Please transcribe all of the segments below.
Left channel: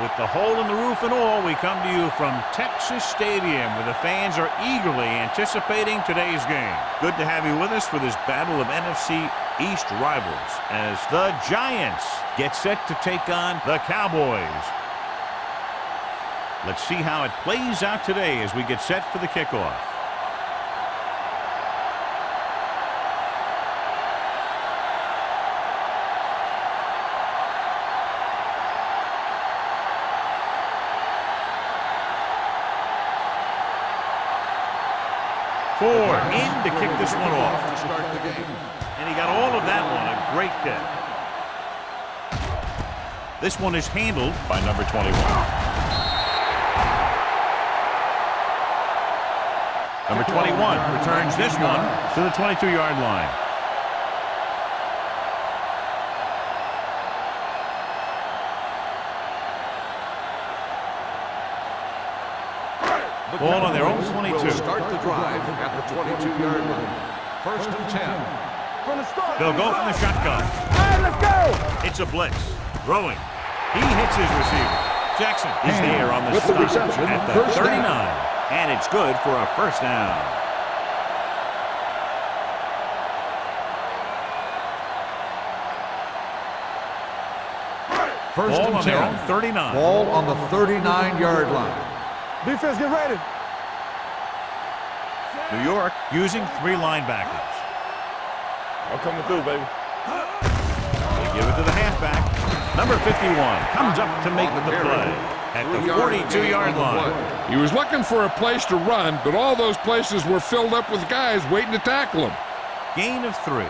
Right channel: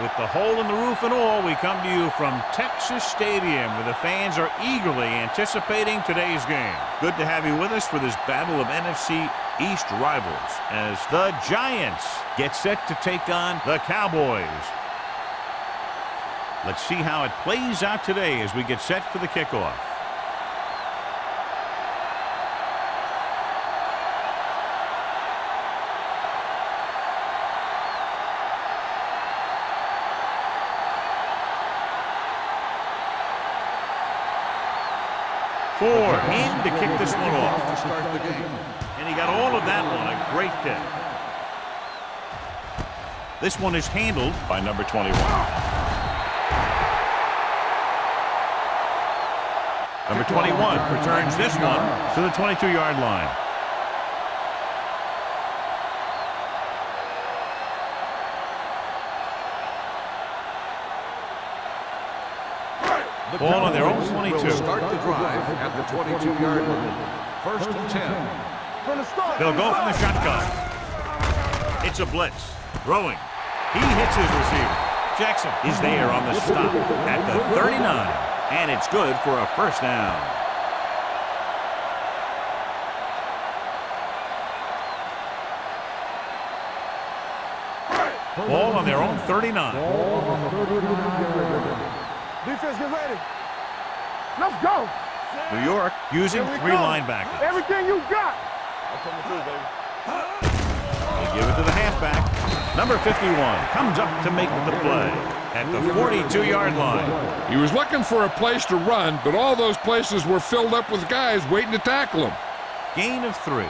With the hole in the roof and all, we come to you from Texas Stadium, where the fans are eagerly anticipating today's game. Good to have you with us for this battle of NFC East rivals as the Giants get set to take on the Cowboys. Let's see how it plays out today as we get set for the kickoff. Four in to kick this one off. To start the game. And he got all of that one. A great kick. This one is handled by number 21. Number 21 returns this one to the 22-yard line. Ball on their own 22. Will start the drive at the 22-yard line. 1st and 10. They'll go from the shotgun. It's a blitz. Throwing. He hits his receiver. Jackson is there on the stop at the 39. And it's good for a first down. Ball on their own 39. Ball on the 39-yard line. Defense, get ready. Let's go. New York using 3 linebackers. Everything you got. I'm coming through, baby. They give it to the halfback. Number 51 comes up to make the play at the 42-yard line. He was looking for a place to run, but all those places were filled up with guys waiting to tackle him. Gain of 3.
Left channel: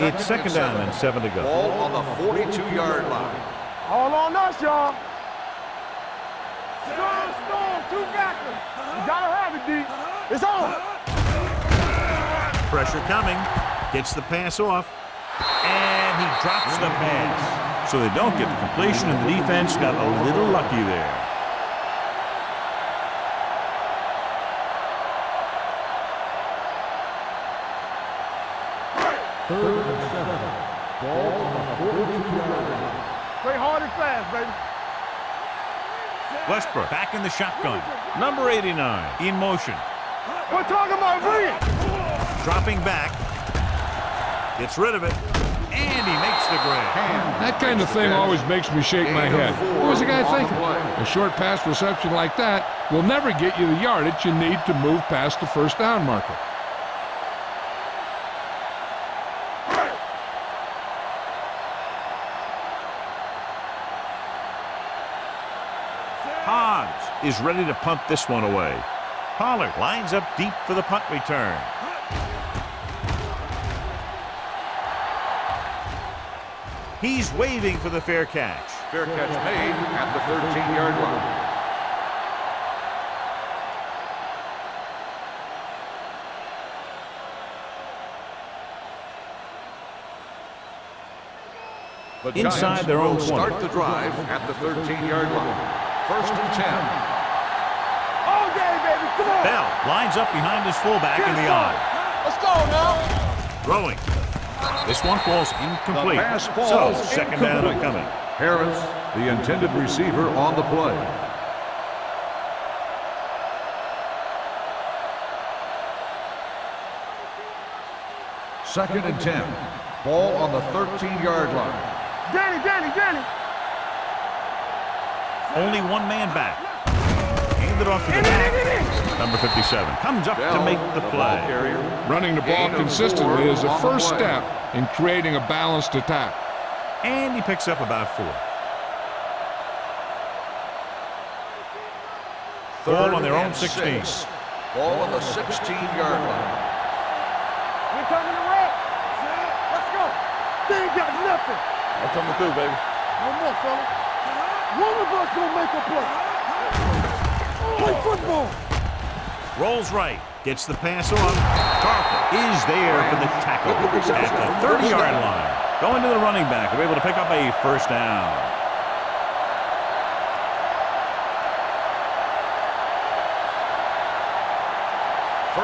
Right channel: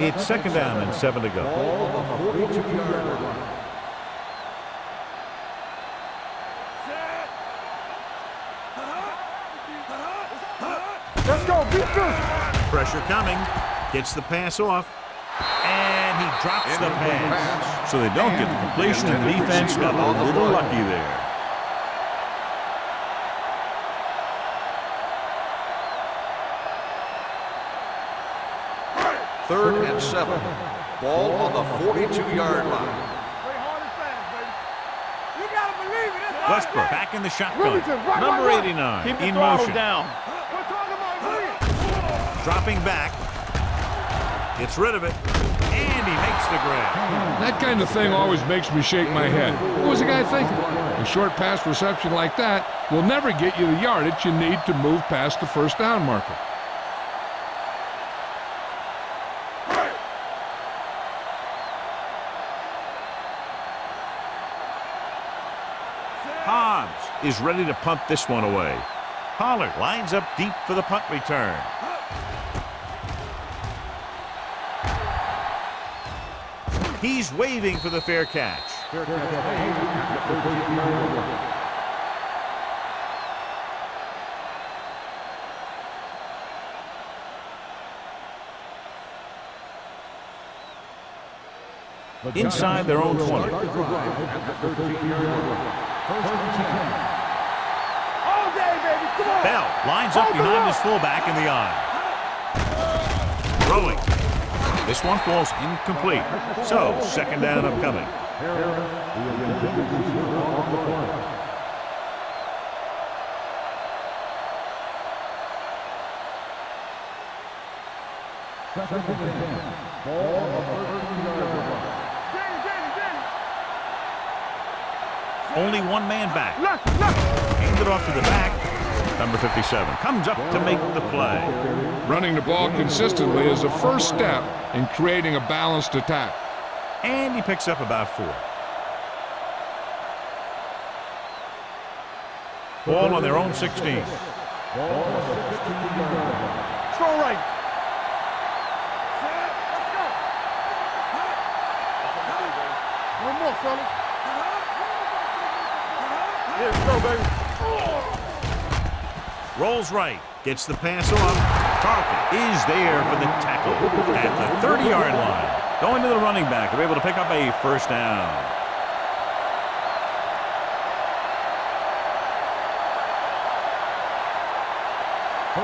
It's 2nd down and 7 to go. Ball on the 42-yard line. All on us, y'all. Two backers. You gotta have it, D. It's on. Let's go. Pressure coming. Gets the pass off. And he drops the pass. So they don't get the completion, and the defense got a little lucky there. Third and 7. Ball on the 42-yard line. Play hard and fast, baby. Westbrook back in the shotgun. Number 89 in motion. We're talking about brilliant. Dropping back. Gets rid of it. And he makes the grab. That kind of thing always makes me shake my head. What was the guy thinking? A short pass reception like that will never get you the yardage you need to move past the first down marker. Hobbs is ready to punt this one away. Pollard lines up deep for the punt return. He's waving for the fair catch. Fair catch made at the 13-yard line. Inside their own 20. Start the drive at the 13-yard line. 1st and 10. All day, baby. Come on. Bell lines up behind his fullback in the eye. Let's go, man. Throwing. This one falls incomplete. So, 2nd down upcoming. Harris, the intended receiver on the play. Second and 10. Ball on the 13-yard line. Danny. Only one man back. Hand it off to the back. Number 57 comes up to make the play. Running the ball consistently is a first step in creating a balanced attack. And he picks up about 4. Ball on their own 16. Ball on the 16-yard line. Throw right. We're coming to red. Let's go. They ain't got nothing. I'm coming through, baby. One more, fella. One of us gonna make a play. Play football. Rolls right. Gets the pass off. Carlton is there for the tackle at the 30-yard line. Going to the running back. They're able to pick up a first down.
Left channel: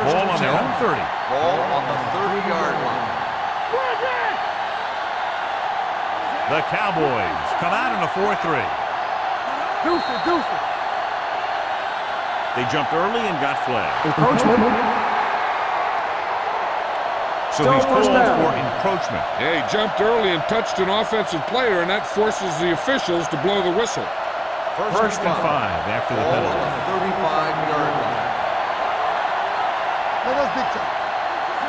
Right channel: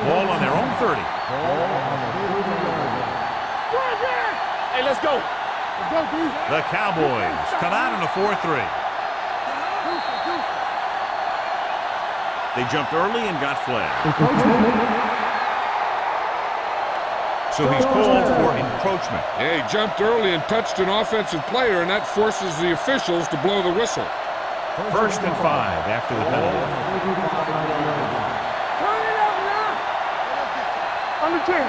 Ball on their own 30. Ball on the 30-yard line. Hey, let's go. The Cowboys come out in a 4-3. They jumped early and got flagged. Encroachment. So he's called for encroachment. Yeah, he jumped early and touched an offensive player, and that forces the officials to blow the whistle. First and 5 after the penalty. 35-yard line.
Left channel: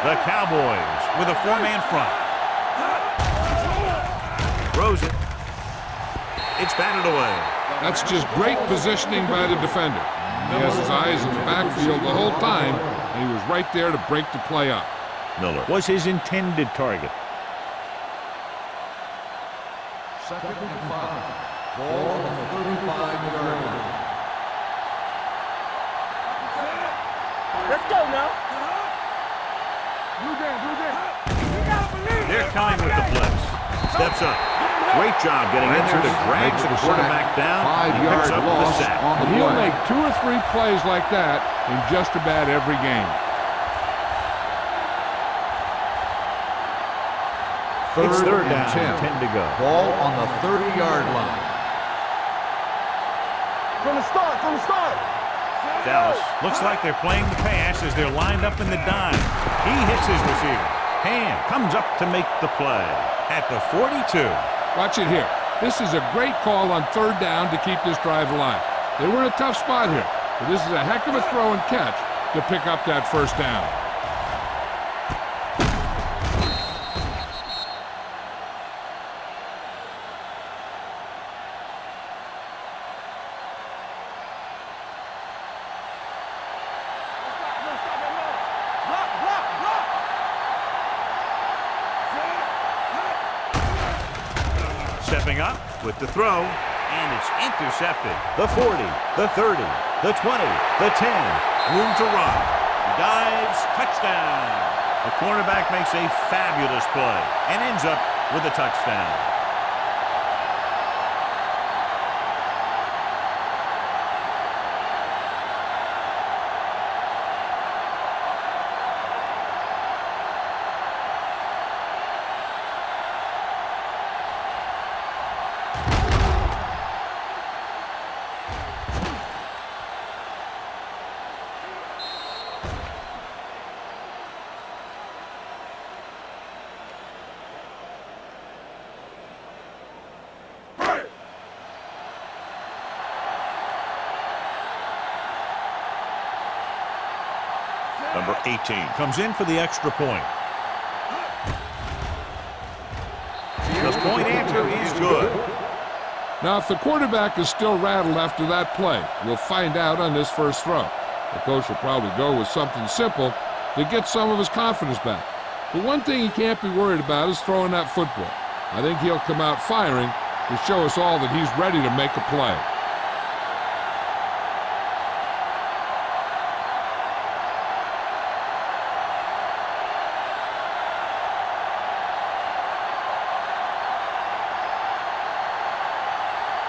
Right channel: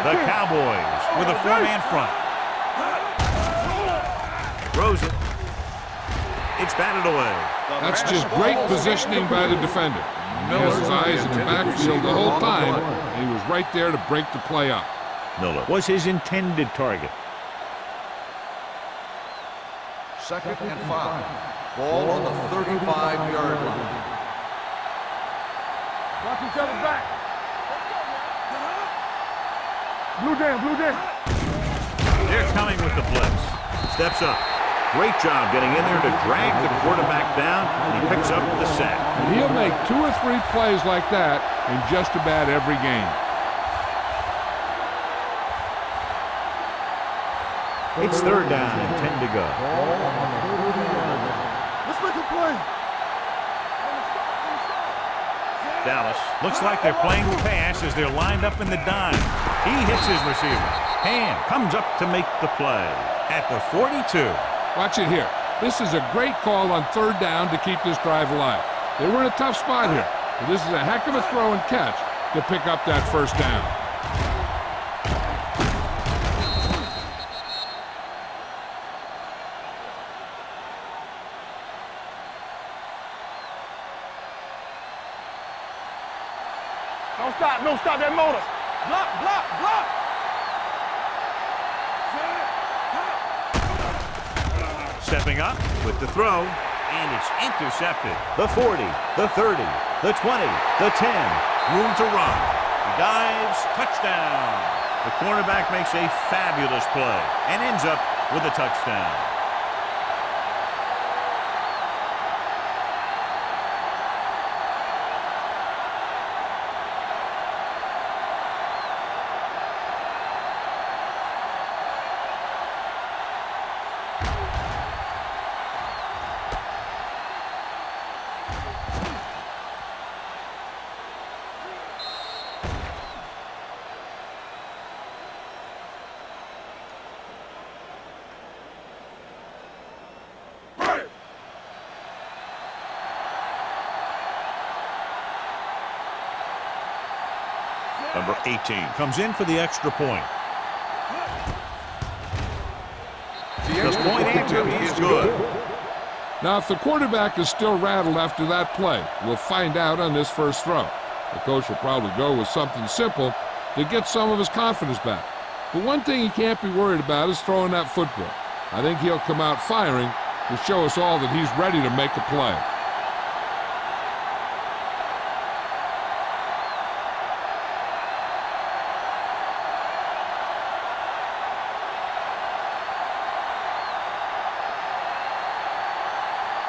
The Cowboys with a 4-man front. Throws it. It's batted away. That's just great positioning by the defender. He has his eyes in the backfield the whole time, and he was right there to break the play up. Miller was his intended target. 2nd and 5. Ball on the 35-yard line. Watch each other back. Let's go now. Blue down. They're coming with the blitz. Steps up. Great job getting in there to drag the quarterback down, and he picks up the sack. And he'll make 2 or 3 plays like that in just about every game. It's 3rd down and 10 to go. Ball on the 30-yard line. Let's make a play. From the start. Dallas looks like they're playing the pass as they're lined up in the dime. He hits his receiver. Hand comes up to make the play at the 42. Watch it here. This is a great call on 3rd down to keep this drive alive. They were in a tough spot here, but this is a heck of a throw and catch to pick up that 1st down. Don't stop that motor. Block. Stepping up with the throw, and it's intercepted. The 40, the 30, the 20, the 10. Room to run. He dives, touchdown. The cornerback makes a fabulous play and ends up with a touchdown. Number 18 comes in for the extra point. The point after is good. Now, if the quarterback is still rattled after that play, we'll find out on this first throw. The coach will probably go with something simple to get some of his confidence back. But one thing he can't be worried about is throwing that football. I think he'll come out firing to show us all that he's ready to make a play.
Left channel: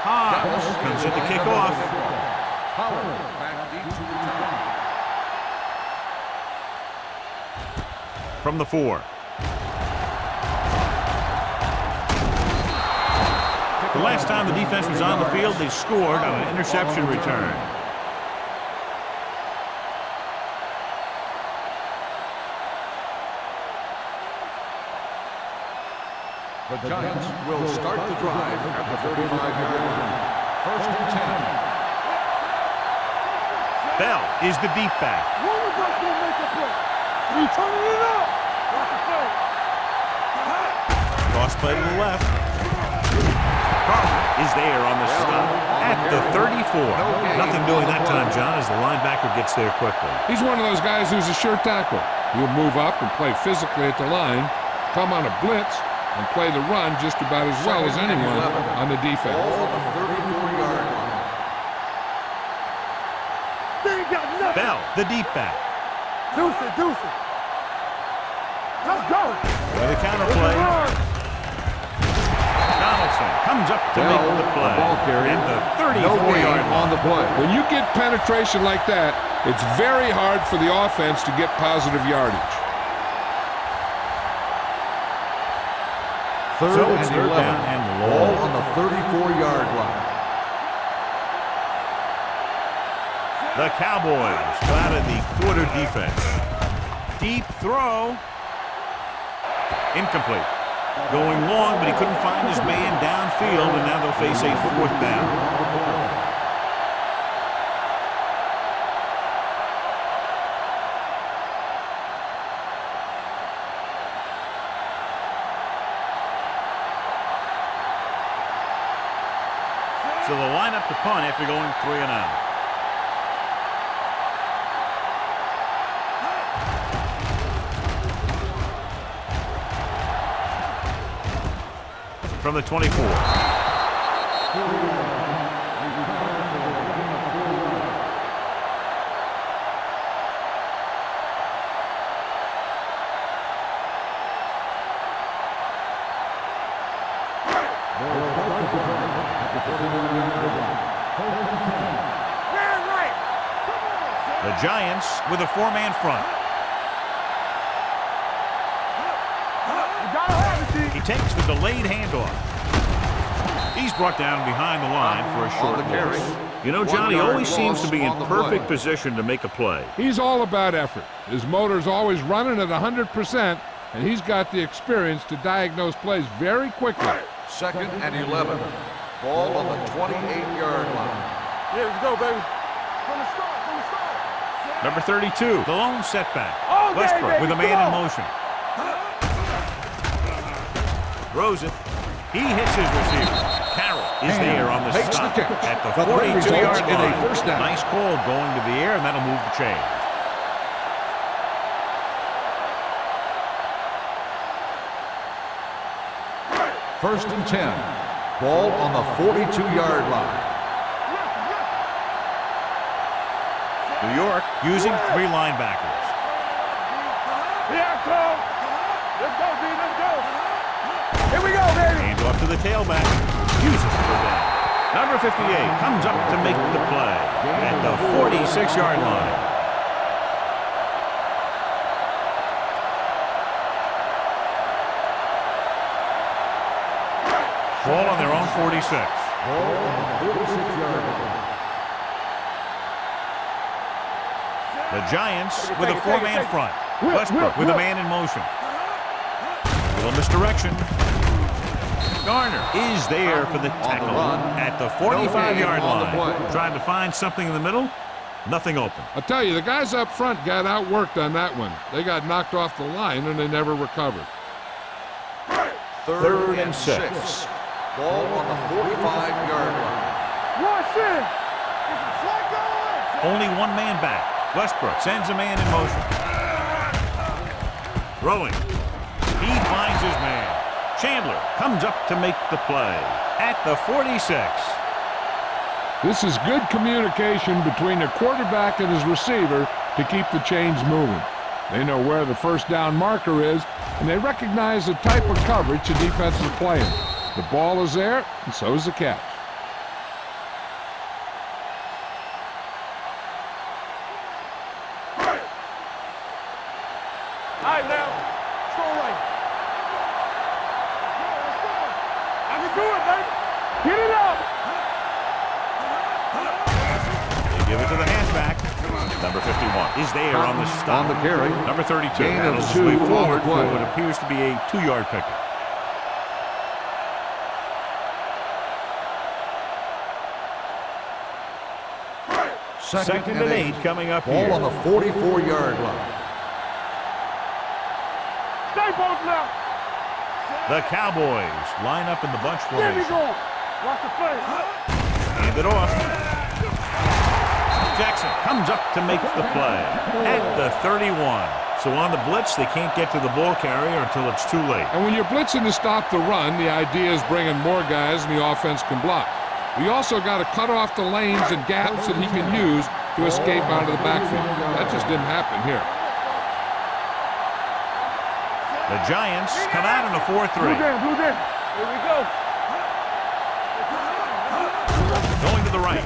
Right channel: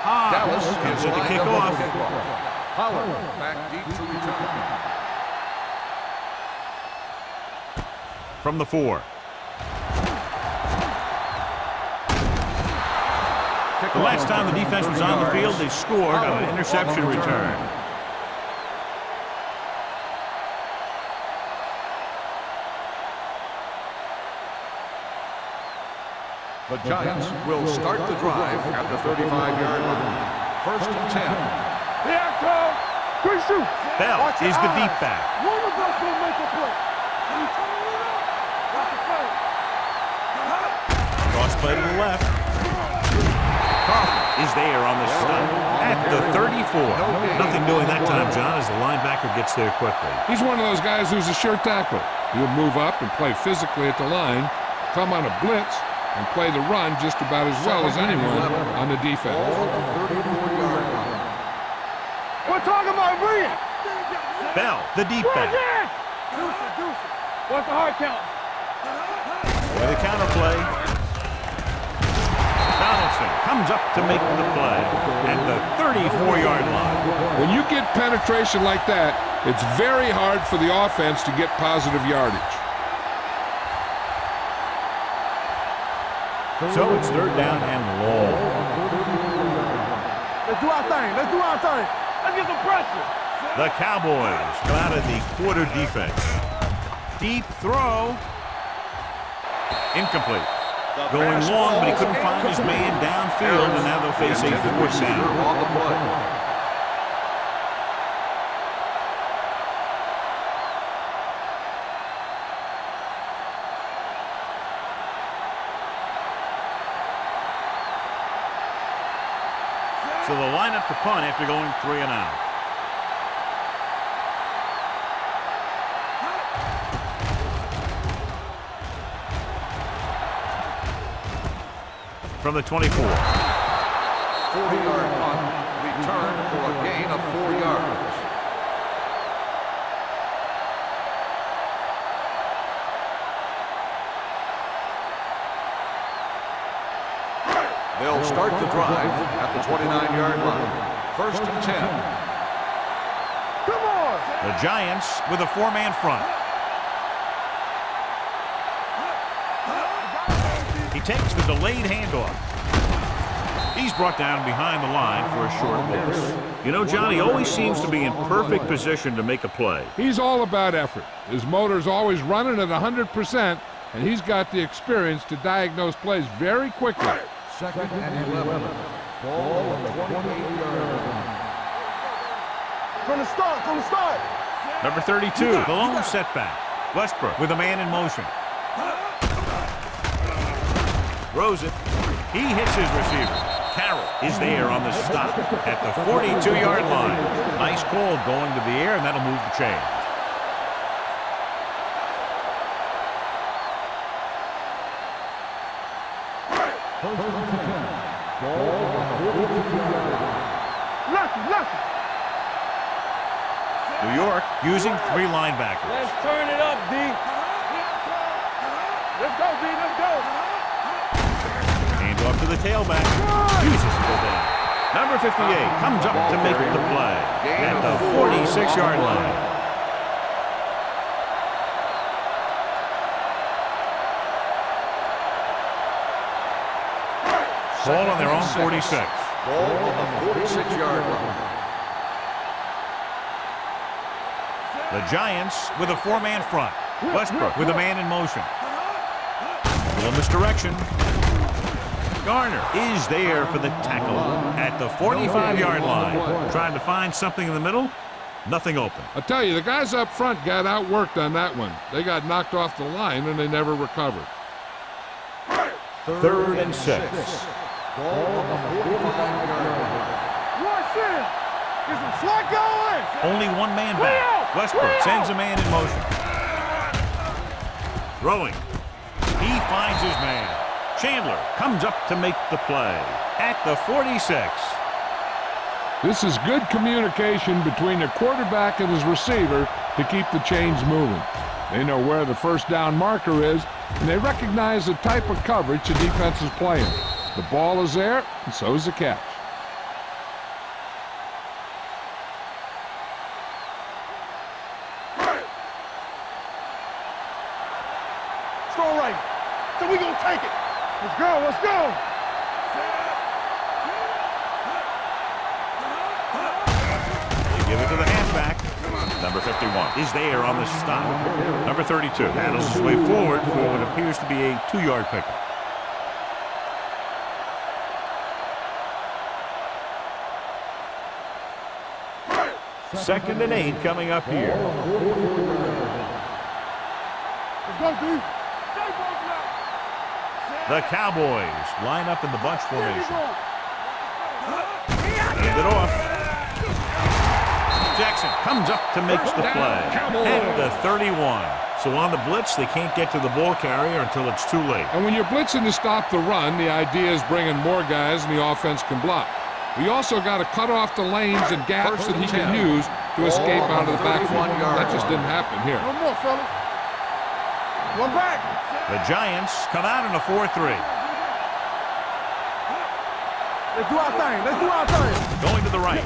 Dallas comes in to kick off. Pollard back deep to return. From the 4. The last time the defense was on the field, they scored on an interception return. The Giants will start the drive at the 35-yard line. 1st and 10. Bell is the deep back. One of us will make a play. You turning it up. Watch the play. Cross play to the left. Carter is there on the stop at the 34. Nothing doing that time, John, as the linebacker gets there quickly. He's one of those guys who's a sure tackler. He'll move up and play physically at the line, come on a blitz, and play the run just about as well as anyone on the defense. Ball on the 34-yard line. We're talking about bringing. They ain't got nothing. Bell, the deep back. Deuce it. What's the hard count? Let's go. With a counter play. Donaldson comes up to make the play at the 34-yard line. When you get penetration like that, it's very hard for the offense to get positive yardage. So it's third down and long. On the 34-yard line. Let's do our thing. Let's do our thing. Let's get some pressure. The Cowboys come out of the quarter defense. Deep throw. Incomplete. Going long, but he couldn't find his man downfield, and now they'll face a fourth down. On the play. So they'll line up to punt after going 3 and out. From the 24. 40-yard punt. Return for a gain of 4 yards. They'll start the drive at the 29-yard line. First and 10. Come on. The Giants with a 4-man front. He takes the delayed handoff. He's brought down behind the line for a short loss. You know, Johnny always seems to be in perfect position to make a play. He's all about effort. His motor's always running at 100%, and he's got the experience to diagnose plays very quickly. Second and 11. Ball on the 28-yard line. Here we go, baby. From the start, from the start. Number 32, the lone setback. Westbrook with a man in motion. Throws it. He hits his receiver. Carroll is there on the stop at the 42-yard line. Nice call going to the air, and that'll move the chains. First and 10. Ball on the 42-yard line. Left. New York using 3 linebackers. Let's turn it up, D. Here I come. Let's go, D. Let's go. Here we go, baby. Hand off to the tailback. Uses it for down. Number 58 comes up to make the play at the 46-yard line. Ball on their own 46. Ball on the 46-yard line. The Giants with a 4-man front. Westbrook with a man in motion. A little misdirection. Garner is there for the tackle at the 45-yard line. Trying to find something in the middle. Nothing open. I'll tell you, the guys up front got outworked on that one. They got knocked off the line, and they never recovered. Third and 6. Ball on the 45-yard line. Rush in. Get some slack going. Only one man back. Westbrook sends a man in motion. Throwing. He finds his man. Chandler comes up to make the play at the 46. This is good communication between the quarterback and his receiver to keep the chains moving. They know where the first down marker is, and they recognize the type of coverage the defense is playing. The ball is there, and so is the catch. All right, now. Let's go right. So we gonna take it. Let's go. Let's go. I can do it, man. Get it up. They give it to the halfback. Number 51 is there on the stop. On the carry. Number 32 handles his way forward for what appears to be a 2-yard pickup. Second and 8 coming up Ball here. on the 44-yard line. Let's go, D. Stay both now. The Cowboys line up in the bunch There you formation. go. Watch the play. Hand it off. Jackson comes up to make the play at the 31. So on the blitz, they can't get to the ball carrier until it's too late. And when you're blitzing to stop the run, the idea is bringing more guys and the offense can block. We also got to cut off the lanes and gaps that he can use to escape out of the backfield. That just didn't happen here. One more, fella. One back. The Giants come out in a 4-3. Blue jam, blue jam. Here we go. Let's do our thing. Let's do our thing. Going to the right.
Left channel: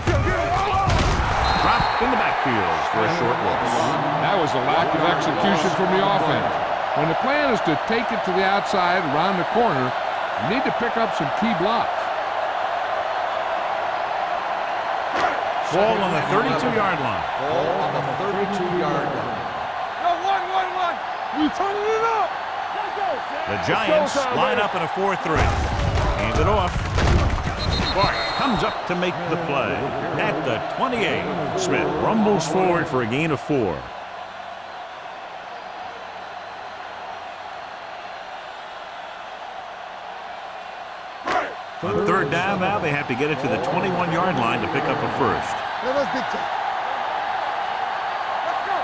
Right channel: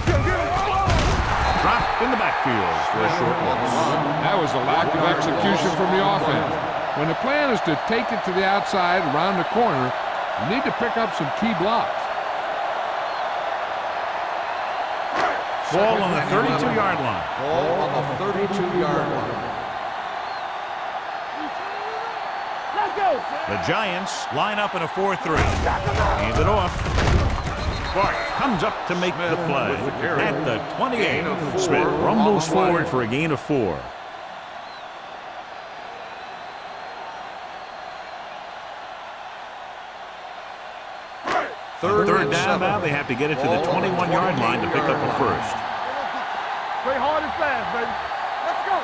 Dropped in the backfield for a short loss. That was a lack of execution from the offense. When the plan is to take it to the outside around the corner, You need to pick up some key blocks. Ball on the 32-yard line. Ball on the 32-yard line. The Giants line up in a 4-3. Hand it off. Bart comes up to make the play at the 28. Smith rumbles forward for a gain of 4. On third down now, they have to get it to the 21-yard line to pick up a first. Play hard and fast, baby. Let's go.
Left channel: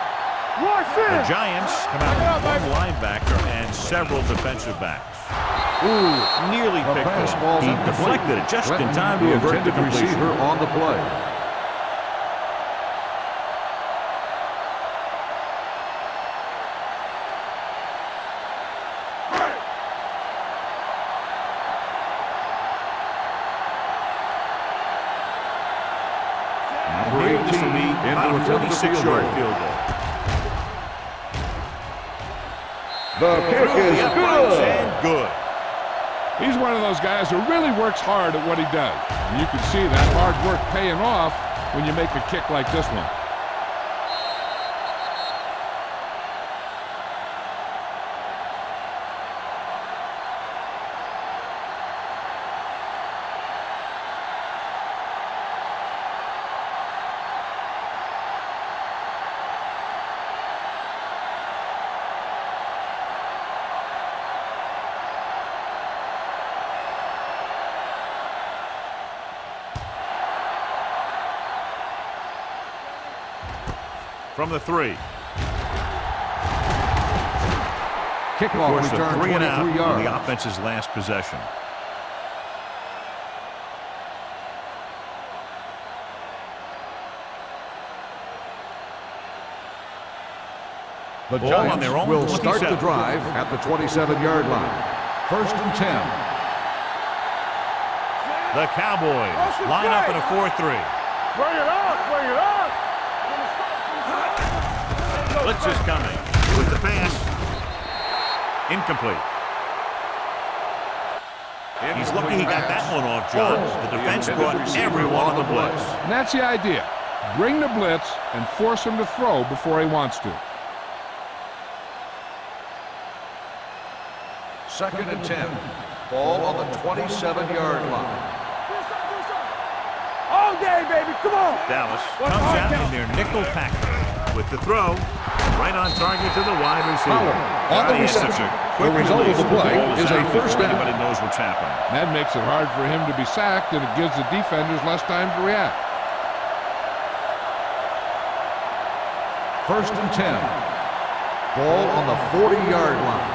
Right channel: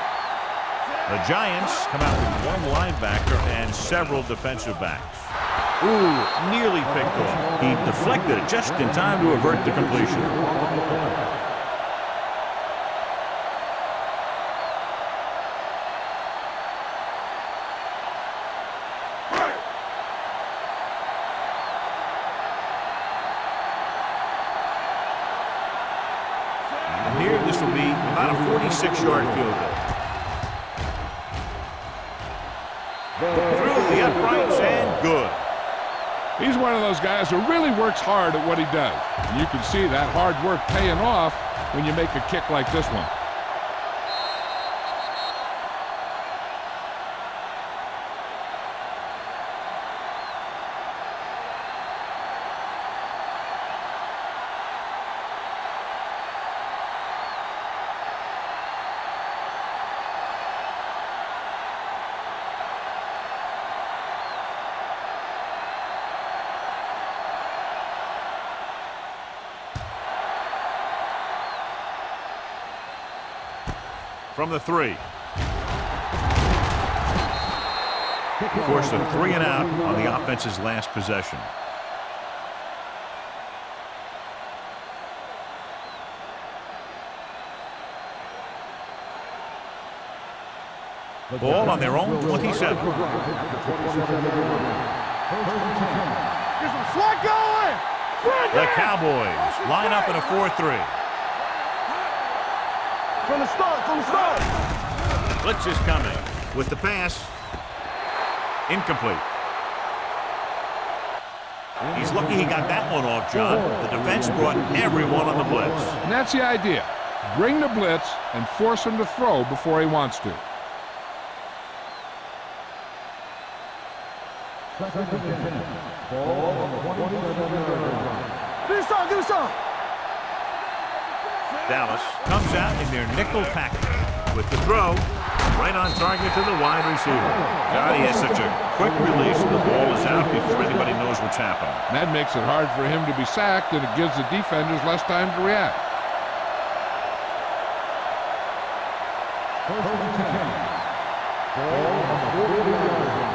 The Giants come out with one linebacker and several defensive backs. Ooh, nearly picked off. He deflected it just in time to avert the completion. On the play. And here, this will be about a 46-yard field goal. Through the uprights and good. He's one of those guys who really works hard at what he does. And you can see that hard work paying off when you make a kick like this one. From the 3. Forced a 3 and out on the offense's last possession. Ball on their own 27. Drive at the 27-yard line. 1st and 10. The Cowboys line up in a 4-3. Bring it on, bring it on. From the start, from the start. Blitz is coming with the pass. Incomplete. He's lucky he got that one off, John. The defense brought everyone on the blitz. And that's the idea. Bring the blitz and force him to throw before he wants to. 2nd and 10. Ball on the 27-yard line. Do something. All day, baby, come on. Dallas comes out in their nickel package with the throw. Right on target to the wide receiver. God, he has such a quick release. The ball is out before anybody knows what's happening. And that makes it hard for him to be sacked, and it gives the defenders less time to react. 1st and 10. Ball on the 40-yard line.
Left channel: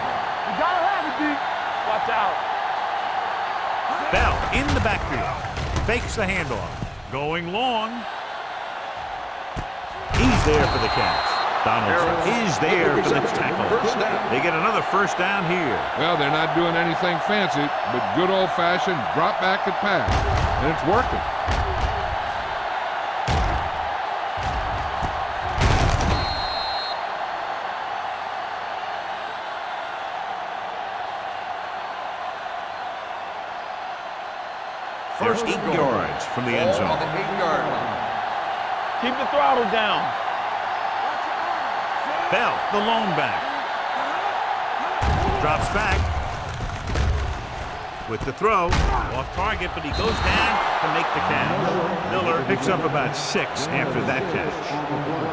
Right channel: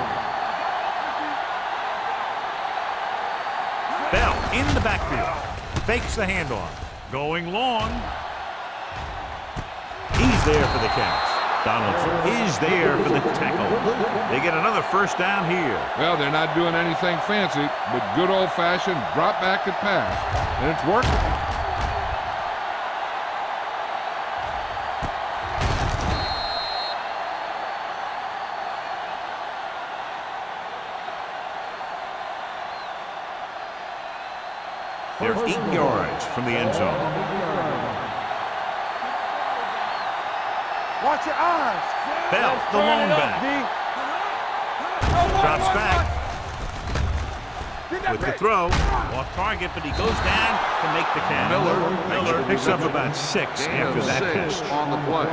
Watch out. Bell in the backfield. Fakes the handoff. Going long. He's there for the catch. Donaldson is there for the tackle. They get another first down here. Well, they're not doing anything fancy, but good old-fashioned drop back and pass. And it's working. They're 8 yards from the end zone. On the 8-yard line. Keep the throttle down. Watch your eyes. Bell, the lone back. Drops back. With the throw. Off target, but he goes down to make the catch. Miller picks up about 6 after that catch. On the play.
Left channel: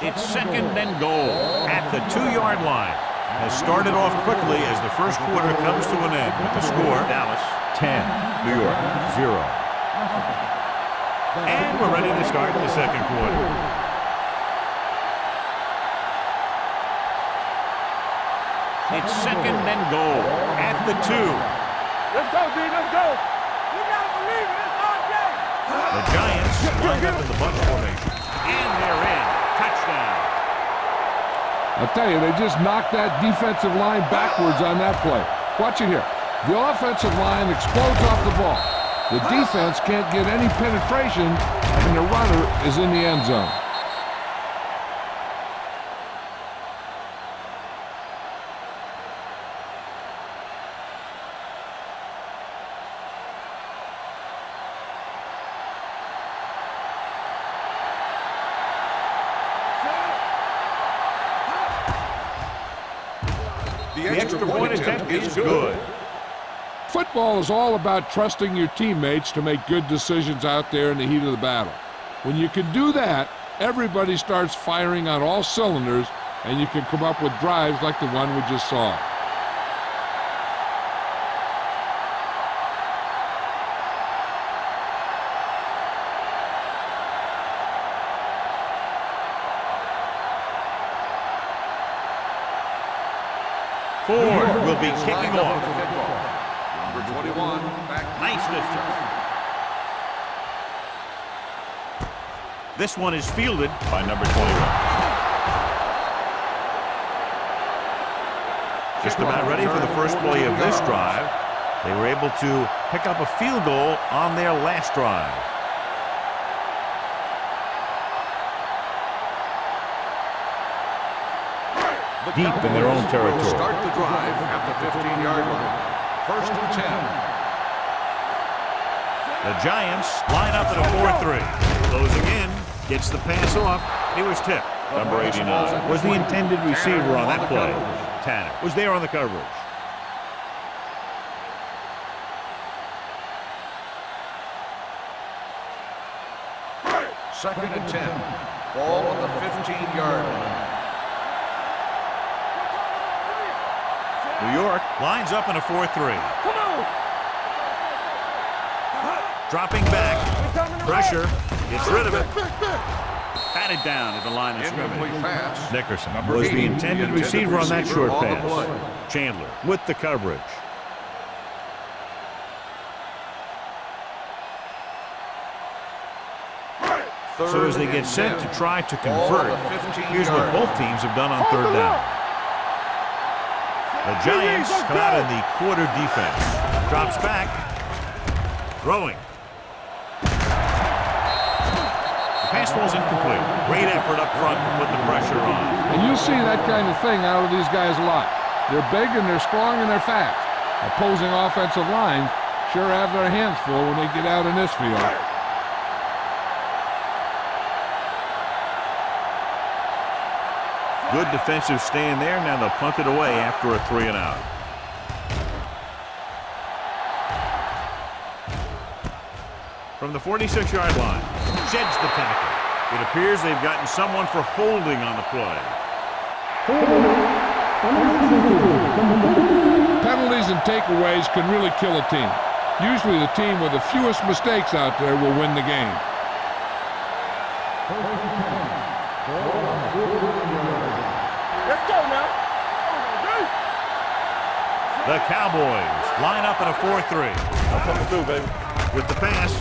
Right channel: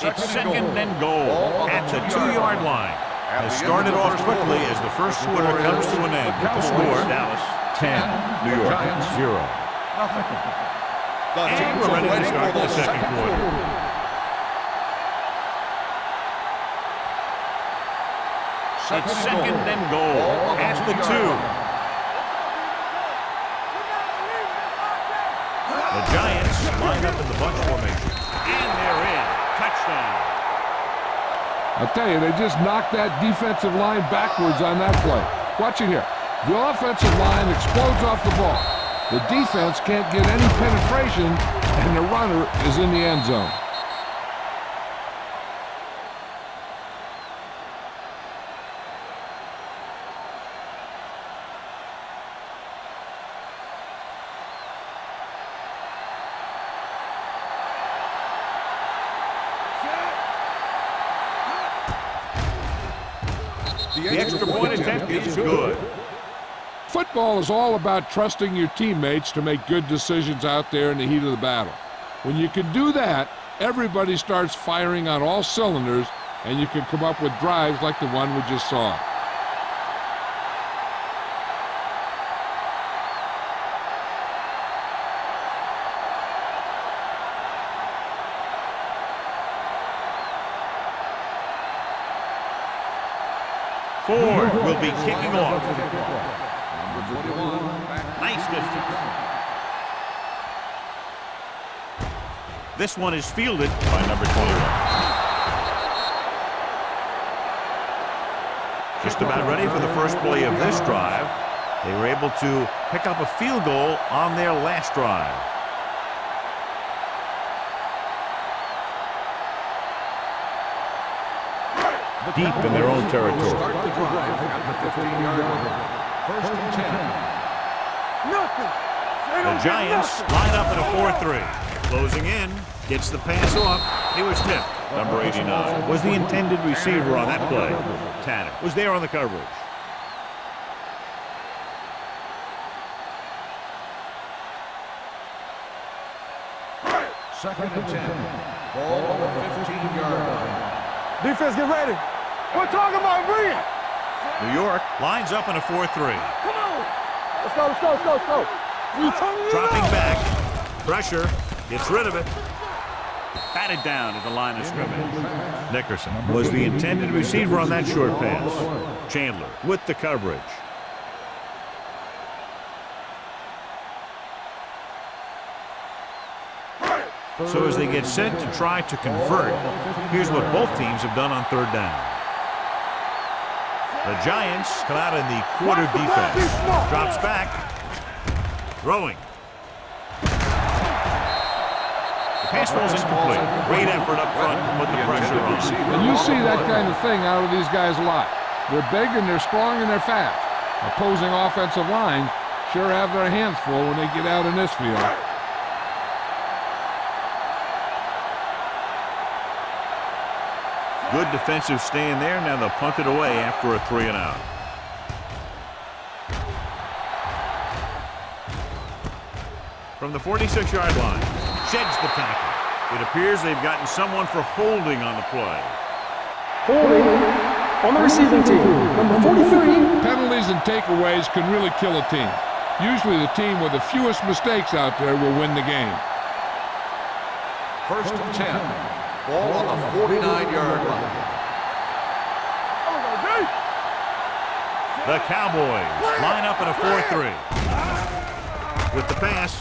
It's 2nd and goal at the 2-yard line. Has started off quickly as the first quarter comes to an end with the score. Dallas 10, New York 0. And we're ready to start the second quarter. It's 2nd and goal at the 2. Let's go, D, let's go. You gotta believe it, it's our day. The Giants line up in the bunch formation. And they're in. Touchdown. I'll tell you, they just knocked that defensive line backwards on that play. Watch it here. The offensive line explodes off the ball. The defense can't get any penetration, and the runner is in the end zone. The extra point attempt is good. Football is all about trusting your teammates to make good decisions out there in the heat of the battle. When you can do that, everybody starts firing on all cylinders, and you can come up with drives like the one we just saw. Ford will be kicking off. Number 21, back. Nice distance. This one is fielded by number 21. Just about ready for the first play of this drive. They were able to pick up a field goal on their last drive. Deep in their own territory. Start the drive at the 15-yard line. First and 10. The Giants line up at a 4-3. Closing in, gets the pass off. He was tipped. Number 89 was the intended receiver on that play. Tanner was there on the coverage. Second and 10. Ball on the 15-yard line. Defense, get ready. We're talking about bringing. New York lines up in a 4-3. Come on. Let's go, let's go, let's go, let's go. Dropping back. Pressure. Gets rid of it. Batted down at the line of scrimmage. Nickerson was the intended receiver on that short pass. Chandler with the coverage. So as they get set to try to convert, here's what both teams have done on third down. The Giants come out in the quarter defense. Drops back. Throwing. The pass ball's incomplete. Great effort up front to put the pressure on. And you see that kind of thing out of these guys a lot. They're big and they're strong and they're fast. Opposing offensive lines sure have their hands full when they get out in this field. Good defensive stand there. Now they'll punt it away after a 3-and-out. From the 46-yard line, sheds the tackle. It appears they've gotten someone for holding on the play. Holding on the receiving team, number 43. Penalties and takeaways can really kill a team. Usually the team with the fewest mistakes out there will win the game. First and 10. Ball on the 49-yard line. Let's go now. There we go, D. The Cowboys line up in a 4-3. With the pass,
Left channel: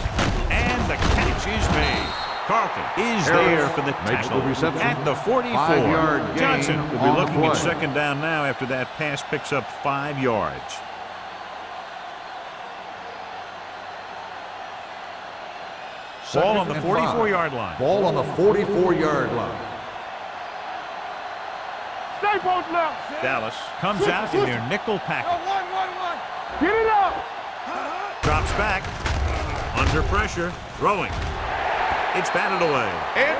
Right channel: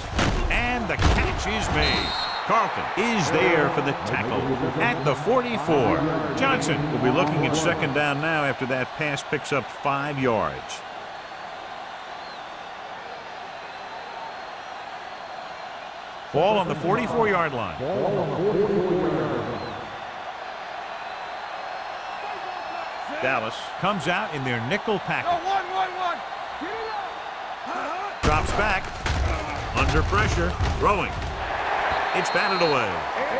and the catch is made. Carlton is there for the tackle at the 44. Johnson will be looking at second down now after that pass picks up 5 yards. Ball on the 44-yard line. Ball on the 44-yard line. Stay both left. Dallas comes out in their nickel Go, package. 1-1-1. Get it up. Drops back. Under pressure. Throwing. It's batted away.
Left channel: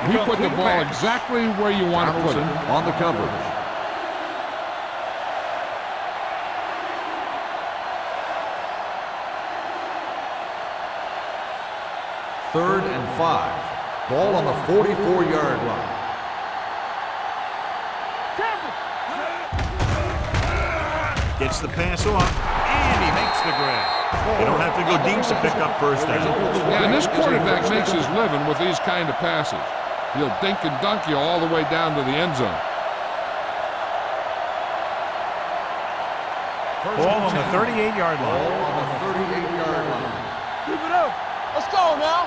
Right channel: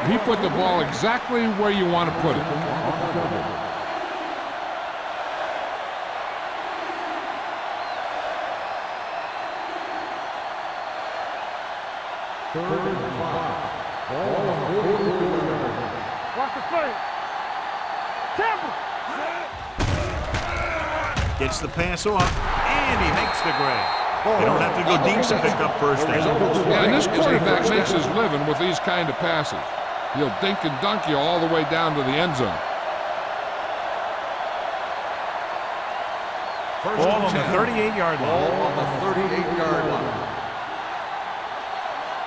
He put the ball exactly where you want to put it. On the coverage. Third and 5. Ball on the 44-yard line. Watch the play. Campbell. Gets the pass off, and he makes the grab. They don't have to go deep to pick up first down. Yeah, and this quarterback makes his living with these kind of passes. He'll dink and dunk you all the way down to the end zone. Ball on the 38-yard Ball line. on the 38-yard line. Keep it up. Let's go now.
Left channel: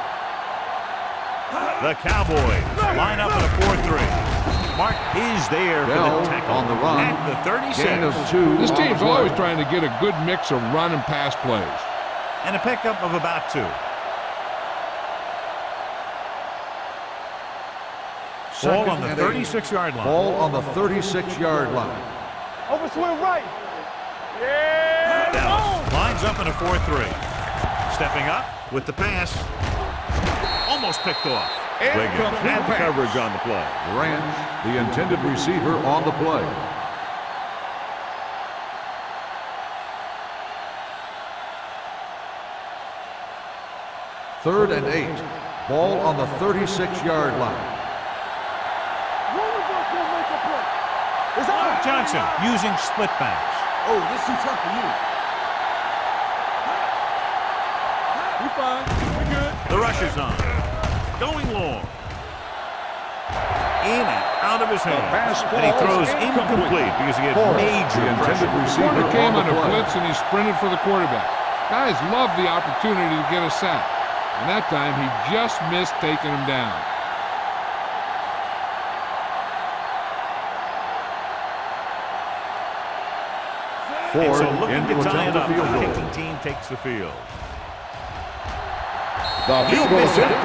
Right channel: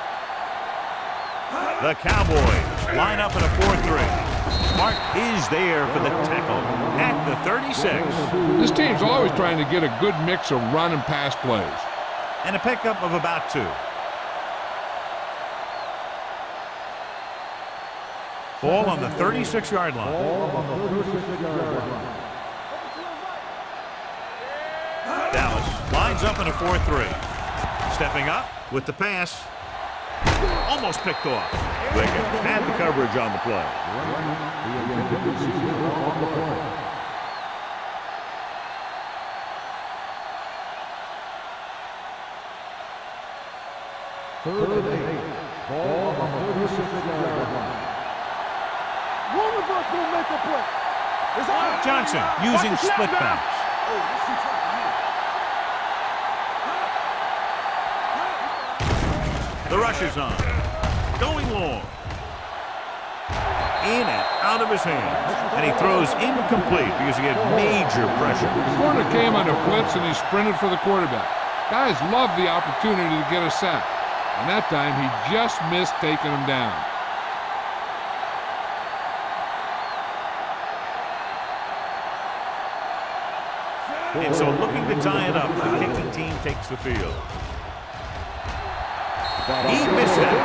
The Cowboys line up in a 4-3. Mark is there for the tackle at the 36. This team's always trying to get a good mix of run and pass plays. And a pickup of about 2. Ball on the 36-yard line. Ball on the 36-yard line. Over to the right. Yeah. Dallas lines up in a 4-3. Stepping up with the pass. Almost picked off. Wiggins had the coverage on the play. Grant, the intended receiver on the play. 3rd and 8. Ball on the 36-yard line. One of us gonna make a play. It's out. Johnson using split bounce. Oh, this too tough for you. The rush is on. Going long. In and out of his hands. And he throws incomplete because he had major pressure. The corner came on a blitz and he sprinted for the quarterback. Guys love the opportunity to get a sack. And that time he just missed taking him down. And so looking to tie it up, the kicking team takes the field. He missed that.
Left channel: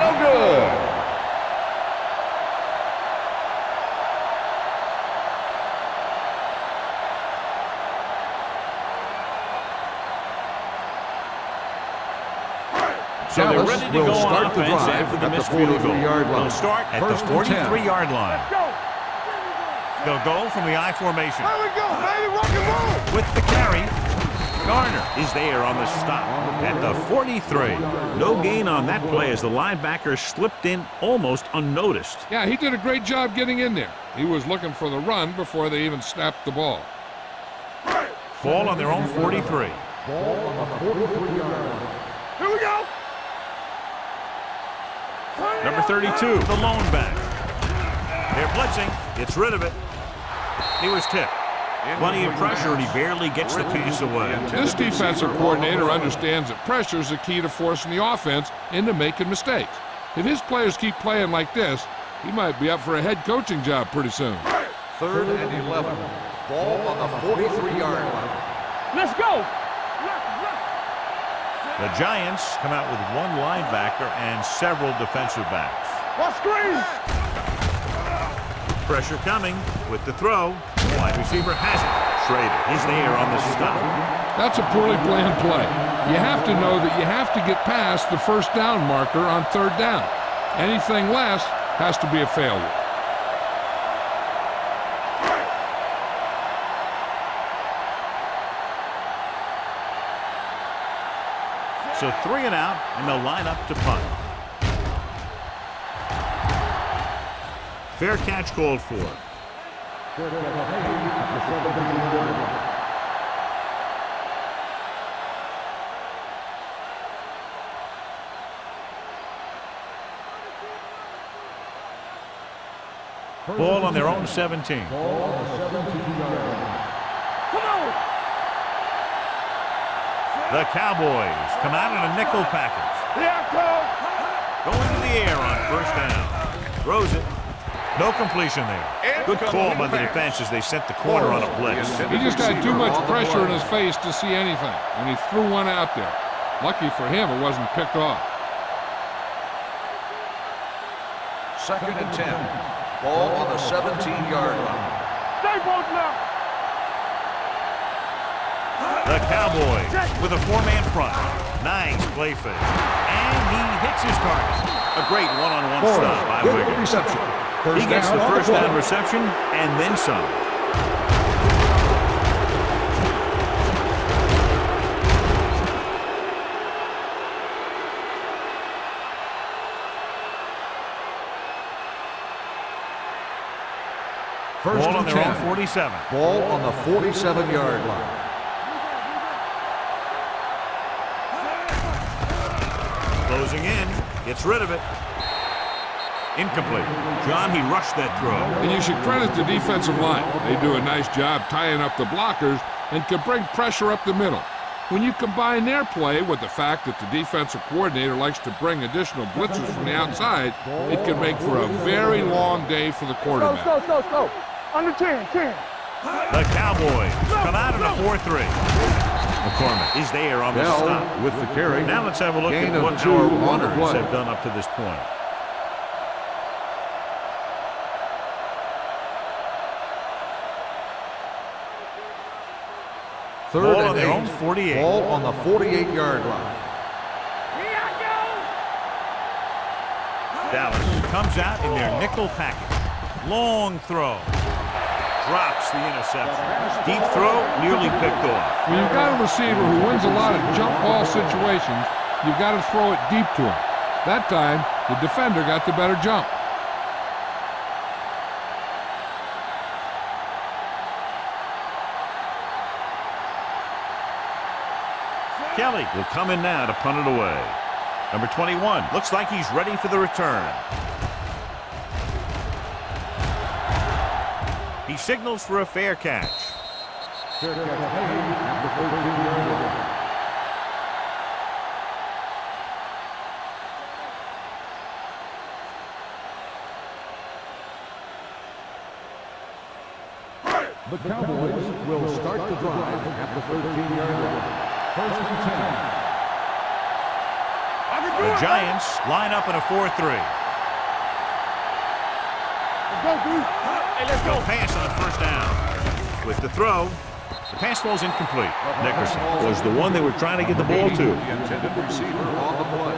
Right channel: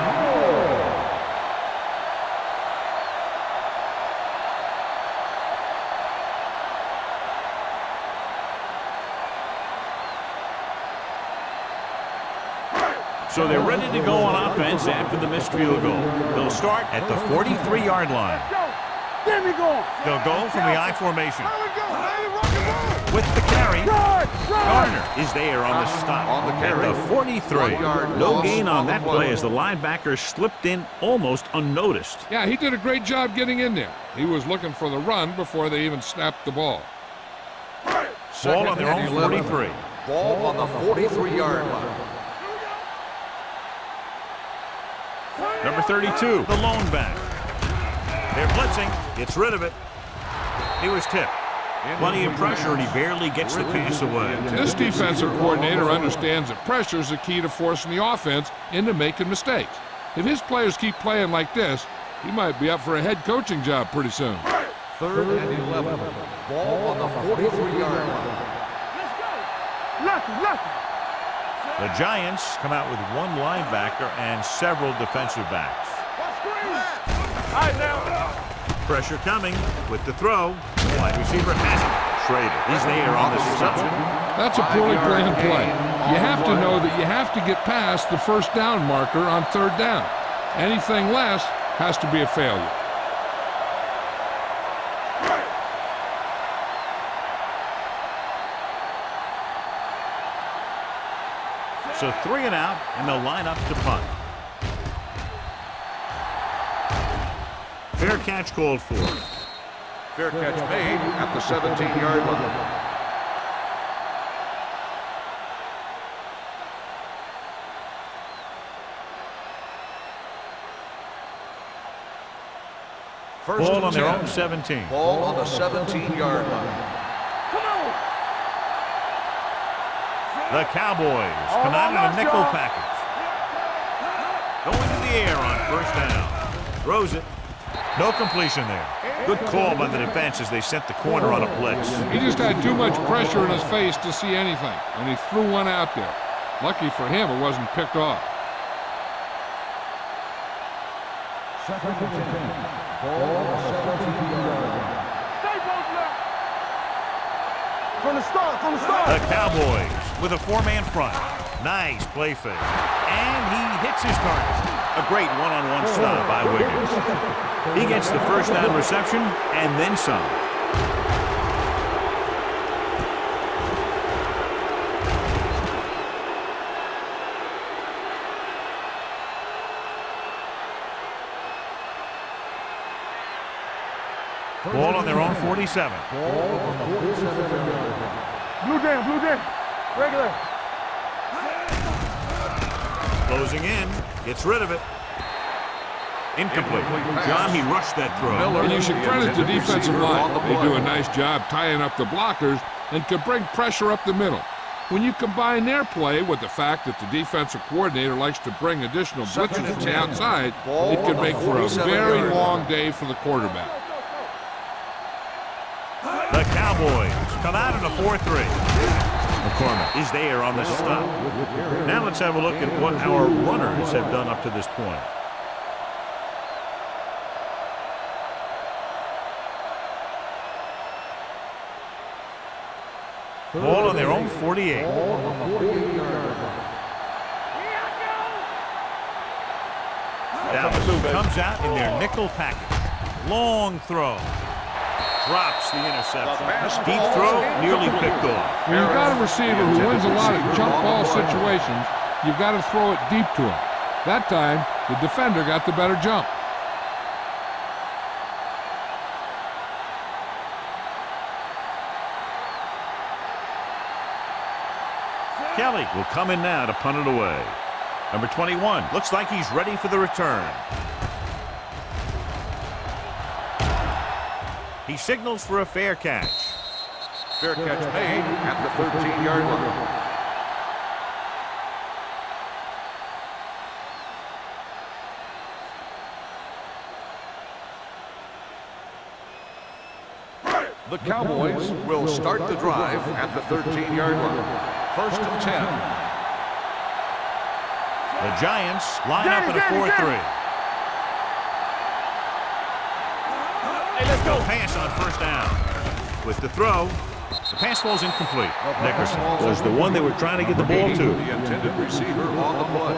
No good. So they're ready to go on offense after the missed field goal. They'll start at the 43-yard line. Let's go. There we go. They'll go from the I formation. There we go, baby. Rock and roll. With the carry, Garner is there on the stop at the 43. No gain on that play as the linebacker slipped in almost unnoticed. Yeah, he did a great job getting in there. He was looking for the run before they even snapped the ball. Ball on their own 43. Ball on the 43-yard line. Here we go. Number 32, the lone back. They're blitzing. Gets rid of it. He was tipped. Plenty of pressure, and he barely gets the pass away. This defensive coordinator understands that pressure is the key to forcing the offense into making mistakes. If his players keep playing like this, he might be up for a head coaching job pretty soon. 3rd and 11. Ball on the 43-yard line. Let's go. Lucky. The Giants come out with one linebacker and several defensive backs. What screen? Pressure coming with the throw. Wide receiver has it. Schrader, he's there on the stop. That's a poorly planned play. You have to know that you have to get past the first down marker on 3rd down. Anything less has to be a failure. So 3 and out, and they'll line up to punt. Fair catch called for. Fair catch made at the 17-yard line. Ball on their own 17. Ball on the 17-yard line. Come on. The Cowboys come out in a nickel package. Here I come. Going to the air on 1st down. Throws it. No completion there. Good call by the defense as they sent the corner on a blitz. He just had too much pressure in his face to see anything, and he threw one out there. Lucky for him, it wasn't picked off. 2nd and 10. Ball on the 17-yard line. Stay both now. From the start. The Cowboys with a 4-man front. Nice play fake. And he hits his target. A great one-on-one stop by Wiggins. He gets the 1st down reception and then some. Ball on their own 47. Ball on the 47-yard line. Blue game. Regular. Closing in. Gets rid of it. Incomplete. John, he rushed that throw. And you should credit the defensive line. They do a nice job tying up the blockers and can bring pressure up the middle. When you combine their play with the fact that the defensive coordinator likes to bring additional blitzers from the outside, it can make for a very long day for the quarterback. Go. Under 10. The Cowboys come out in a 4-3. McCormick is there on the stop. With the carry. Now let's have a look at what our runners have done up to this point. Ball on their own 48. Ball on the 48-yard line. Here I go. Dallas comes out in their nickel package. Long throw. Drops the interception. Deep throw, nearly picked off. When you've got a receiver who wins a lot of jump ball situations, you've got to throw it deep to him. That time, the defender got the better jump. Kelly will come in now to punt it away. Number 21 looks like he's ready for the return. He signals for a fair catch. Fair catch made at the 13-yard line. The Cowboys will start the drive at the 13-yard line. First and 10. The Giants line up in a 4-3. Hey, let's go. Pass on first down. With the throw, the pass falls incomplete. Nickerson was the one they were trying to get the ball to. The intended receiver on the play.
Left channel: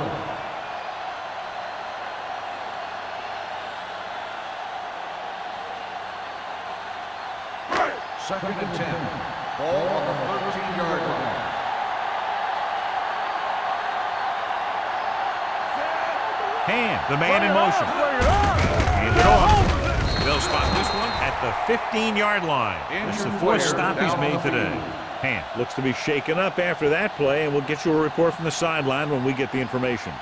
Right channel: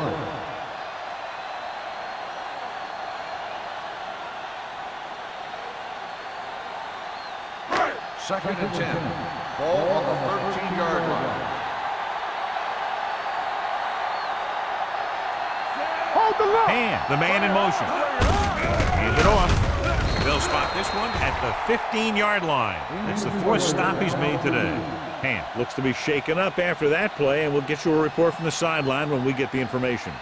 Second and 10. Ball on the 13-yard line. Hand, the man in motion. Hand it off. They'll spot this one at the 15-yard line. That's the fourth stop he's made today. Hand looks to be shaken up after that play, and we'll get you a report from the sideline when we get the information.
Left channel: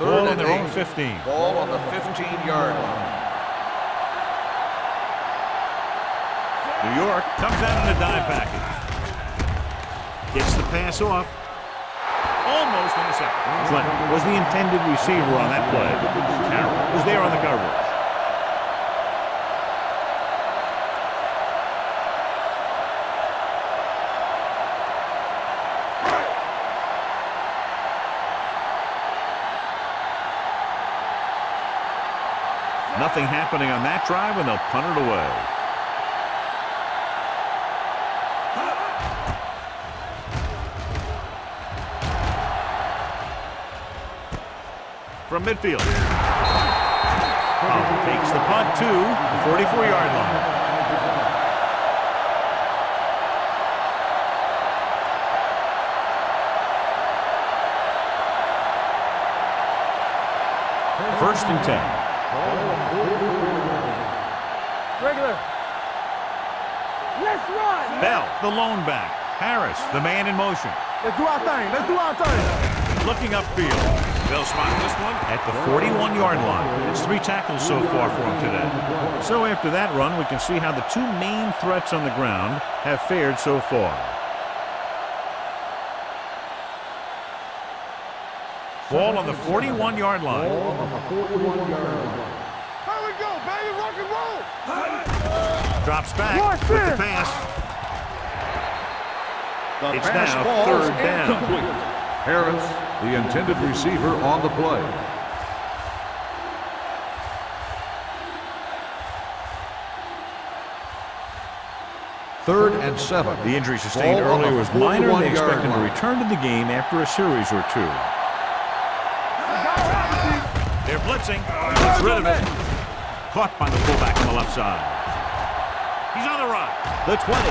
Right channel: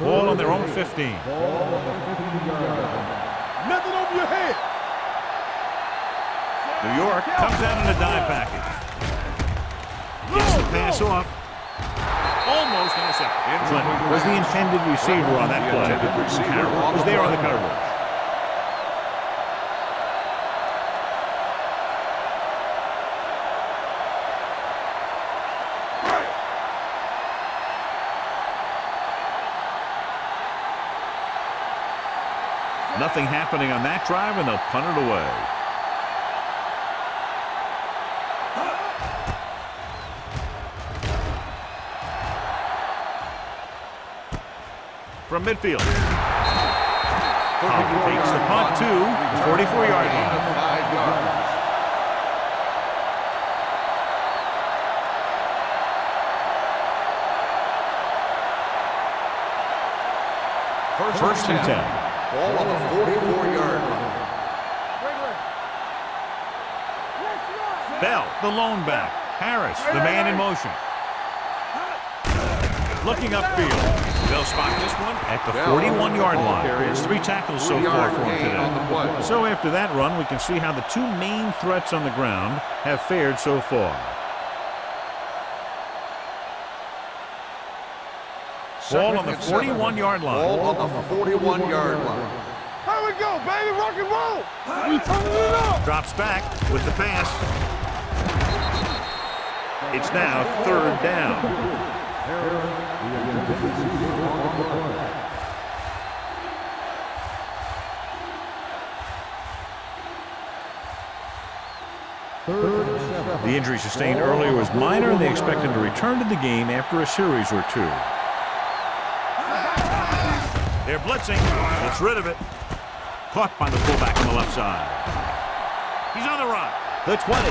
Ball on their own 15. Ball on the 15-yard line. Nothing over your head. New York comes out in a dime package. Gets the pass off. Almost intercepted. Clinton was the intended receiver on that play. Carroll was there on the coverage. Nothing happening on that drive, and they'll punt it away. From midfield. Powell takes the punt to the 44-yard line. First and 10. Ball on the 44-yard line. Regular. Let's run. Bell, the lone back. Harris, the man in motion. Let's do our thing. Let's do our thing. Looking upfield. They'll spot this one at the 41-yard line. It's 3 tackles so far for him today. So after that run, we can see how the two main threats on the ground have fared so far. Ball on the 41-yard line. Ball on the 41-yard line. Here we go, baby. Rock and roll. Drops back with the pass. It's now third down. Harris, the intended receiver on the play. Third and 7. The injury sustained earlier was minor, and they expect him to return to the game after a series or two. They're blitzing. Gets rid of it. Caught by the fullback on the left side. He's on the run. The 20.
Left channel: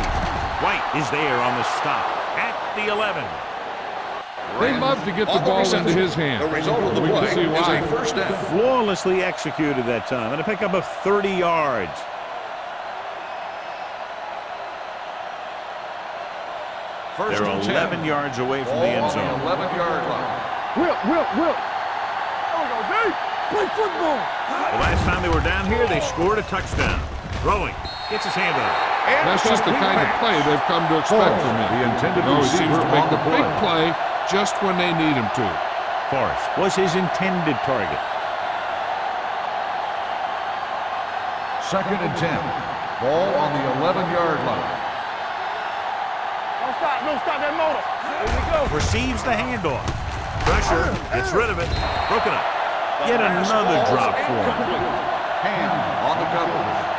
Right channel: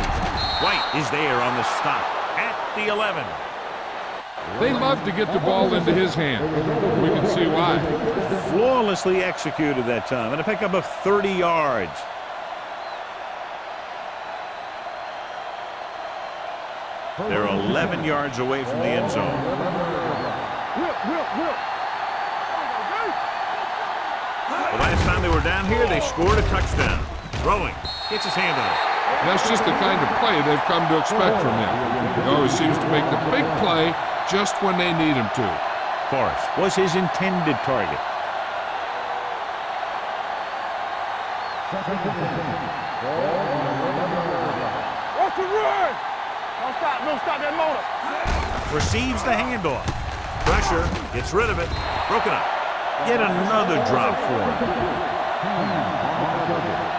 White is there on the stop at the 11. They love to get the ball into his hand. We can see why. Flawlessly executed that time, and a pickup of 30 yards. They're 11 yards away from the end zone. 11-yard line. Whip. There we go, Dave. Play football. The last time they were down here, they scored a touchdown. Throwing. Gets his hand on it. That's just the kind of play they've come to expect from him. He always seems to make the big play just when they need him to. Forrest was his intended target. Second and 10. Ball on the 11-yard line. What's the word? Don't stop that motor. Receives the handoff. Pressure. Gets rid of it. Broken up. Yet another drop for him. Hand on the coverage.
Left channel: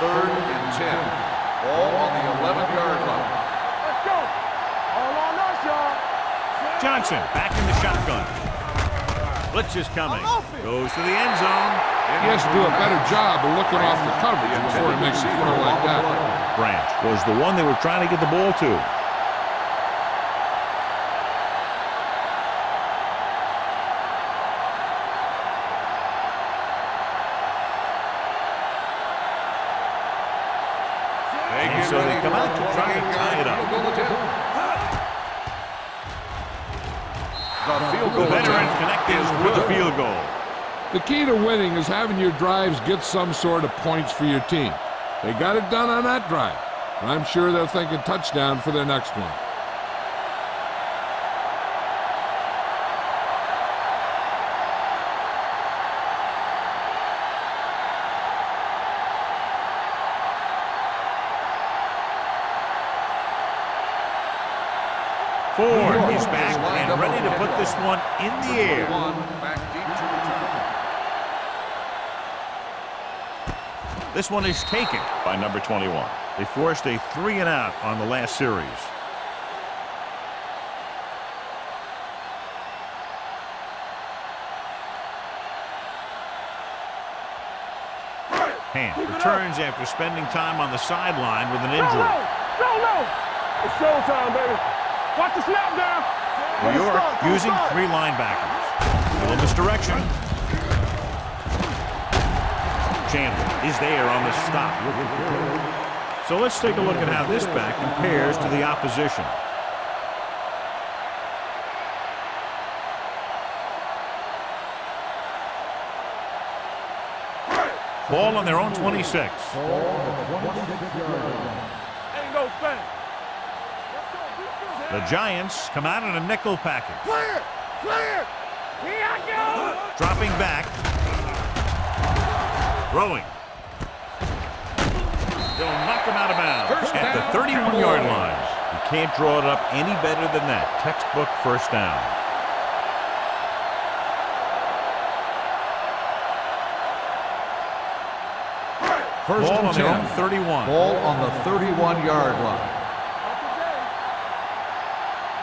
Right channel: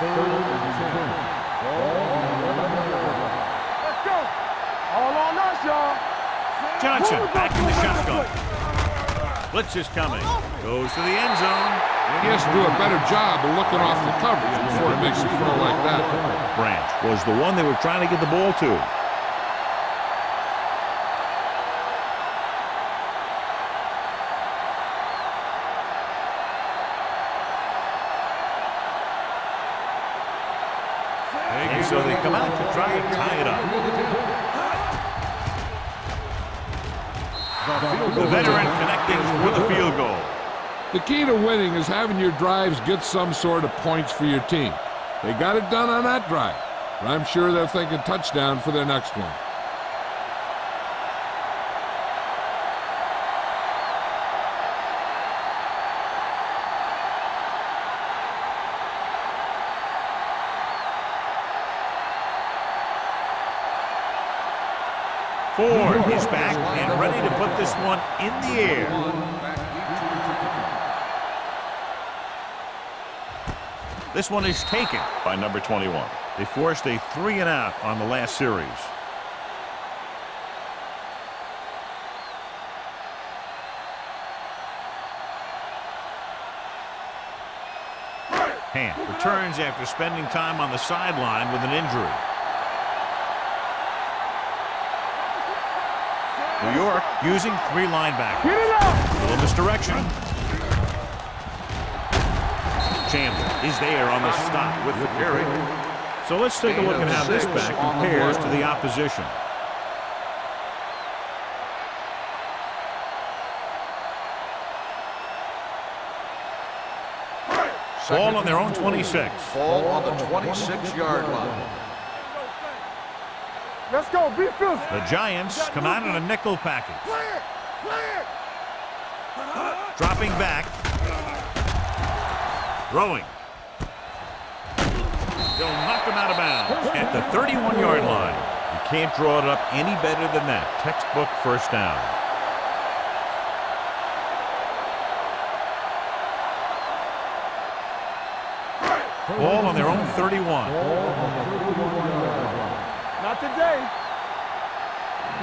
Third and 10. Ball on the 11-yard line. Let's go. All on us, y'all. Johnson back in the shotgun. Blitz is coming. Goes to the end zone. He has to do a better job of looking off the coverage before he makes a throw like that. Branch was the one they were trying to get the ball to. And so they come out to try to tie it up. The veteran connecting with a field goal. The key to winning is having your drives get some sort of points for your team. They got it done on that drive, but I'm sure they're thinking touchdown for their next one. Ford is back and ready to put this one in the air. This one is taken by number 21. They forced a 3-and-out on the last series. Hand returns after spending time on the sideline with an injury. It's showtime, baby. Watch the snap down. New York using 3 linebackers. A little misdirection. Chandler is there on the stop with the carry. So let's take a look at how this back compares to the opposition. Ball on their own 26. Ball on the 26-yard line. Ain't no thing. Let's go. Be physical. The Giants come out in a nickel package. Clear. Clear. Here I go. Dropping back. Throwing. They'll knock him out of bounds at the 31-yard line. You can't draw it up any better than that. Textbook first down. Ball on their own 31. Ball on the 31-yard line. Not today.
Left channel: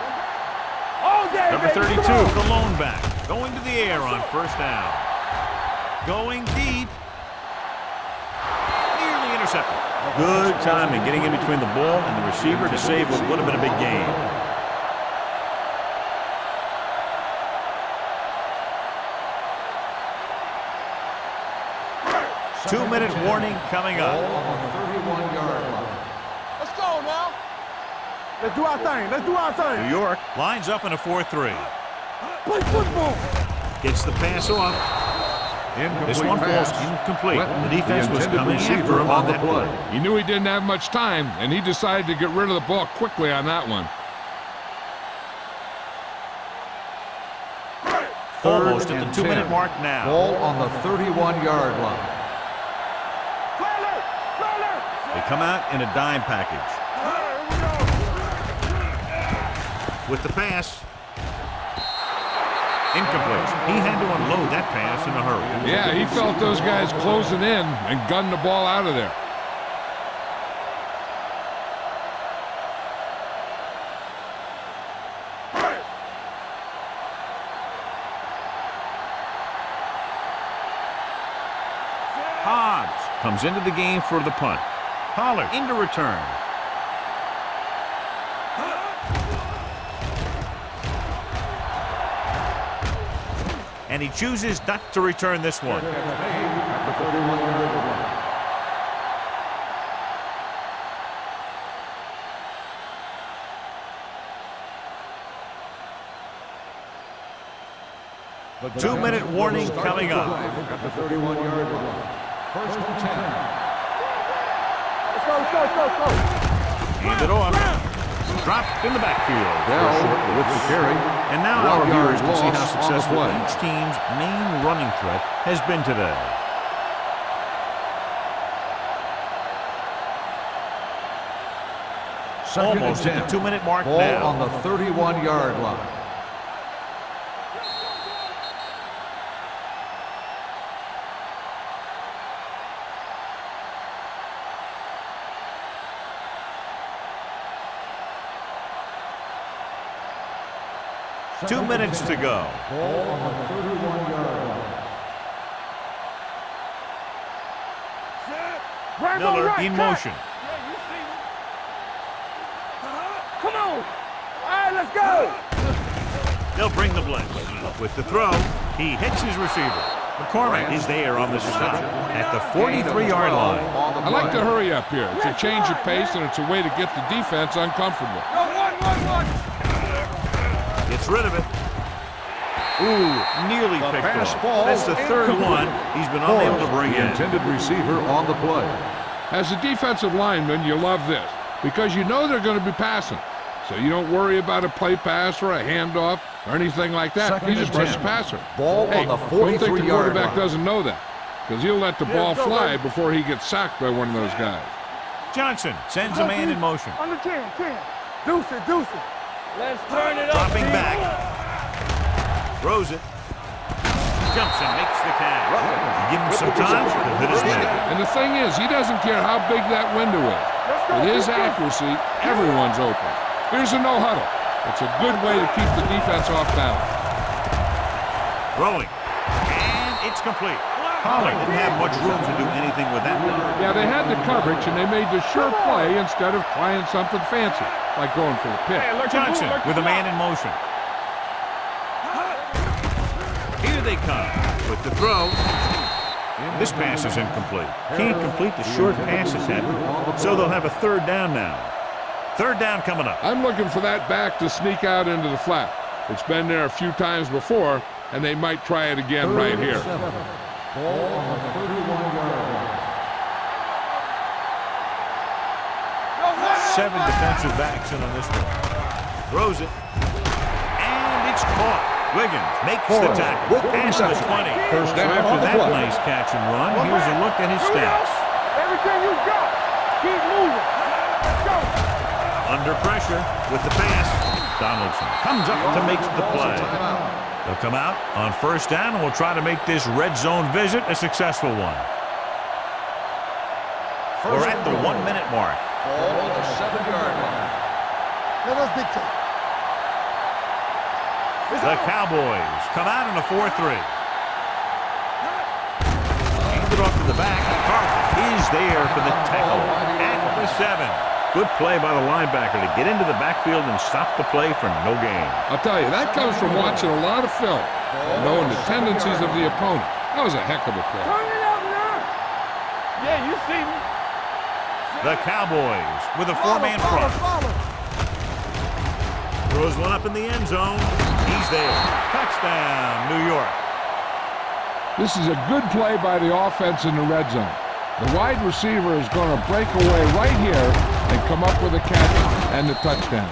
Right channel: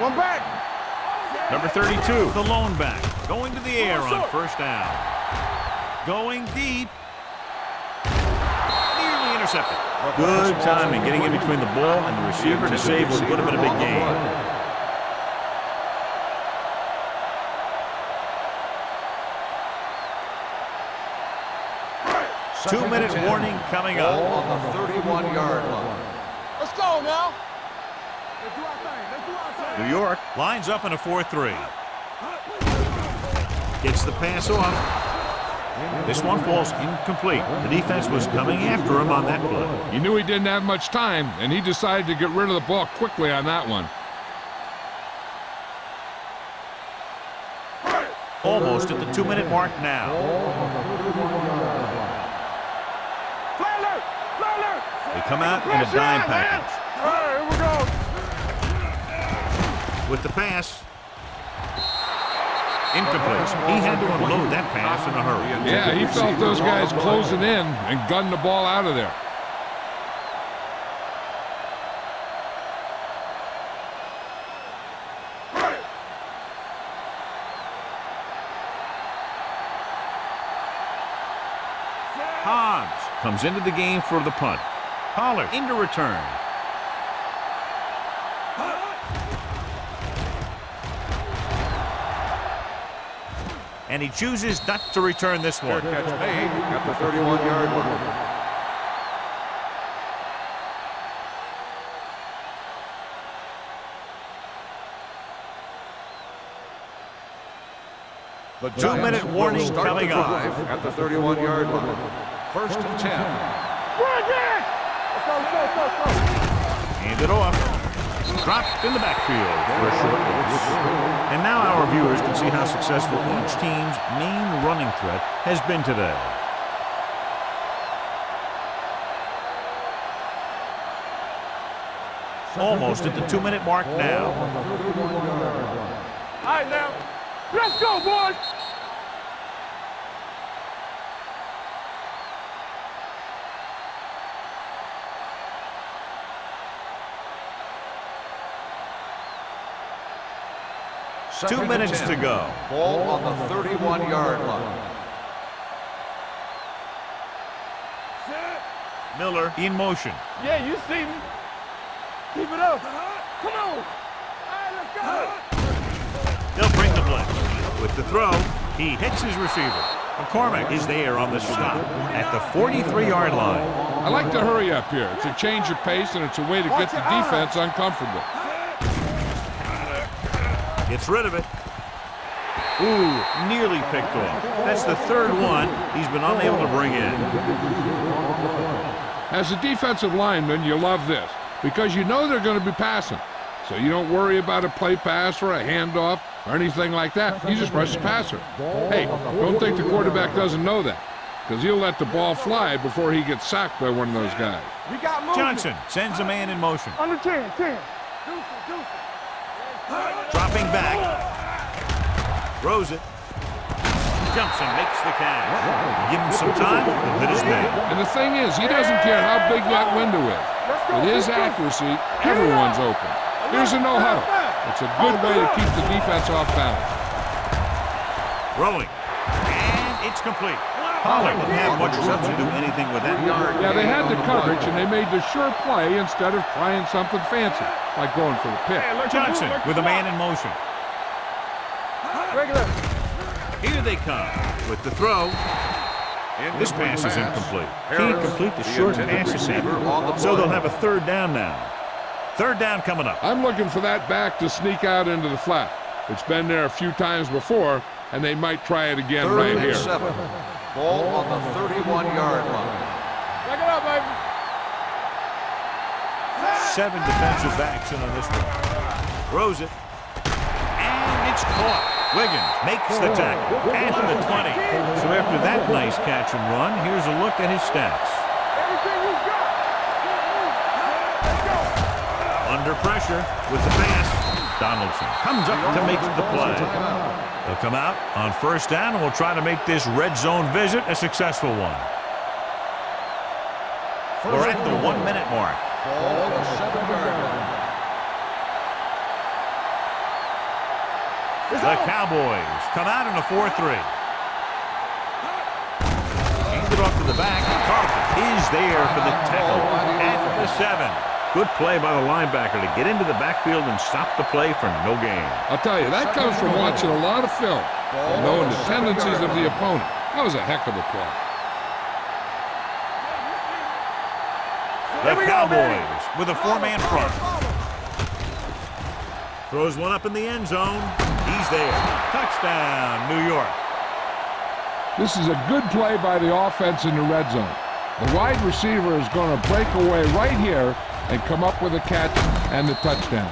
One back. All day. Number 32, the lone back, going to the air on first down. Going deep. Nearly intercepted. Good timing getting in between the ball and the receiver to save what would have been a big gain. Two-minute warning coming up. Ball on the 31-yard line. Let's go now. Let's do our thing. Let's do our thing. New York lines up in a 4-3. Gets the pass off. This one falls incomplete. The defense was coming after him on that play. He knew he didn't have much time, and he decided to get rid of the ball quickly on that one. Almost at the 2-minute mark now. Ball on the 31-yard line. They come out in a dime package. Here we go. With the pass. Incomplete. He had to unload that pass in a hurry. Yeah, he felt those guys closing in and gunned the ball out of there. Hobbs comes into the game for the punt. Pollard into return. And he chooses not to return this one. Fair catch made at the 31-yard line. The 2-minute warning coming up. At the 31-yard line. First and 10. Let's go, let's go, let's go, let's go. Hand it off. Dropped in the backfield for a short loss. And now our viewers can see how successful each team's main running threat has been today. Almost at the 2-minute mark Ball now. on the 31-yard line. All right, now. Let's go, boys. 2 minutes to go. Ball on the 31-yard line. Miller in motion. Yeah, you see me. Keep it up. Come on. All right, let's go. They'll bring the blitz. With the throw, he hits his receiver. McCormick is there on the stop at the 43-yard line. I like to hurry up here. It's a change of pace, and it's a way to get the defense uncomfortable. Gets rid of it. Ooh, nearly picked off. That's the third one he's been unable to bring in. Intended receiver on the play. As a defensive lineman, you love this because you know they're going to be passing. So you don't worry about a play pass or a handoff or anything like that. You just rush the passer. Hey, don't think the quarterback doesn't know that because he'll let the ball fly before he gets sacked by one of those guys. Johnson sends a man in motion. Under 10. Deuce it. Let's turn it up. Dropping back. Throws it. Jumps and makes the catch. You give him some time, he'll hit his man. And the thing is, he doesn't care how big that window is. With his accuracy, everyone's open. Here's a no-huddle. It's a good way to keep the defense off balance. Throwing. And it's complete. Pollard didn't have much room to do anything with that. Yeah, they had the coverage, and they made the sure play instead of trying something fancy, like going for the pick. Johnson with a man in motion. Here they come with the throw. This pass is incomplete. Can't complete the short pass attempt, so they'll have a third down now. Third down coming up. I'm looking for that back to sneak out into the flat. It's been there a few times before, and they might try it again right here. Ball on the 31-yard line. Back it up, baby. 7 defensive backs in on this one. Throws it. And it's caught. Wiggins makes the tackle at the 20. So after that nice catch and run, here's a look at his stats. Everything you got. Keep moving. Let's go. Under pressure with the pass. Donaldson comes up to make the play. They'll come out on first down, and we'll try to make this red zone visit a successful one. We're at the 1 minute mark. Ball on the 7-yard line. The Cowboys come out in a 4-3. Handed off to the back. Carlton is there for the tackle at the 7. Good play by the linebacker to get into the backfield and stop the play for no gain. I'll tell you, that comes from watching a lot of film and knowing the tendencies of the opponent. That was a heck of a play. Yeah, you see me. The Cowboys with a 4-man front. Throws one up in the end zone. He's there. Touchdown, New York. This is a good play by the offense in the red zone. The wide receiver is going to break away right here and come up with a catch and the touchdown.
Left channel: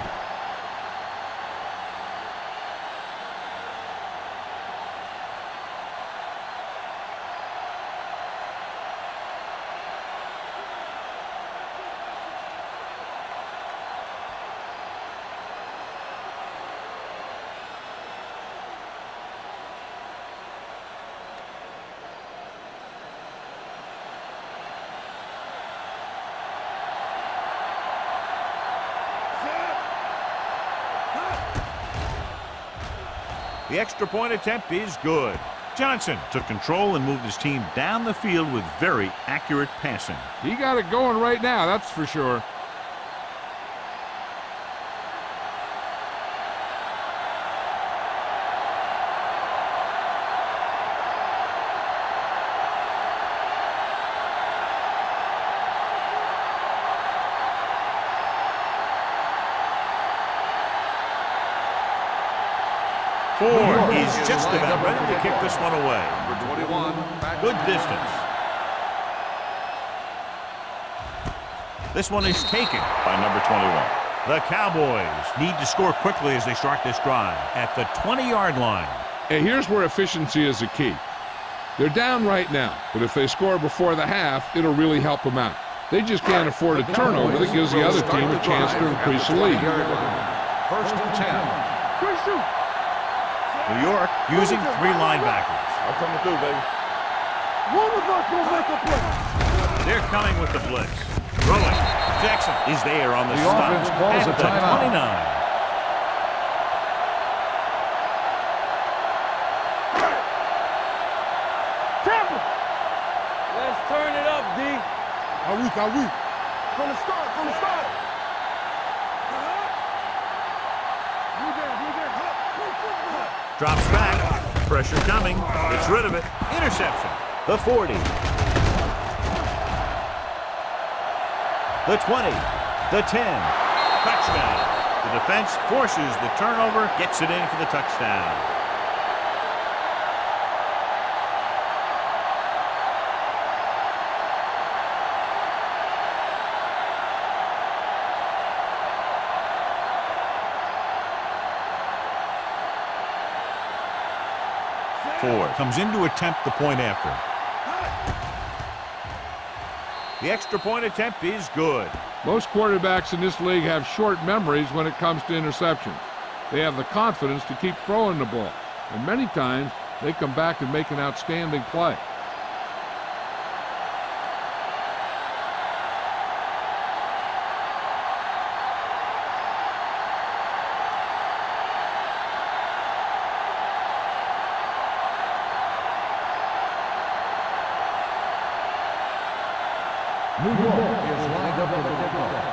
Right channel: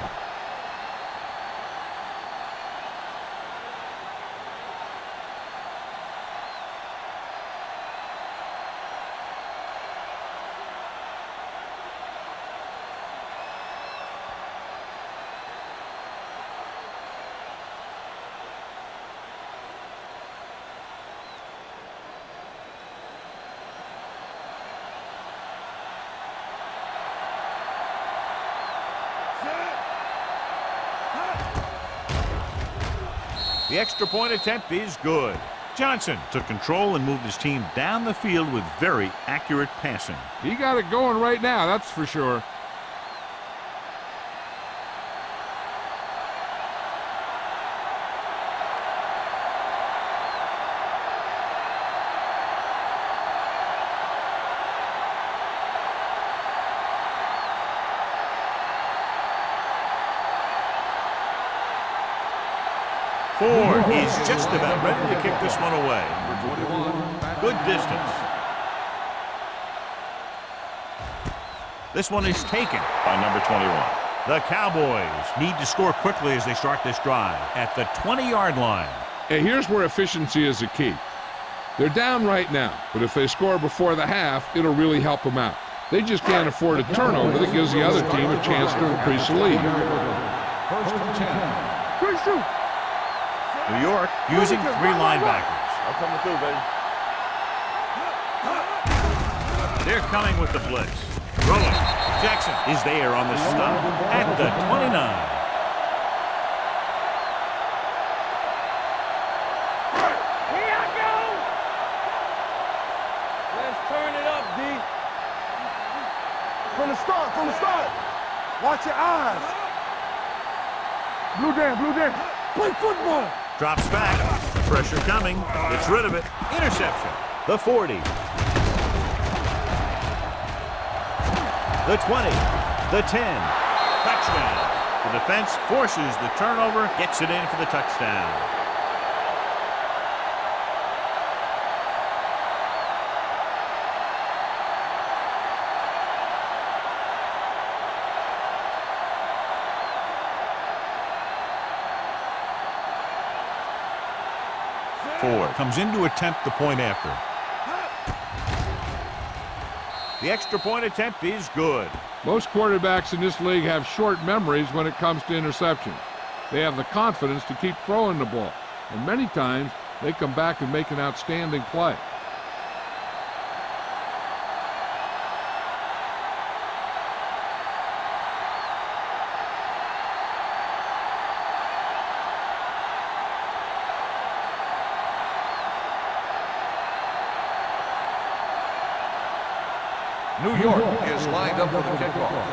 The extra point attempt is good. Johnson took control and moved his team down the field with very accurate passing. He got it going right now, that's for sure. Ford is just about ready to kick this one away. Number 21. Good distance. This one is taken by number 21. The Cowboys need to score quickly as they start this drive at the 20-yard line. Hey, here's where efficiency is the key. They're down right now, but if they score before the half, it'll really help them out. They just can't afford a turnover that gives the other team a chance to increase the lead. First and 10. Good shoot. New York using 3 linebackers. I'm coming through, baby. They're coming with the blitz. Throwing. Jackson is there on the stop at the 29. From the start, from the start. Watch your eyes. Blue down. Play football. Drops back. Pressure coming. Gets rid of it. Interception. The 40. The 20. The 10. Touchdown. The defense forces the turnover, gets it in for the touchdown. Ford comes in to attempt the point after. The extra point attempt is good. Most quarterbacks in this league have short memories when it comes to interceptions. They have the confidence to keep throwing the ball, and many times they come back and make an outstanding play. New York is lined up for the kickoff.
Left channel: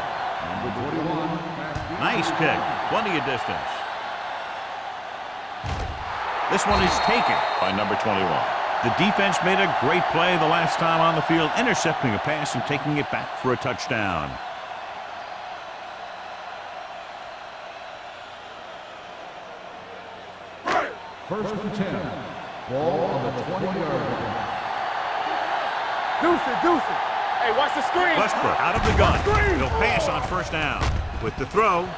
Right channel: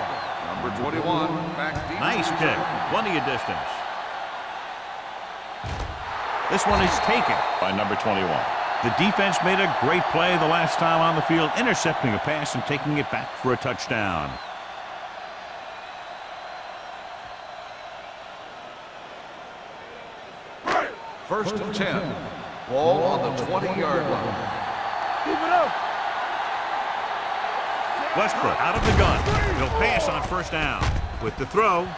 Number 21, back deep. Nice kick. Plenty of distance. This one is taken by number 21. The defense made a great play the last time on the field, intercepting a pass and taking it back for a touchdown. First and 10. Ball on the 20-yard line. Keep it up. Deuce it. Hey, watch the screen. Westbrook out of the gun. He'll pass on first down. With the throw.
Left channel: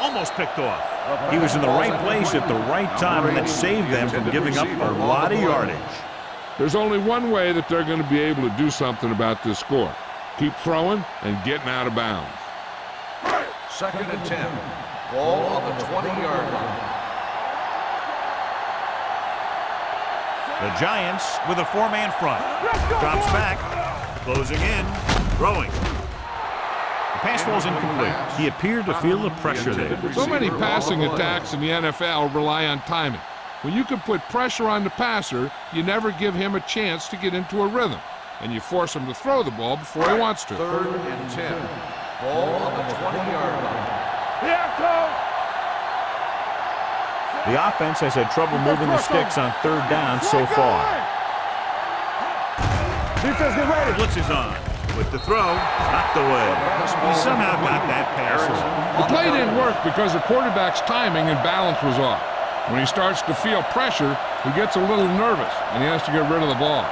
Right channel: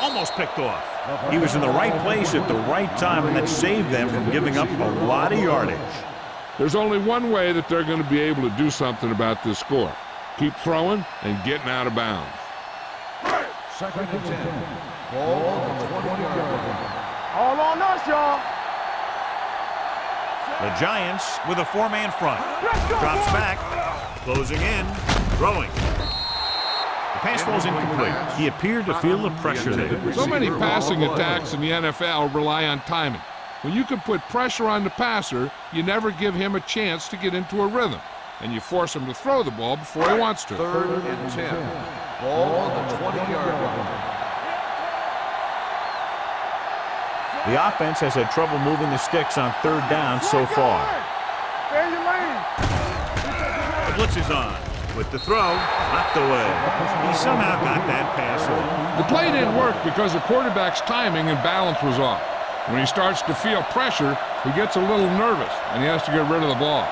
Almost picked off. He was in the right place at the right time, and that saved them from giving up a lot of yardage. There's only one way that they're going to be able to do something about this score. Keep throwing and getting out of bounds. Second and 10. Ball on the 20-yard line. All on us, y'all. The Giants with a four-man front. Let's go, Drops boys. back. Closing in. Throwing. The pass falls incomplete. He appeared to feel the pressure there. So many passing attacks in the NFL rely on timing. When you can put pressure on the passer, you never give him a chance to get into a rhythm, and you force him to throw the ball before he wants to. Third and 10. Ball on the 20-yard line. The offense has had trouble moving the sticks on third down so far. The blitz is on. With the throw, knocked away. He somehow got that pass off. The play didn't work because the quarterback's timing and balance was off. When he starts to feel pressure, he gets a little nervous, and he has to get rid of the ball.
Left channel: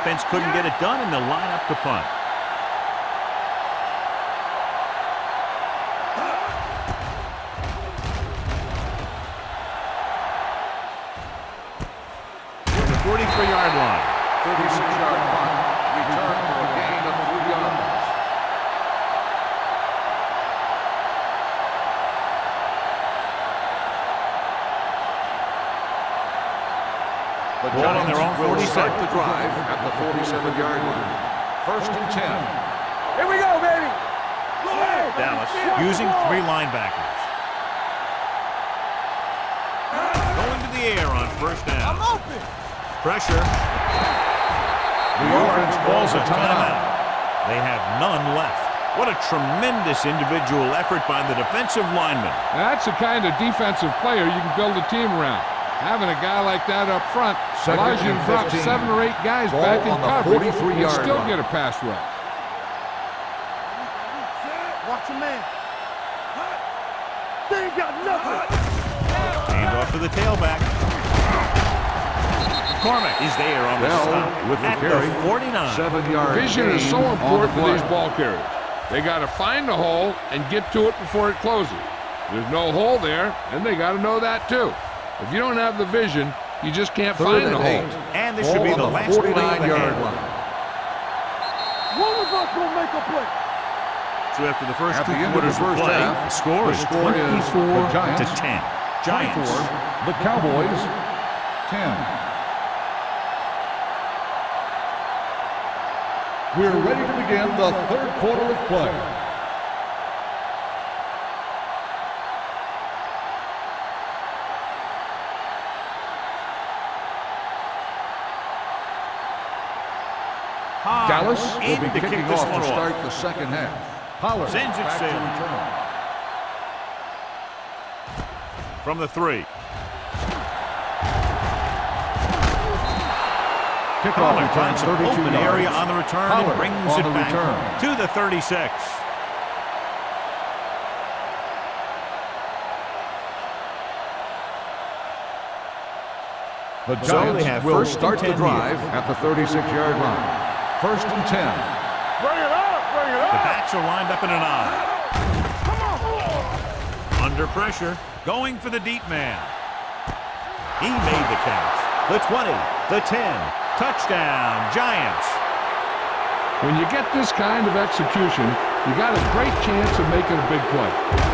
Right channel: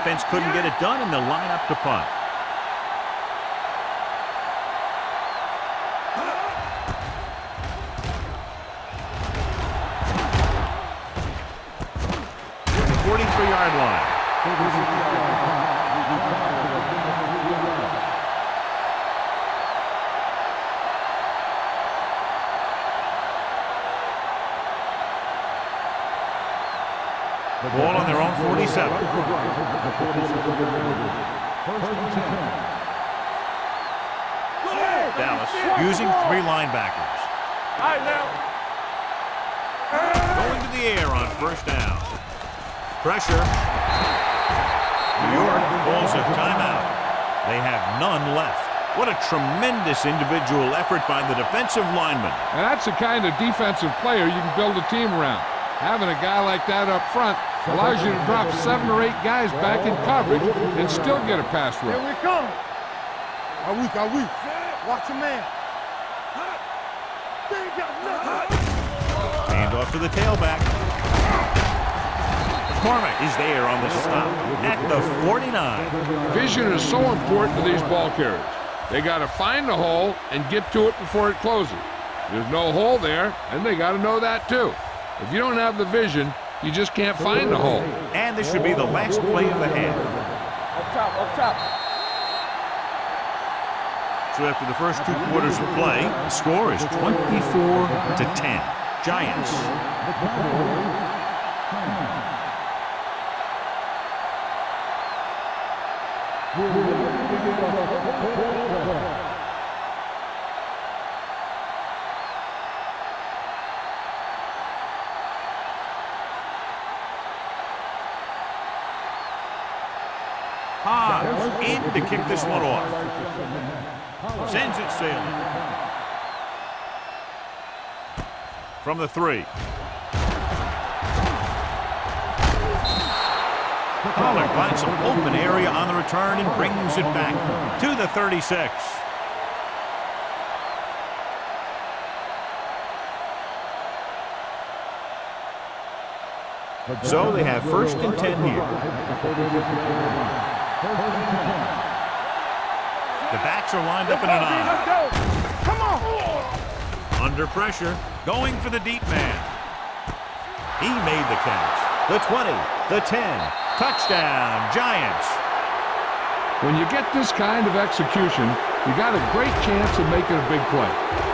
Offense couldn't get it done, and they'll line up to punt. Near the 43-yard line. 36-yard line. Return for a gain of 3 yards. Ball on their own 47. Start the drive at the 47-yard line. First and 10. Here we go, baby. Go ahead. Dallas using 3 linebackers. All right, now. Going to the air on first down. Pressure. New York calls a timeout. They have none left. What a tremendous individual effort by the defensive lineman. And that's the kind of defensive player you can build a team around. Having a guy like that up front allows you to drop 7 or 8 guys back in coverage and still get a pass rush. Here we come. Are we? Watch your man. They ain't got nothing. Hand off to the tailback. McCormick is there on the stop at the 49. Vision is so important to these ball carriers. They got to find the hole and get to it before it closes. There's no hole there, and they got to know that too. If you don't have the vision, you just can't find the hole. And this should be the last play of the half. Up top. One of us will make a play. So after the first 2 quarters of play, the score is 24-10. Giants. The Cowboys, 10. We're ready to begin the third quarter of play. in to kick this one off. The second half. Howard Sends it back to sailing. return. From the 3. Pollard finds some open area on the return and brings it back to the 36. So they have first and 10 here. At the 36-yard line. First and 10. The backs are lined up in an I. Come on! Under pressure, going for the deep man. He made the catch. The 20, the 10. Touchdown, Giants. When you get this kind of execution, you got a great chance of making a big play.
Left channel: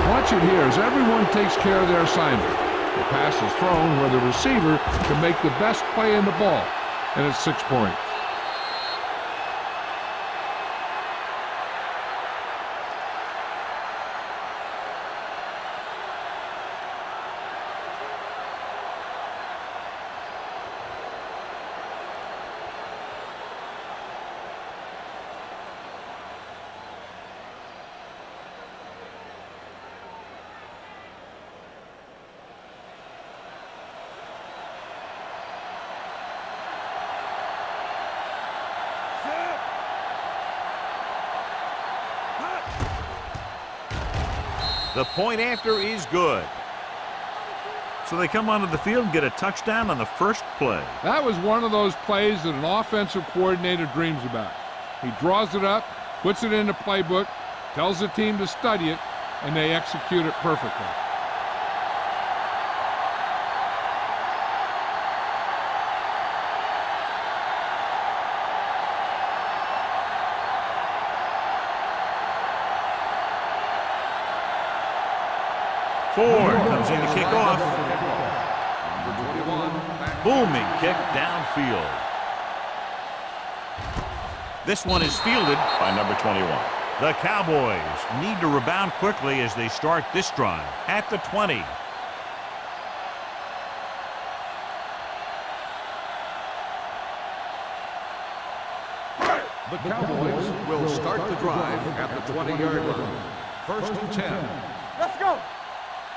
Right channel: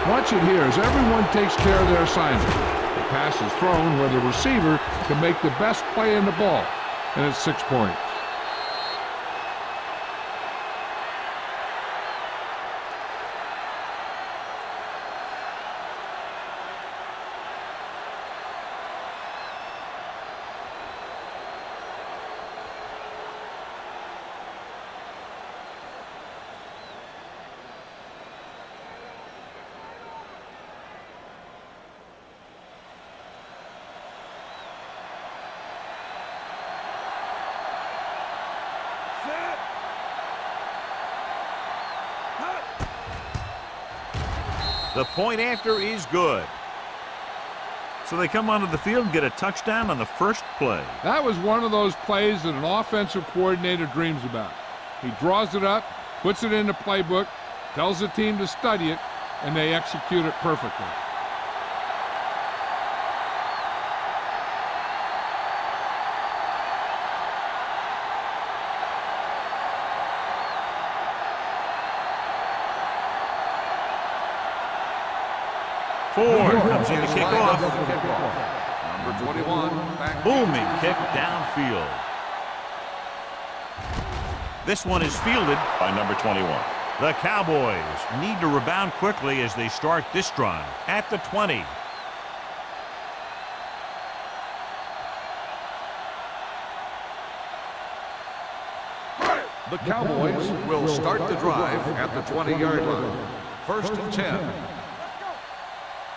Watch it here as everyone takes care of their assignment. The pass is thrown where the receiver can make the best play in the ball, and it's 6 points. The point after is good. So they come onto the field and get a touchdown on the first play. That was one of those plays that an offensive coordinator dreams about. He draws it up, puts it in the playbook, tells the team to study it, and they execute it perfectly. Ford comes in to kick off. Number 21. Back. Booming kick downfield. This one is fielded by number 21. The Cowboys need to rebound quickly as they start this drive at the 20. The Cowboys will start the drive at the 20-yard line. First and 10. Let's go!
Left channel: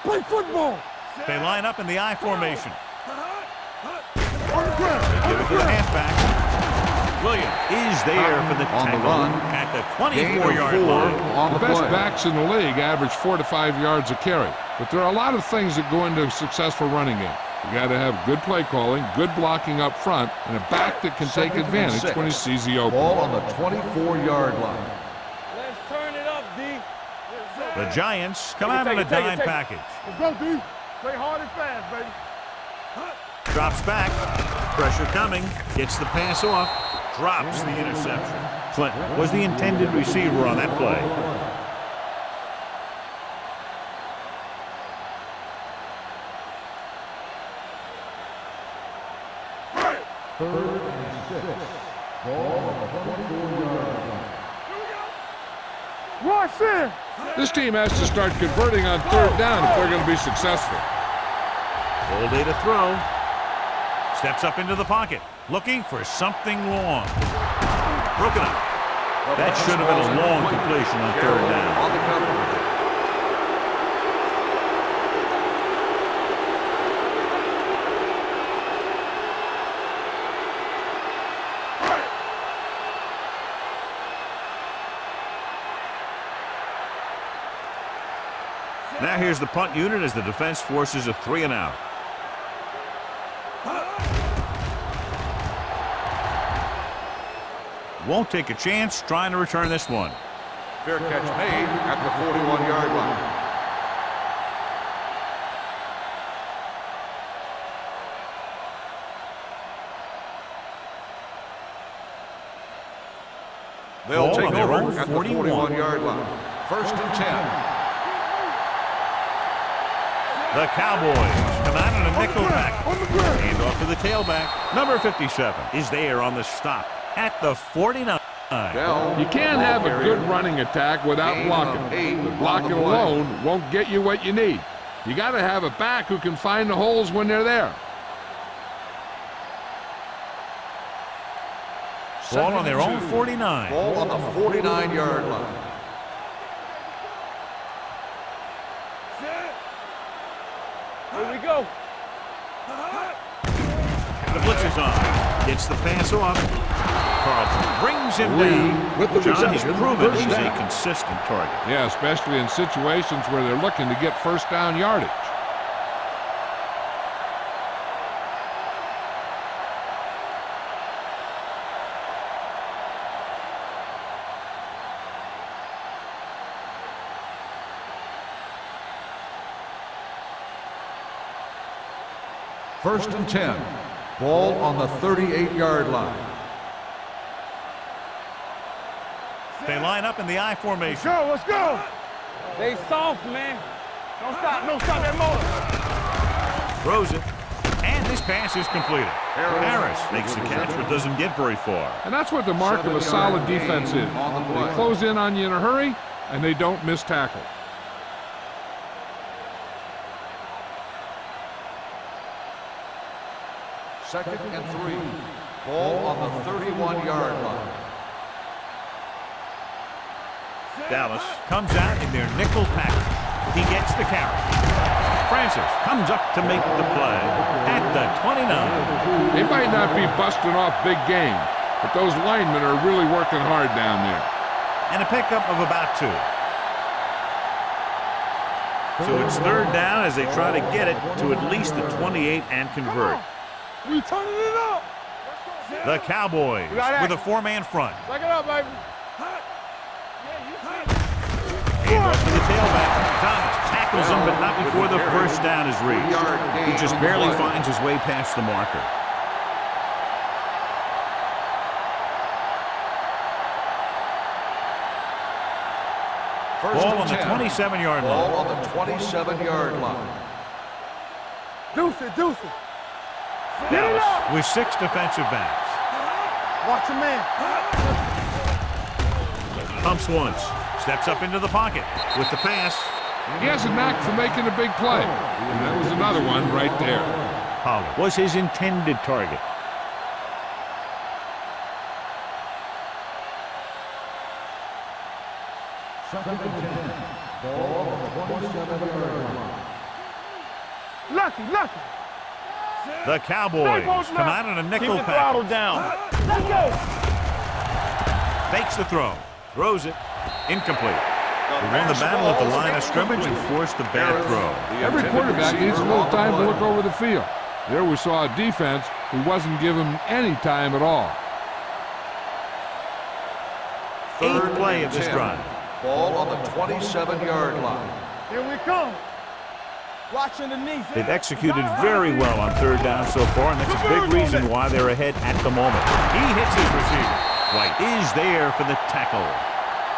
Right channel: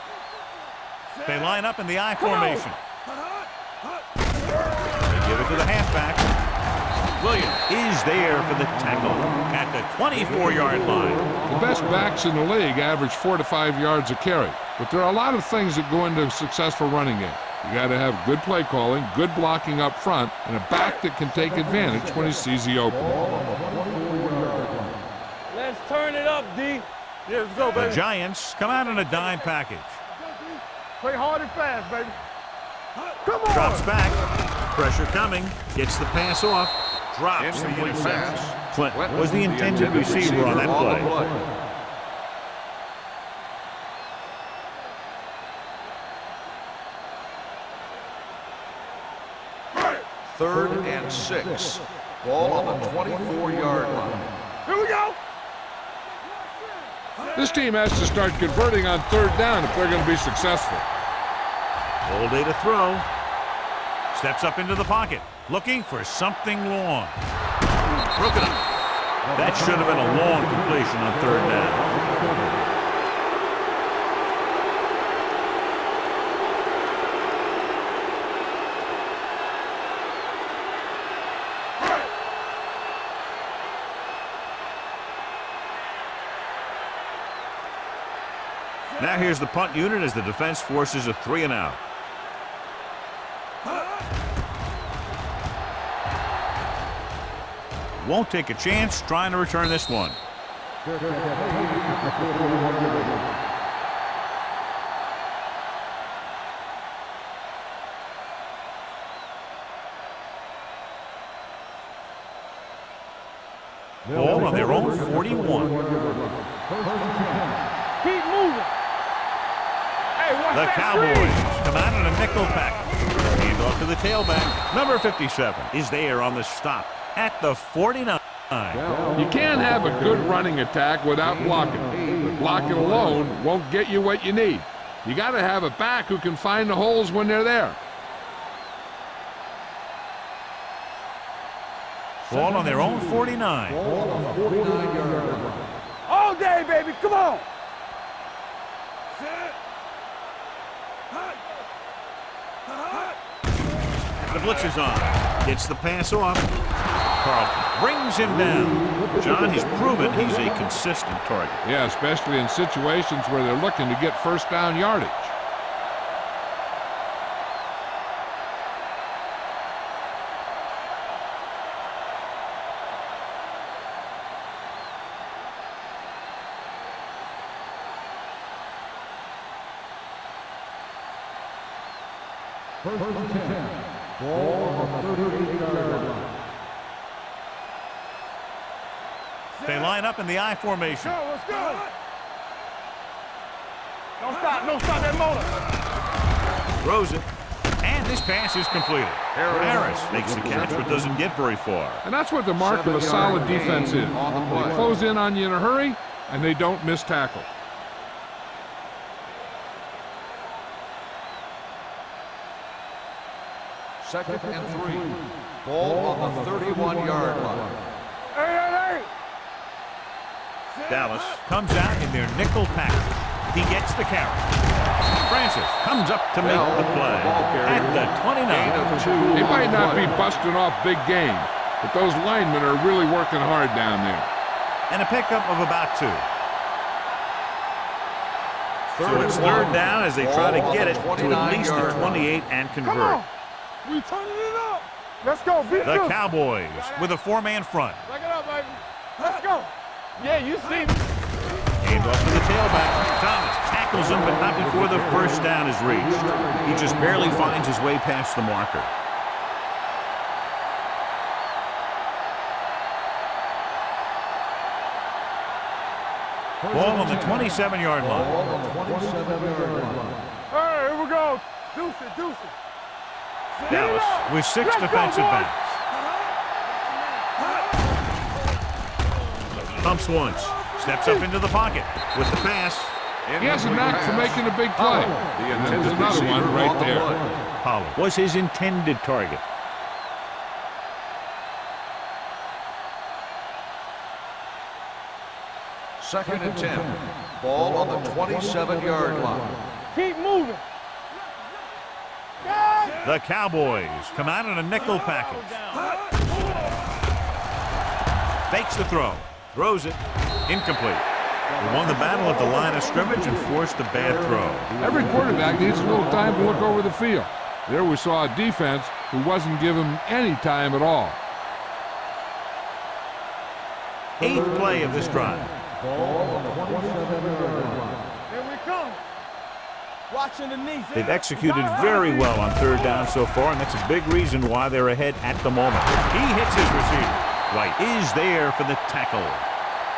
Play football! They line up in the I formation. They give it to the halfback. Williams is there for the tackle at the 24-yard line. The best backs in the league average 4 to 5 yards a carry, but there are a lot of things that go into a successful running game. You got to have good play calling, good blocking up front, and a back that can take advantage when he sees the opening. Ball on the 24-yard line. Let's turn it up, D. Yeah, let's go, The baby. Giants come out in a dime package. Let's go, D. Play hard and fast, baby. Come on! Drops back. Pressure coming. Gets the pass off. Drops the interception. Clinton was the intended receiver on that play. Third and 6. Ball on the 24-yard line. Here we go! Watch this! This team has to start converting on third down if they're going to be successful. All day to throw. Steps up into the pocket. Looking for something long. Broken up. That should have been a long completion on third down. On the cover. Now here's the punt unit as the defense forces a 3 and out. Won't take a chance trying to return this one. Fair catch made at the 41-yard line. They'll Ball take on their over own at the 41. 41-yard line. First and 10. Keep moving! The Cowboys come out in a nickel pack. Hand off to the tailback. Number 57 is there on the stop at the 49. You can't have a good running attack without blocking, but blocking alone won't get you what you need. You got to have a back who can find the holes when they're there. Ball on their own 49. Ball on the 49-yard line. All day, baby. Come on. Set. Here we go. The blitz is on. Gets the pass off. Carlton brings him down. John, he's proven he's a consistent target. Yeah, especially in situations where they're looking to get first down yardage. First and 10. Ball on the 38-yard line. They line up in the I formation. Let's go. They soft, man. Don't stop that motor. Throws it. And this pass is completed. Harris makes the catch but doesn't get very far. And that's what the mark of a solid defense is. They close in on you in a hurry, and they don't miss tackle. Second and 3. Ball on the 31-yard line. Dallas comes out in their nickel package. He gets the carry. Francis comes up to make the play at the 29. They might not be busting off big game, but those linemen are really working hard down there. And a pickup of about 2. So it's third down as they try to get it to at least the 28 and convert. We turning it up. Let's go. The Cowboys with a 4-man front. Back it up, baby. Let's go. Yeah, you see me. Hand off to the tailback. Thomas tackles him, but not before the first down is reached. He just barely finds his way past the marker. Ball on the 27-yard line. Ball on the 27-yard line. All right, here we go. Deuce it. Dallas with 6 defensive backs. Watch your man. Pumps once. Steps up into the pocket with the pass. He has a knack for making a big play. And that was another one right there. Pollard was his intended target. Second and 10. Ball on the 27-yard line. Keep moving. Lucky. The Cowboys come out in a nickel package. Fakes the throw. Throws it. Incomplete. He won the battle at the line of scrimmage and forced a bad throw. Every quarterback needs a little time to look over the field. There we saw a defense who wasn't given any time at all. 8th play of this drive. Ball on the 27-yard line. Here we come. Watching the knees. They've executed very well on third down so far, and that's a big reason why they're ahead at the moment. He hits his receiver. White is there for the tackle.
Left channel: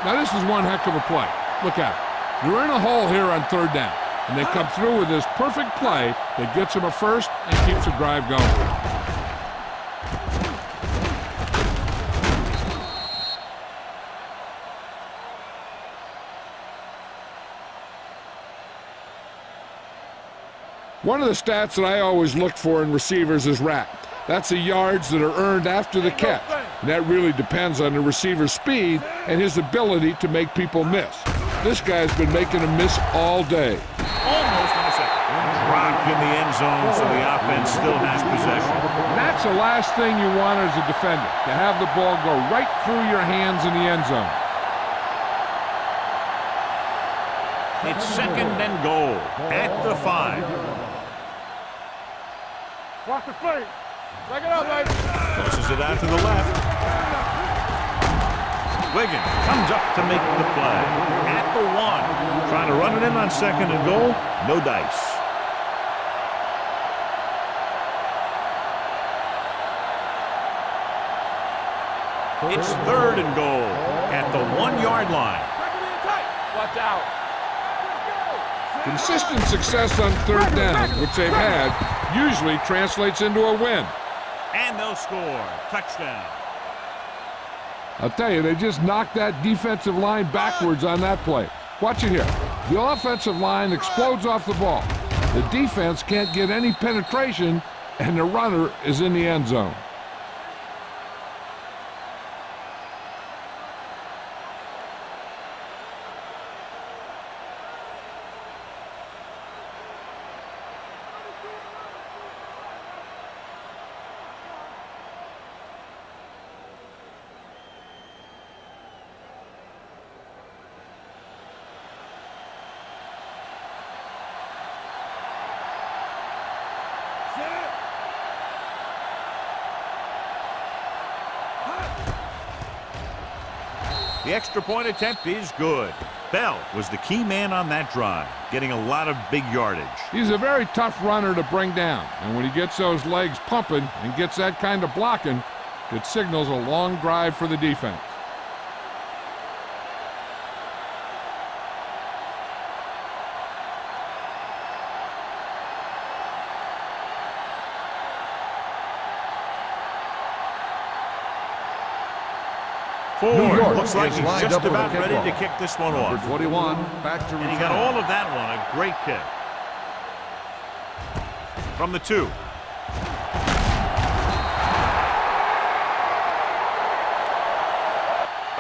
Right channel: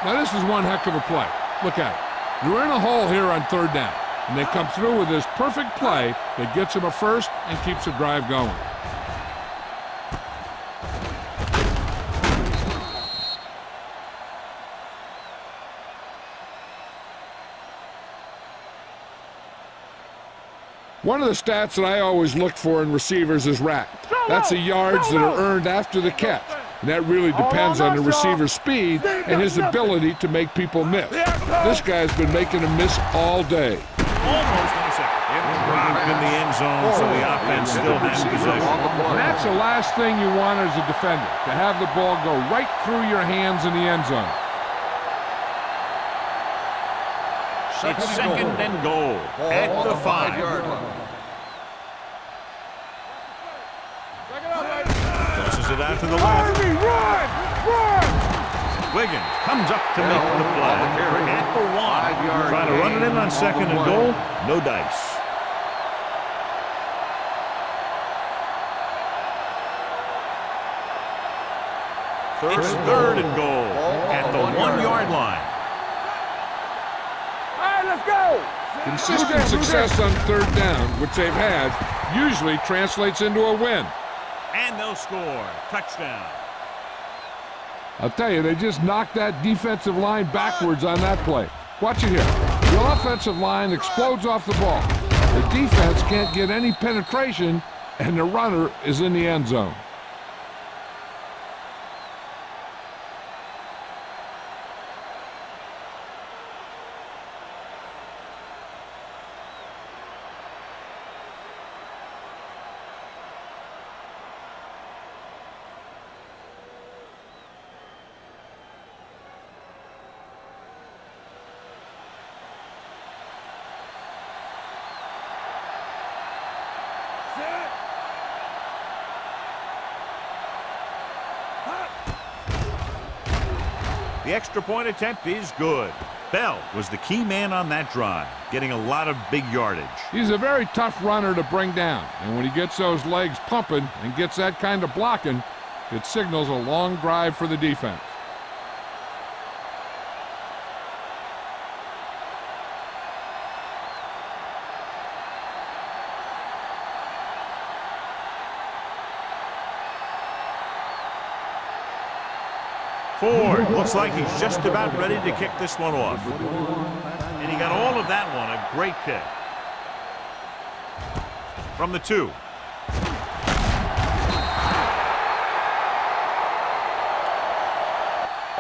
Now this is one heck of a play. Look at it. You're in a hole here on third down, and they come through with this perfect play that gets them a first and keeps the drive going. One of the stats that I always look for in receivers is rack. That's the yards that are earned after the catch. And that really depends on the receiver's speed and his ability to make people miss. This guy's been making them miss all day. Almost intercepted. Dropped in the end zone, so the offense still has possession. And that's the last thing you want as a defender, to have the ball go right through your hands in the end zone. It's second and goal at the 5. Watch the play. Back it up, baby. Tosses it out to the left. Wiggins comes up to make the play at the 1. Trying to run it in on second and goal. No dice. It's third and goal at the 1-yard line. Consistent success on third down, which they've had, usually translates into a win. And they'll score. Touchdown. I'll tell you, they just knocked that defensive line backwards on that play. Watch it here. The offensive line explodes off the ball. The defense can't get any penetration, and the runner is in the end zone. The extra point attempt is good. Bell was the key man on that drive, getting a lot of big yardage. He's a very tough runner to bring down, and when he gets those legs pumping and gets that kind of blocking, it signals a long drive for the defense. Ford looks like he's just about ready to kick this one off. 21, And he got all of that one. A great kick. From the 2.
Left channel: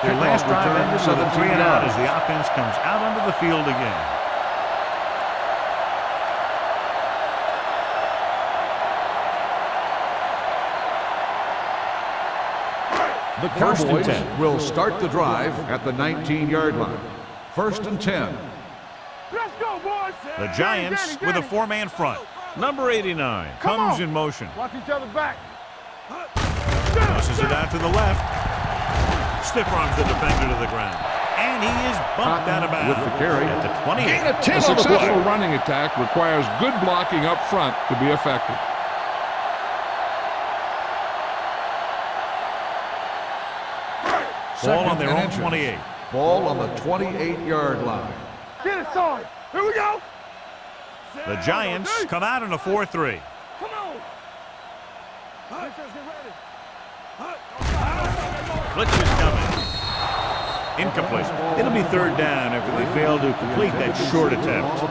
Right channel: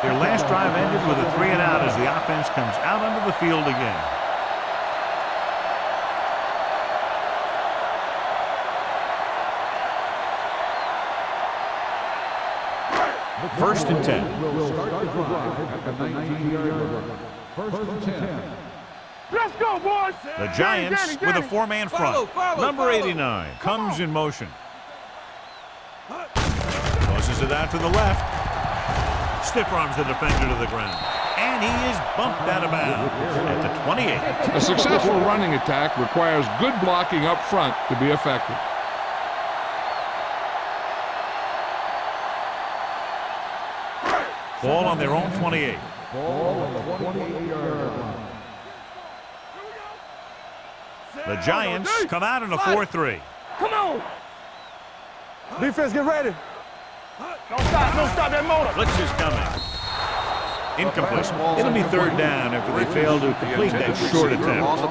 Their last drive ended with a 3 and out as the offense comes out onto the field again. The First and Cowboys 10. will start the drive at the 19-yard line. First and 10. Let's go, boys. The Giants with a 4-man front. Number 89 comes in motion. Watch each other's back. Tosses it out to the left. Stiff arms the defender to the ground. And he is bumped out of bounds at the 28. A successful running attack requires good blocking up front to be effective. Ball on their own 28. Ball on the 28-yard line. Get it started. Here we go. The Giants come out in a 4-3. Come on. Defense, get ready. Blitz is coming. Incomplete. It'll be 3rd down after they fail to complete that short attempt.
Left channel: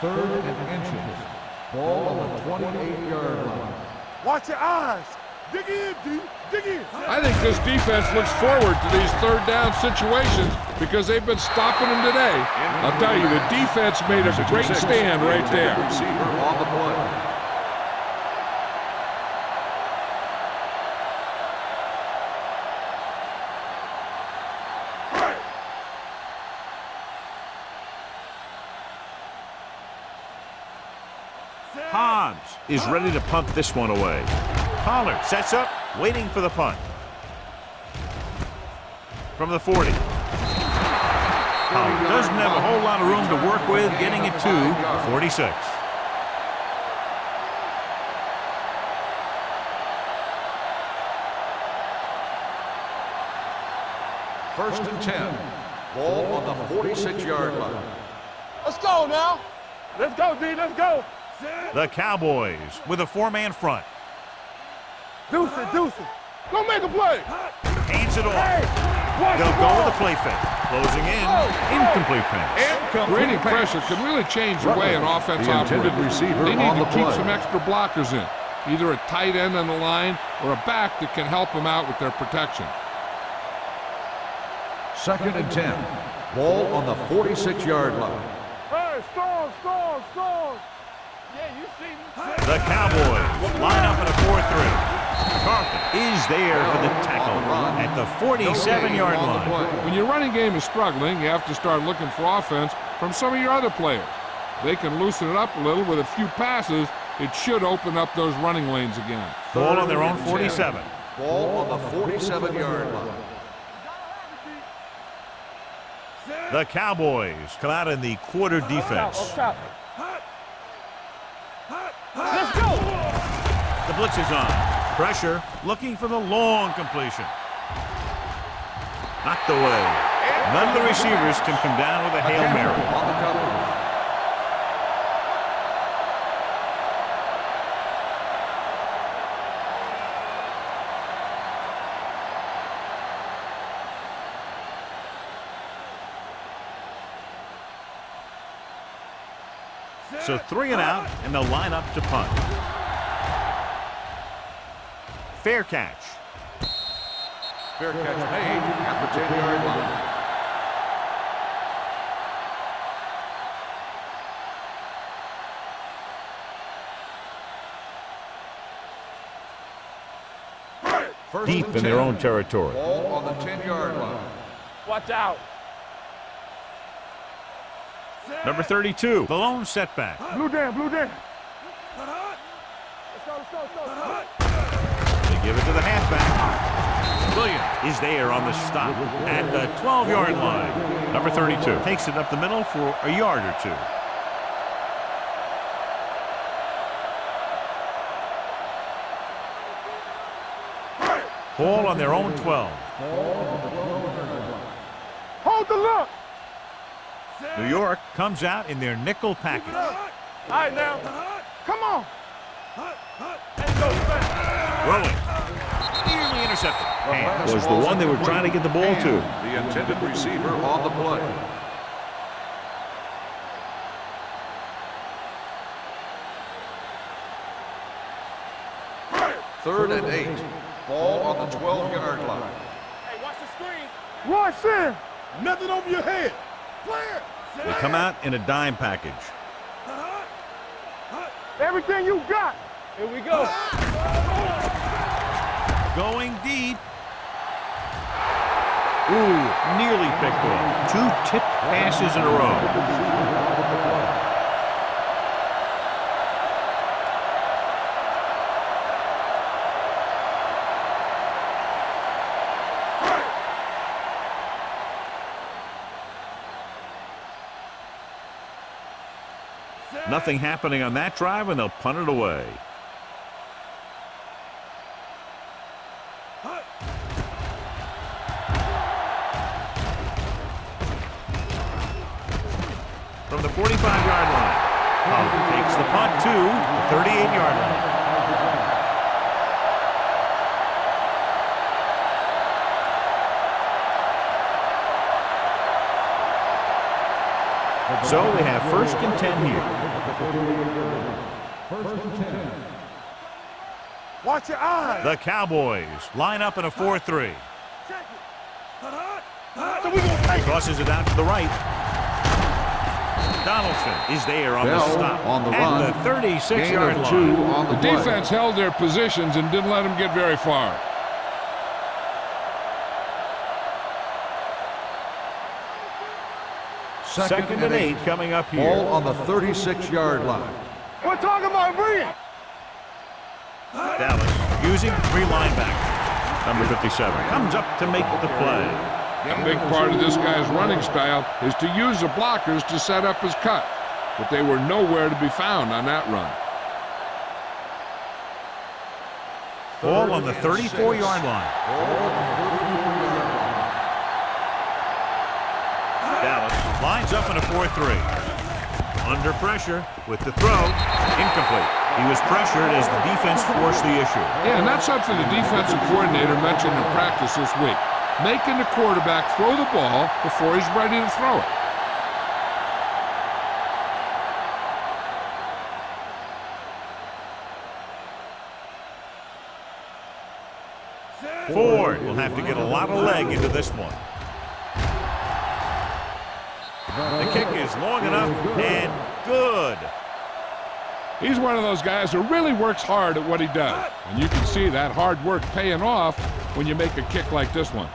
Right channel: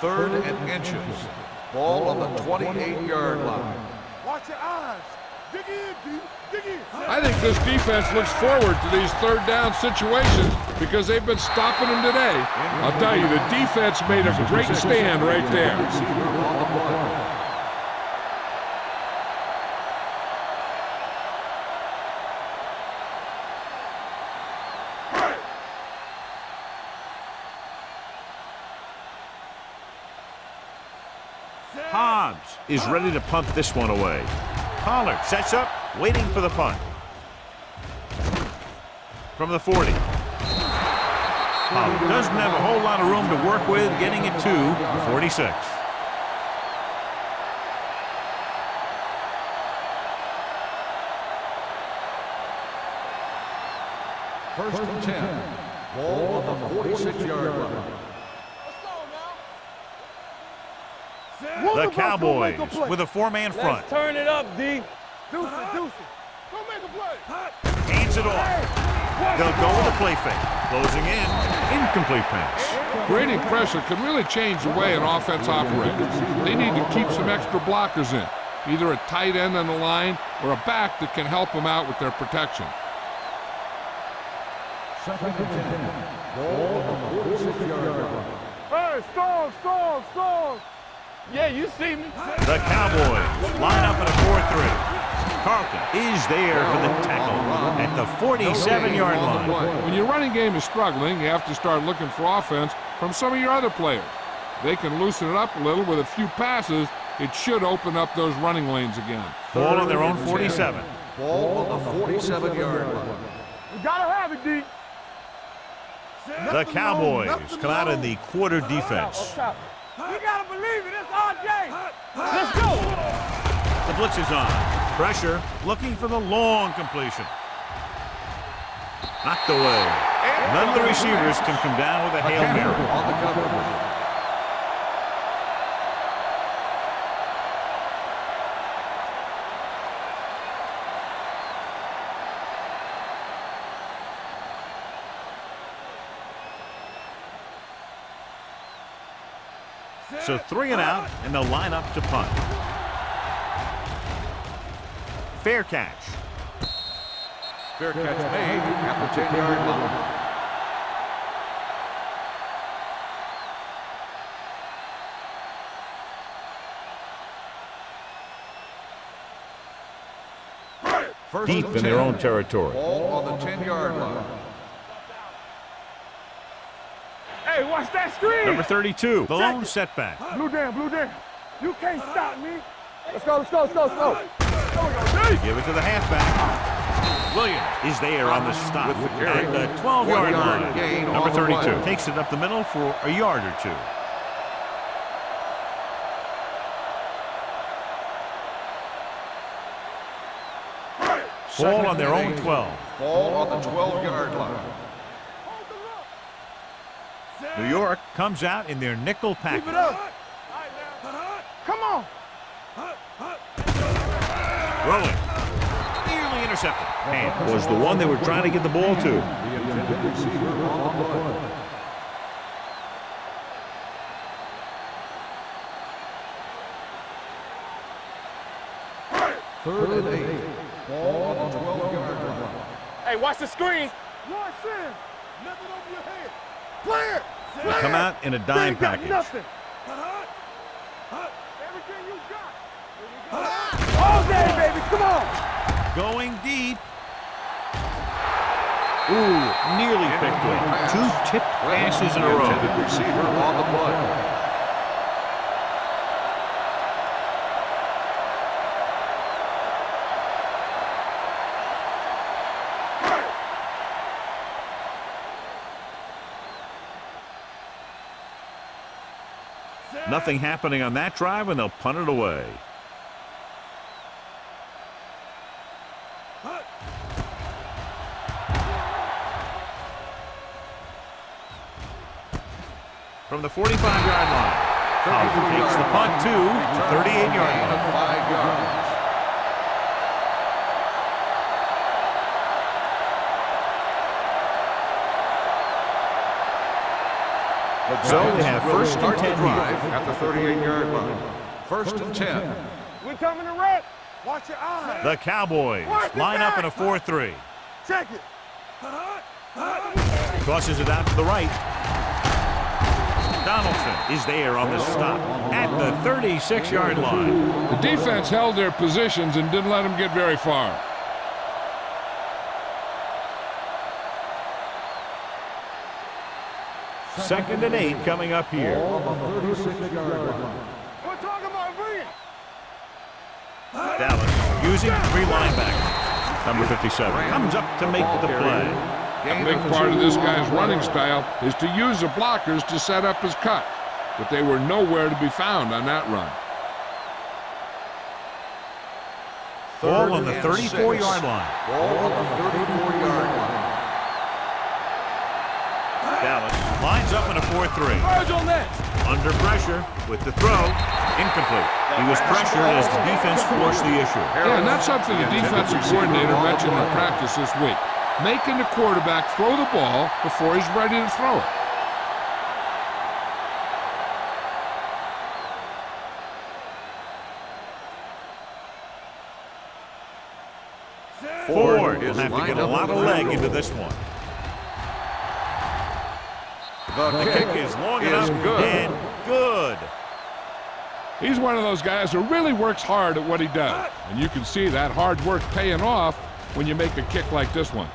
Third and inches. Ball on the 28-yard line. Watch your eyes. Dig in, D. Dig in. I think this defense looks forward to these 3rd down situations because they've been stopping them today. I'll tell you, the defense made a great stand right there. Receiver on the play. Hobbs is ready to punt this one away. Pollard sets up, waiting for the punt. From the 40. Pollard doesn't have a whole lot of room to work with, getting it to the 46. First and 10. Ball on the 46-yard line. Let's go now. Let's go, D. Let's go. The Cowboys with a 4-man front. Turn it up, D. Deuce it, deuce it. Go make a play. Hands it off. They'll go with a play fake. Closing in. Incomplete pass. Creating pressure can really change the way an offense operates. They need to keep some extra blockers in, either a tight end on the line or a back that can help them out with their protection. Second and 10. Ball on the 46-yard line. Hey, storm. Yeah, you see me. The Cowboys line up in a 4-3. Carlton is there for the tackle at the 47-yard line. When your running game is struggling, you have to start looking for offense from some of your other players. They can loosen it up a little with a few passes. It should open up those running lanes again. Ball on their own 47. Ball on the 47-yard line. You gotta have it, D. The Cowboys come out in the quarter defense. You gotta believe it. It's RJ. Let's go. The blitz is on. Pressure, looking for the long completion. Knocked away. None of the receivers can come down with a Hail Mary. On the cover. So 3 and out, and they'll line up to punt. Fair catch. Fair catch made at the 10-yard line. First Deep and in their 10. own territory. Ball on the 10-yard line. Watch out. Hey, watch that screen. Number 32, the lone setback. Blue down. You can't stop me. Let's go, let's go, let's go, let's go. They give it to the halfback. Williams is there on the stop at the 12-yard line. Number 32 takes it up the middle for a yard or two. Ball on their own 12. Ball on the 12-yard line. Hold the look. New York comes out in their nickel package. All right, now. Come on. Rolling. Nearly intercepted. And was the one they were trying to get the ball to. The intended receiver on the play. Third and 8. Ball on the 12-yard line. Hey, watch the screen. Run, Sam. Nothing over your head. Clear. They come out in a dime package. Everything you got. Here we go. All day, baby. Come on. Going deep. Ooh, nearly picked off. Two tipped passes in a row. Intended receiver on the play. Nothing happening on that drive, and they'll punt it away. From the 45-yard line, Holland takes the punt to the 38-yard line. 5 yards. So they have first and 10 here. At the 38-yard line. First and 10. We coming to wreck. Watch your eyes. The Cowboys line up in a 4-3. Check it. Tosses it out to the right. Donaldson is there on the stop at the 36-yard line. The defense held their positions and didn't let them get very far. Second and 8 coming up here. Ball on the 36-yard line. We're talking about Bree. Dallas using 3 linebackers. Number 57 comes up to make the play. A big part of this guy's running style is to use the blockers to set up his cut, but they were nowhere to be found on that run. Ball on the 34-yard line. Ball on the 34-yard line. Dallas lines up in a 4-3. Under pressure with the throw. Incomplete. He was pressured as the defense forced the issue. Yeah, and that's something the defensive coordinator mentioned in practice this week. Making the quarterback throw the ball before he's ready to throw it. Ford will have to get a lot of leg into this one. The kick is long enough and good. He's one of those guys who really works hard at what he does. And you can see that hard work paying off when you make a kick like this one.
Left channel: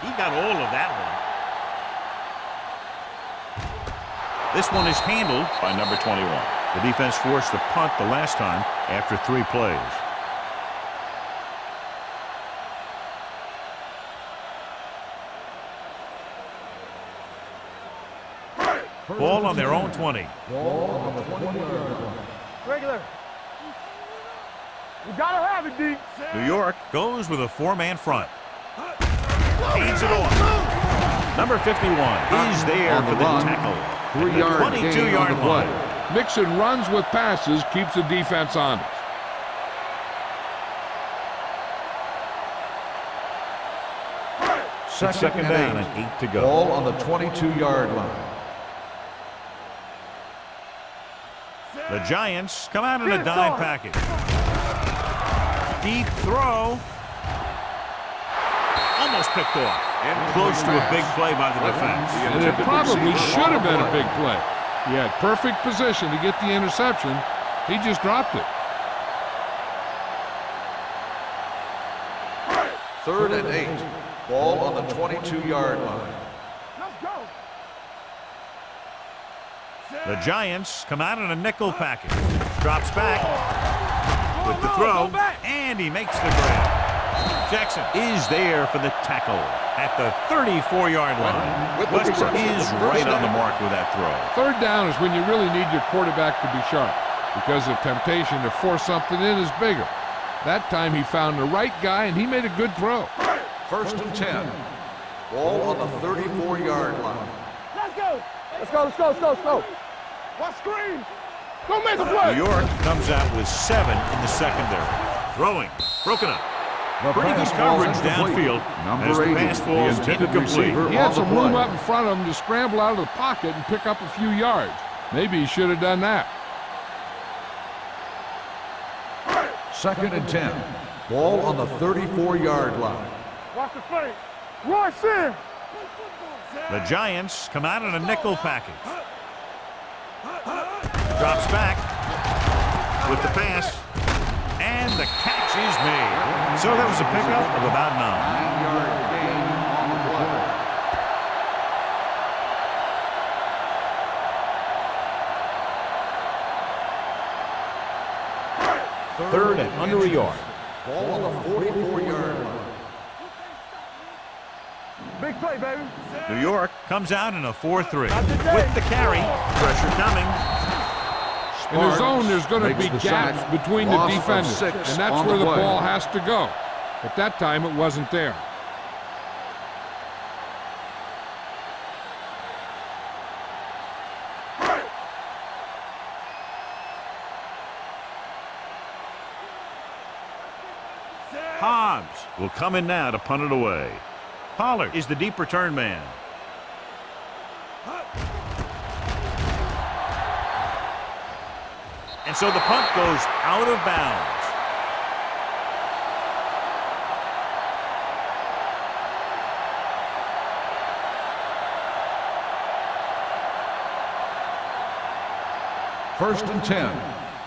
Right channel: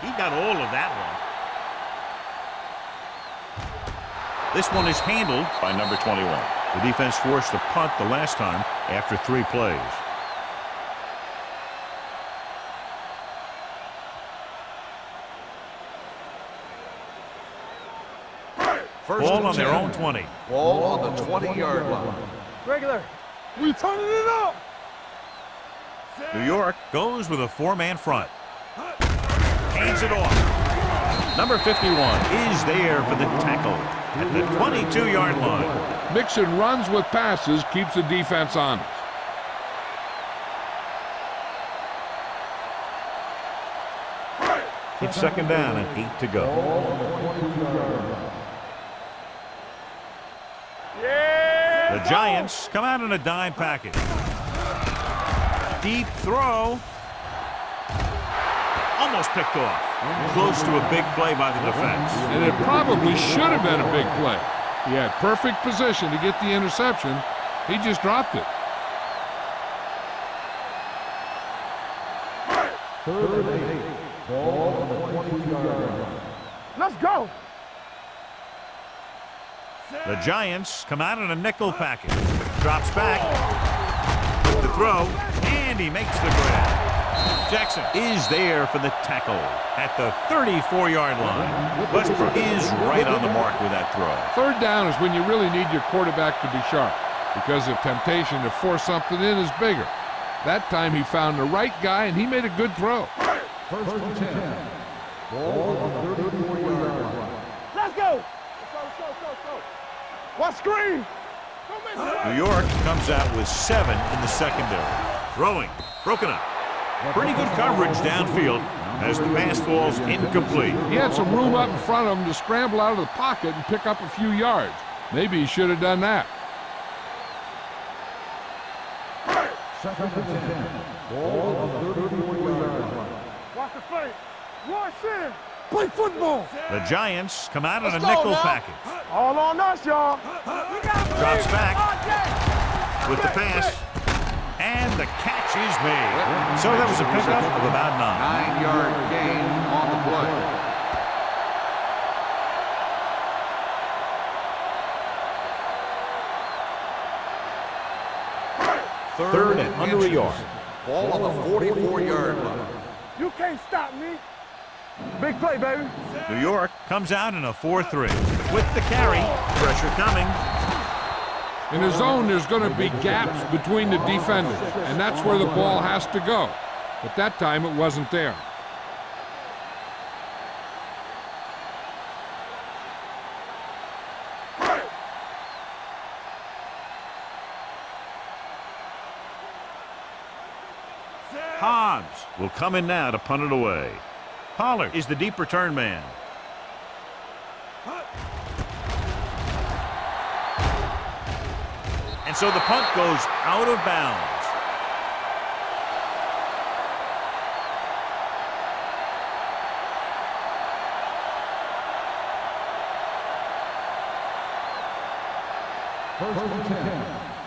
He got all of that one. This one is handled by number 21. The defense forced the punt the last time after 3 plays. Ball on their own 20. Ball on the 20-yard line. Regular. We turning it up. We gotta have it, D. New York goes with a 4-man front. Hands it off. Number 51 is there for the tackle at the 22-yard line. Mixing runs with passes keeps the defense honest. It's second down and 8 to go. Ball on the 22-yard line. The Giants come out in a dime package. Deep throw. almost picked off. Close to a big play by the defense. And it probably should have been a big play. He had perfect position to get the interception. He just dropped it. 3rd and 8. Ball on the 22-yard line. Let's go. The Giants come out in a nickel package. Drops back with the throw, and he makes the grab. Jackson is there for the tackle at the 34-yard line. Westbrook is right on the mark with that throw. 3rd down is when you really need your quarterback to be sharp because the temptation to force something in is bigger. That time he found the right guy, and he made a good throw. 1st and 10. Ball on the 34-yard line. Let's go. Let's go, let's go, let's go, let's go. What screen? Don't miss it. New York comes out with 7 in the secondary. Throwing, broken up. Pretty good coverage downfield as the pass falls incomplete. He had some room up in front of him to scramble out of the pocket and pick up a few yards. Maybe he should have done that. 2nd and 10. Ball on the 34-yard line. Watch the play. Roy Sin. Play football. The Giants come out in a nickel package. All on us, y'all. Drops back with the pass, and the catch is made. So that was a pickup of about 9. 9-yard gain on the play. 3rd and under a yard. Ball on the 44-yard line. You can't stop me. Big play, baby. New York comes out in a 4-3 with the carry. Pressure coming. In the zone, there's going to be gaps between the defenders, and that's where the ball has to go. But that time it wasn't there. Hobbs will come in now to punt it away. Pollard is the deep return man. And so the punt goes out of bounds. First and 10.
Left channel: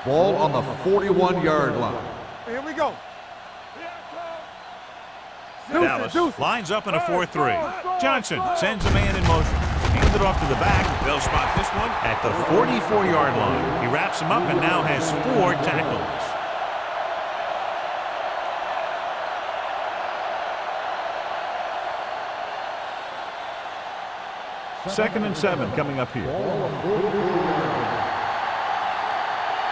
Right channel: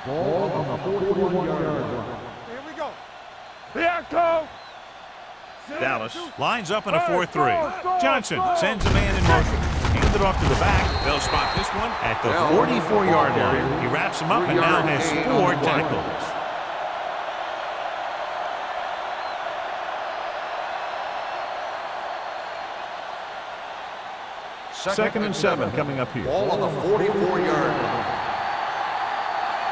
Ball on the 41-yard line. Here we go. Here I come. Dallas lines up in a 4-3. Johnson sends a man in motion. Hand it off to the back. They'll spot this one at the 44-yard line. He wraps him up and now has 4 tackles. Second and 7 coming up here. Ball on the 44-yard line.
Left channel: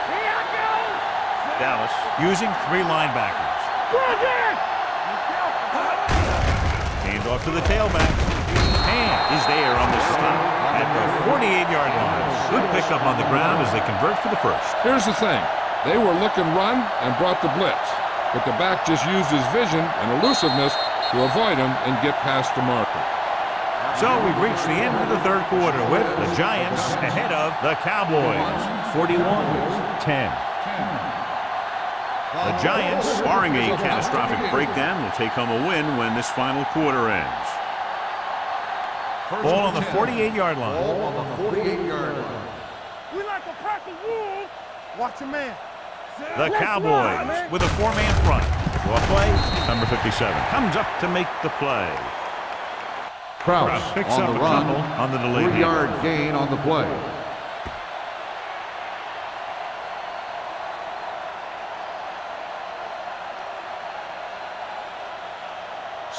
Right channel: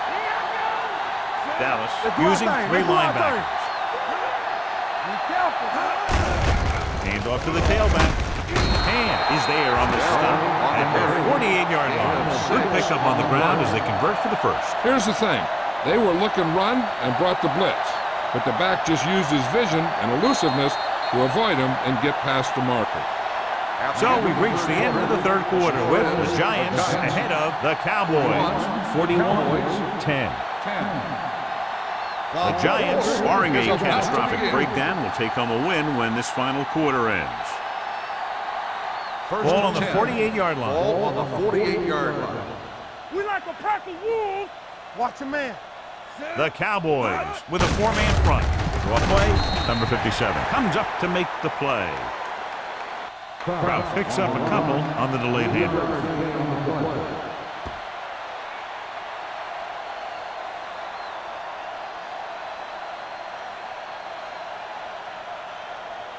Here I go. Dallas using 3 linebackers. Be careful. Hand off to the tailback. Hand is there on the stop at the 48-yard line. Good pickup on the ground as they convert for the first. Here's the thing. They were looking run and brought the blitz. But the back just used his vision and elusiveness to avoid him and get past the marker. So we've reached the end of the third quarter with the Giants ahead of the Cowboys. 41-10. The Giants, barring a catastrophic breakdown, will take home a win when this final quarter ends. Ball on the 48-yard line. Ball on the 48-yard line. We like a pack of wolves. Watch a man. The Cowboys with a 4-man front. Draw play, number 57 comes up to make the play. Krause picks up a couple on the delayed handoff. 3-yard gain on the play.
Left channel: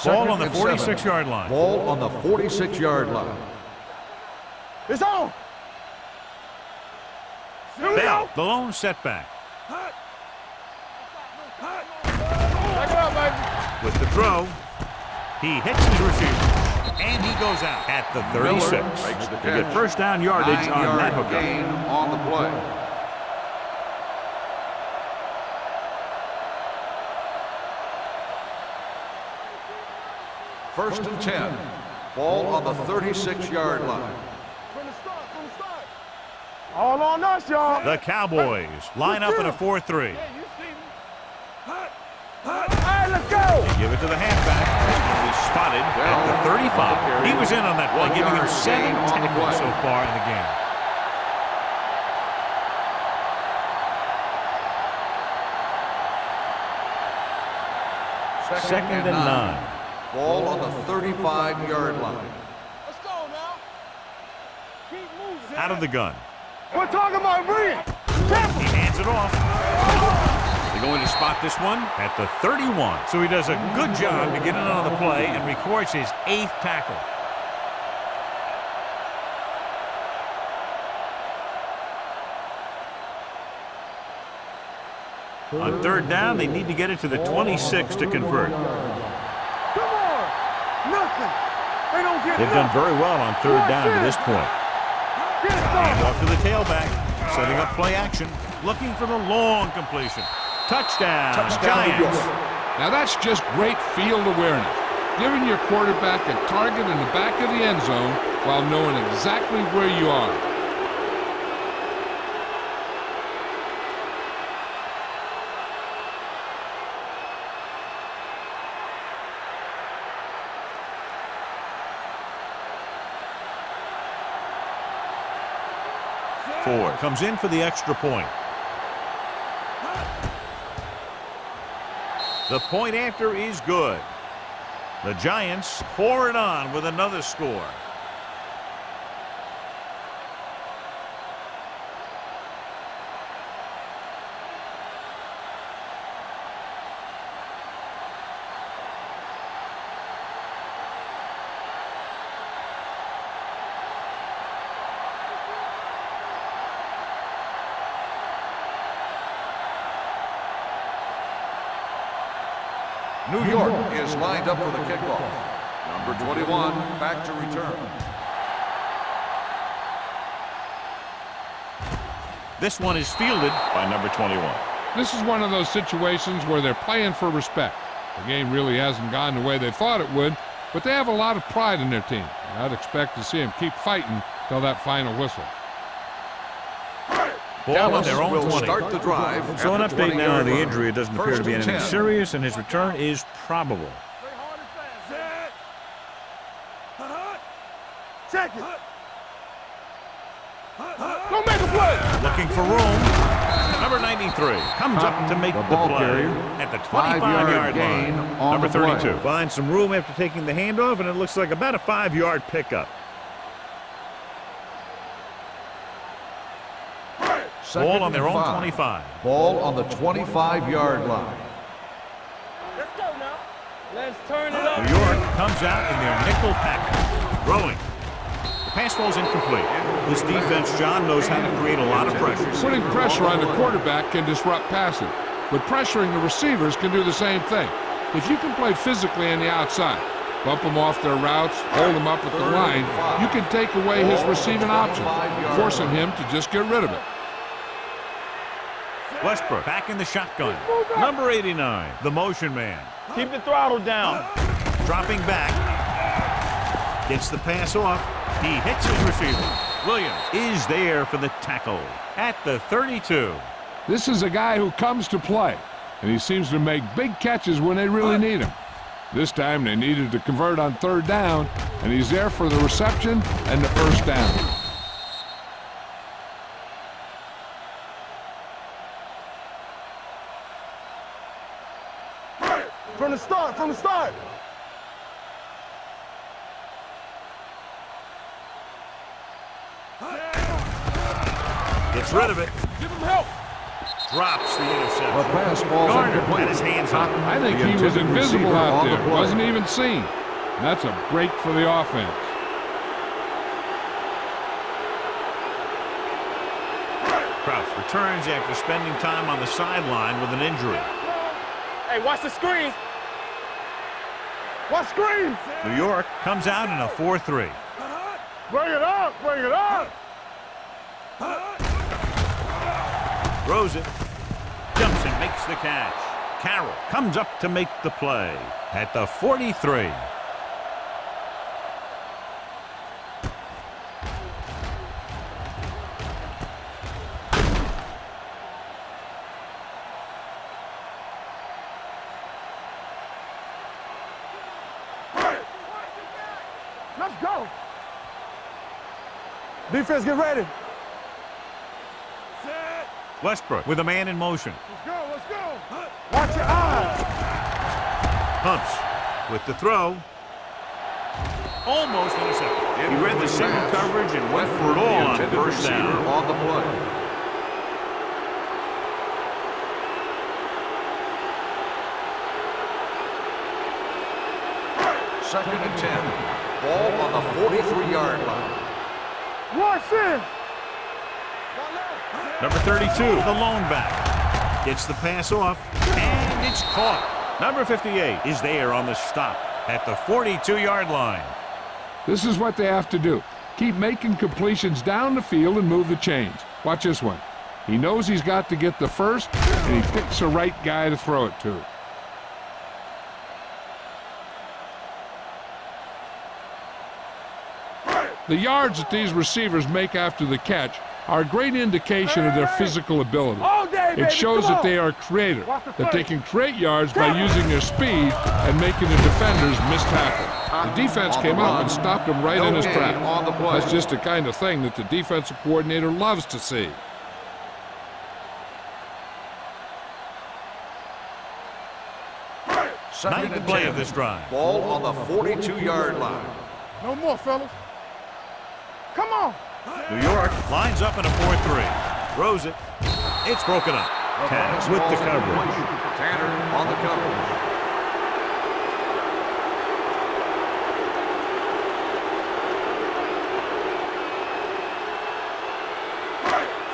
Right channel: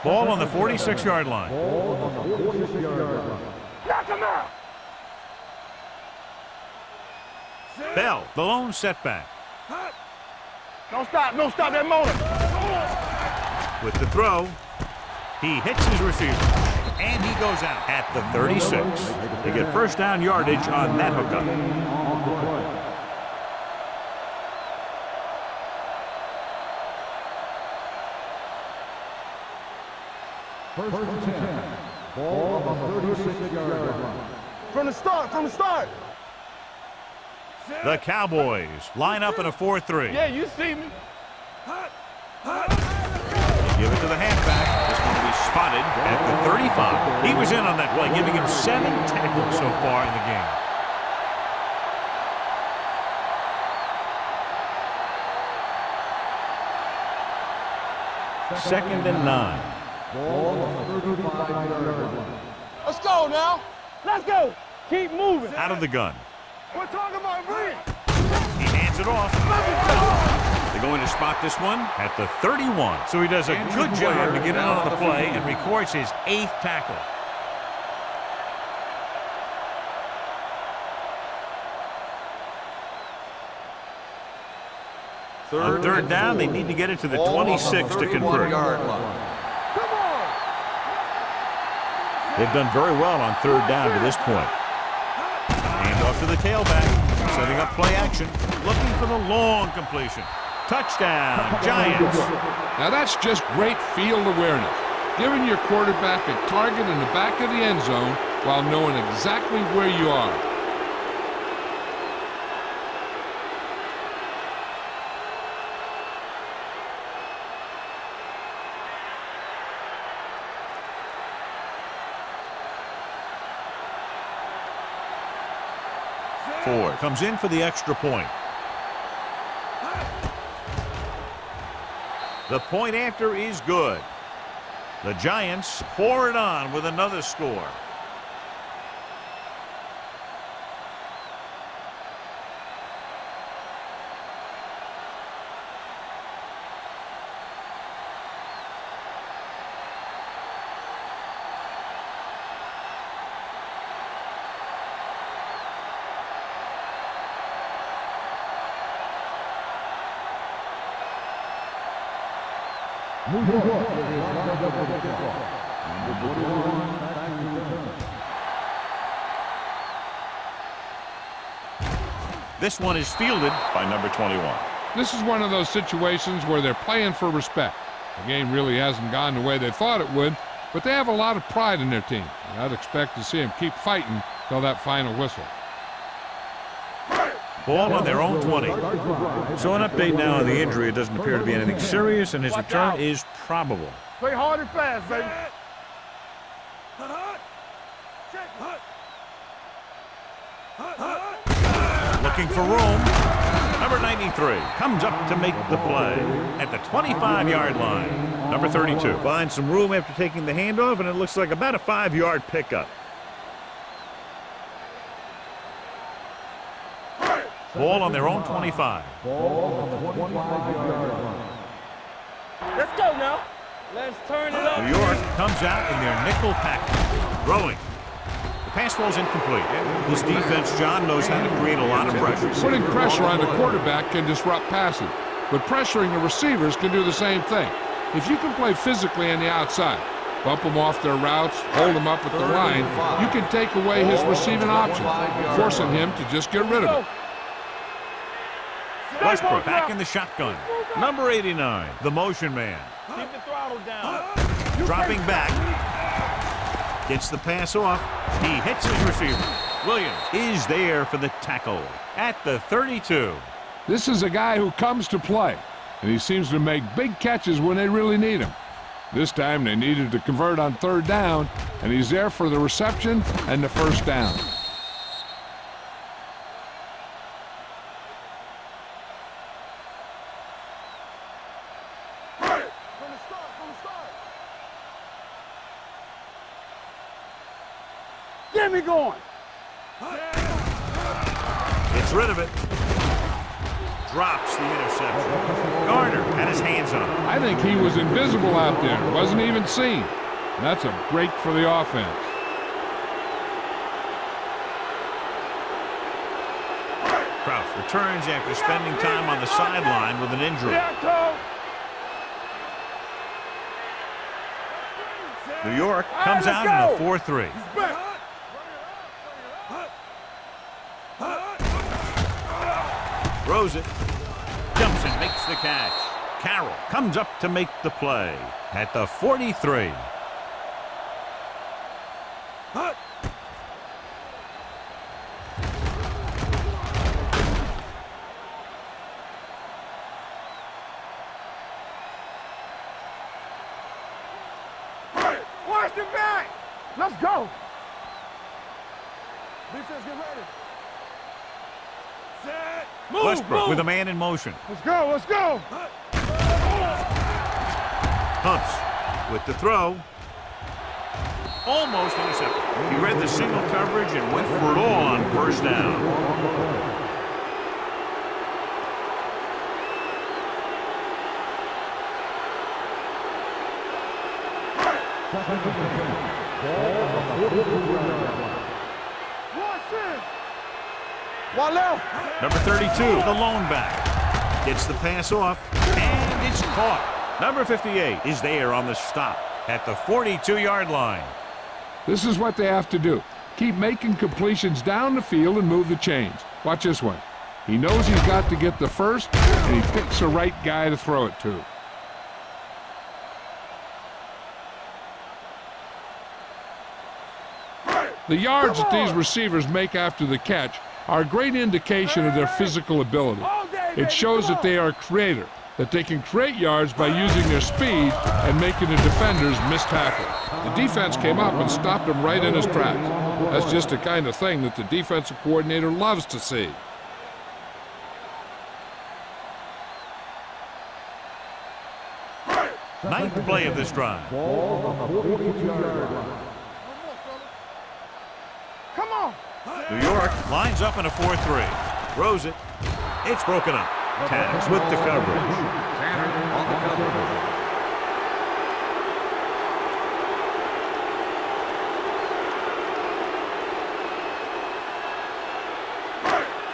Ball on the 46-yard line. Ball on the 46-yard line. Knock him out. It's on. Bell, the lone setback. Don't stop that motion. Let's go, baby. With the throw, he hits his receiver, and he goes out at the 36. They get first down yardage on that hookup. Gain on the play. First and 10. Ball on the 36-yard line. From the start. All on us, y'all. The Cowboys line up in a 4-3. Yeah, you see me. Hey, let's go. They give it to the halfback. This one will be spotted at the 35. He was in on that play, giving him 7 tackles so far in the game. Second and 9. Ball on the 35-yard line. Let's go now. Let's go. Keep moving. Out of the gun. We're talking about bring it. He hands it off. They're going to spot this one at the 31. So he does a good job to get in on the play and records his 8th tackle. On third down, they need to get it to the 26 to convert. Come on. Nothing. They don't get They've done very well on third down to this point. Hand off to the tailback, setting up play action, looking for the long completion. Touchdown, Giants. Now that's just great field awareness, giving your quarterback a target in the back of the end zone while knowing exactly where you are. Ford comes in for the extra point. The point after is good. The Giants pour it on with another score. New York is lined up for the kickoff. Number 21, back to return. This one is fielded by number 21. This is one of those situations where they're playing for respect. The game really hasn't gone the way they thought it would, but they have a lot of pride in their team. And I'd expect to see them keep fighting till that final whistle. Ball on their own 20. So an update 20 now on the line. injury. It doesn't appear to be anything serious, and his return is probable. Play hard and fast, baby. Check it. Don't make a play. Looking for room. Number 93 comes up to make the play at the 25-yard line. Number 32 finds some room after taking the handoff, and it looks like about a 5-yard pickup. Ball on their own 25. Ball on the 25-yard line. Let's go now. Let's turn it up. New York comes out in their nickel package. Throwing. The pass ball's incomplete. This defense, John, knows how to create a lot of pressure. Putting pressure on the quarterback can disrupt passing, but pressuring the receivers can do the same thing. If you can play physically on the outside, bump them off their routes, hold them up at the line, you can take away his receiving options, forcing him to just get rid of it. Westbrook back in the shotgun. Number 89, the motion man. Keep the throttle down. Dropping back. Gets the pass off. He hits his receiver. Williams is there for the tackle at the 32. This is a guy who comes to play, and he seems to make big catches when they really need him. This time they needed to convert on third down, and he's there for the reception and the first down. From the start. Get me going. Gets rid of it. Drops the interception. Garner had his hands on it. I think he was invisible out there. Wasn't even seen. And that's a break for the offense. Kraus returns after spending time on the sideline with an injury. Hey, watch the screens. Watch screens. New York comes out in a 4-3. Bring it up. Bring it up. Throws it. Jumps and makes the catch. Carroll comes up to make the play at the 43. Let's go. Defense, get ready. Set. Westbrook with a man in motion. Let's go, let's go. Humps with the throw. Almost intercepted. He read the single coverage and went for it all on first down. On the play. Second and 10. Ball on the 43-yard line. Rush in. One left. Number 32, the lone back. Gets the pass off, and it's caught. Number 58 is there on the stop at the 42-yard line. This is what they have to do. Keep making completions down the field and move the chains. Watch this one. He knows he's got to get the first, and he picks the right guy to throw it to. The yards that these receivers make after the catch are a great indication of their physical ability. It shows that they are creative, that they can create yards by using their speed and making the defenders miss tackle. The defense came up and stopped him right in his tracks. That's just the kind of thing that the defensive coordinator loves to see. Ninth play of this drive. Ball on the 42-yard line. No more, fellas. Come on. New York lines up in a 4-3. Throws it. It's broken up. Tanner with the coverage. Tanner on the coverage.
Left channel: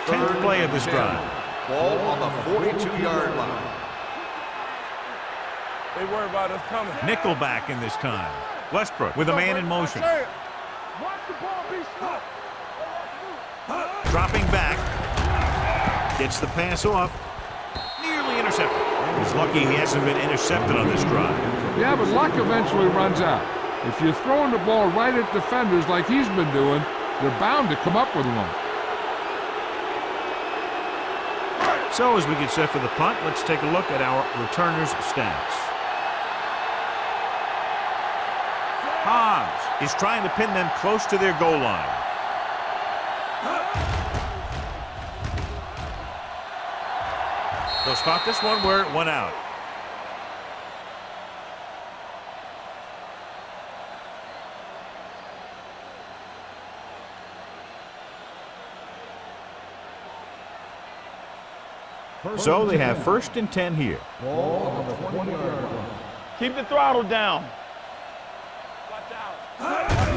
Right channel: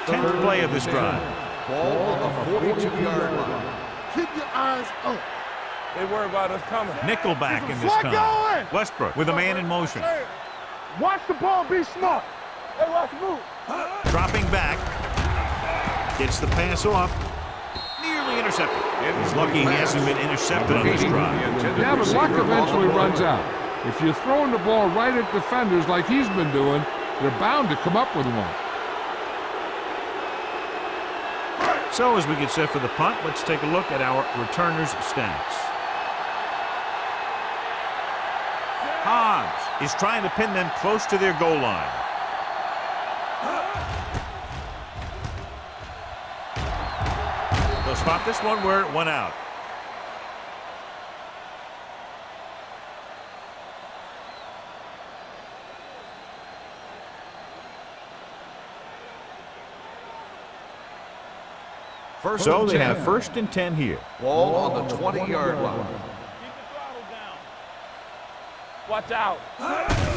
Tenth play of this drive. Ball on the 42-yard line. Keep your eyes up. They worry about us coming. Nickelback in this time. Westbrook with a man in motion. Watch the ball, be smart. Hey, watch the move. Dropping back. Gets the pass off. Nearly intercepted. He's lucky he hasn't been intercepted on this drive. Yeah, but luck eventually runs out. If you're throwing the ball right at defenders like he's been doing, they're bound to come up with one. So as we get set for the punt, let's take a look at our returners' stats. Hobbs is trying to pin them close to their goal line. They'll spot this one where it went out. So they have first and 10 here. Ball on the 20-yard line. Keep the throttle down. Watch out.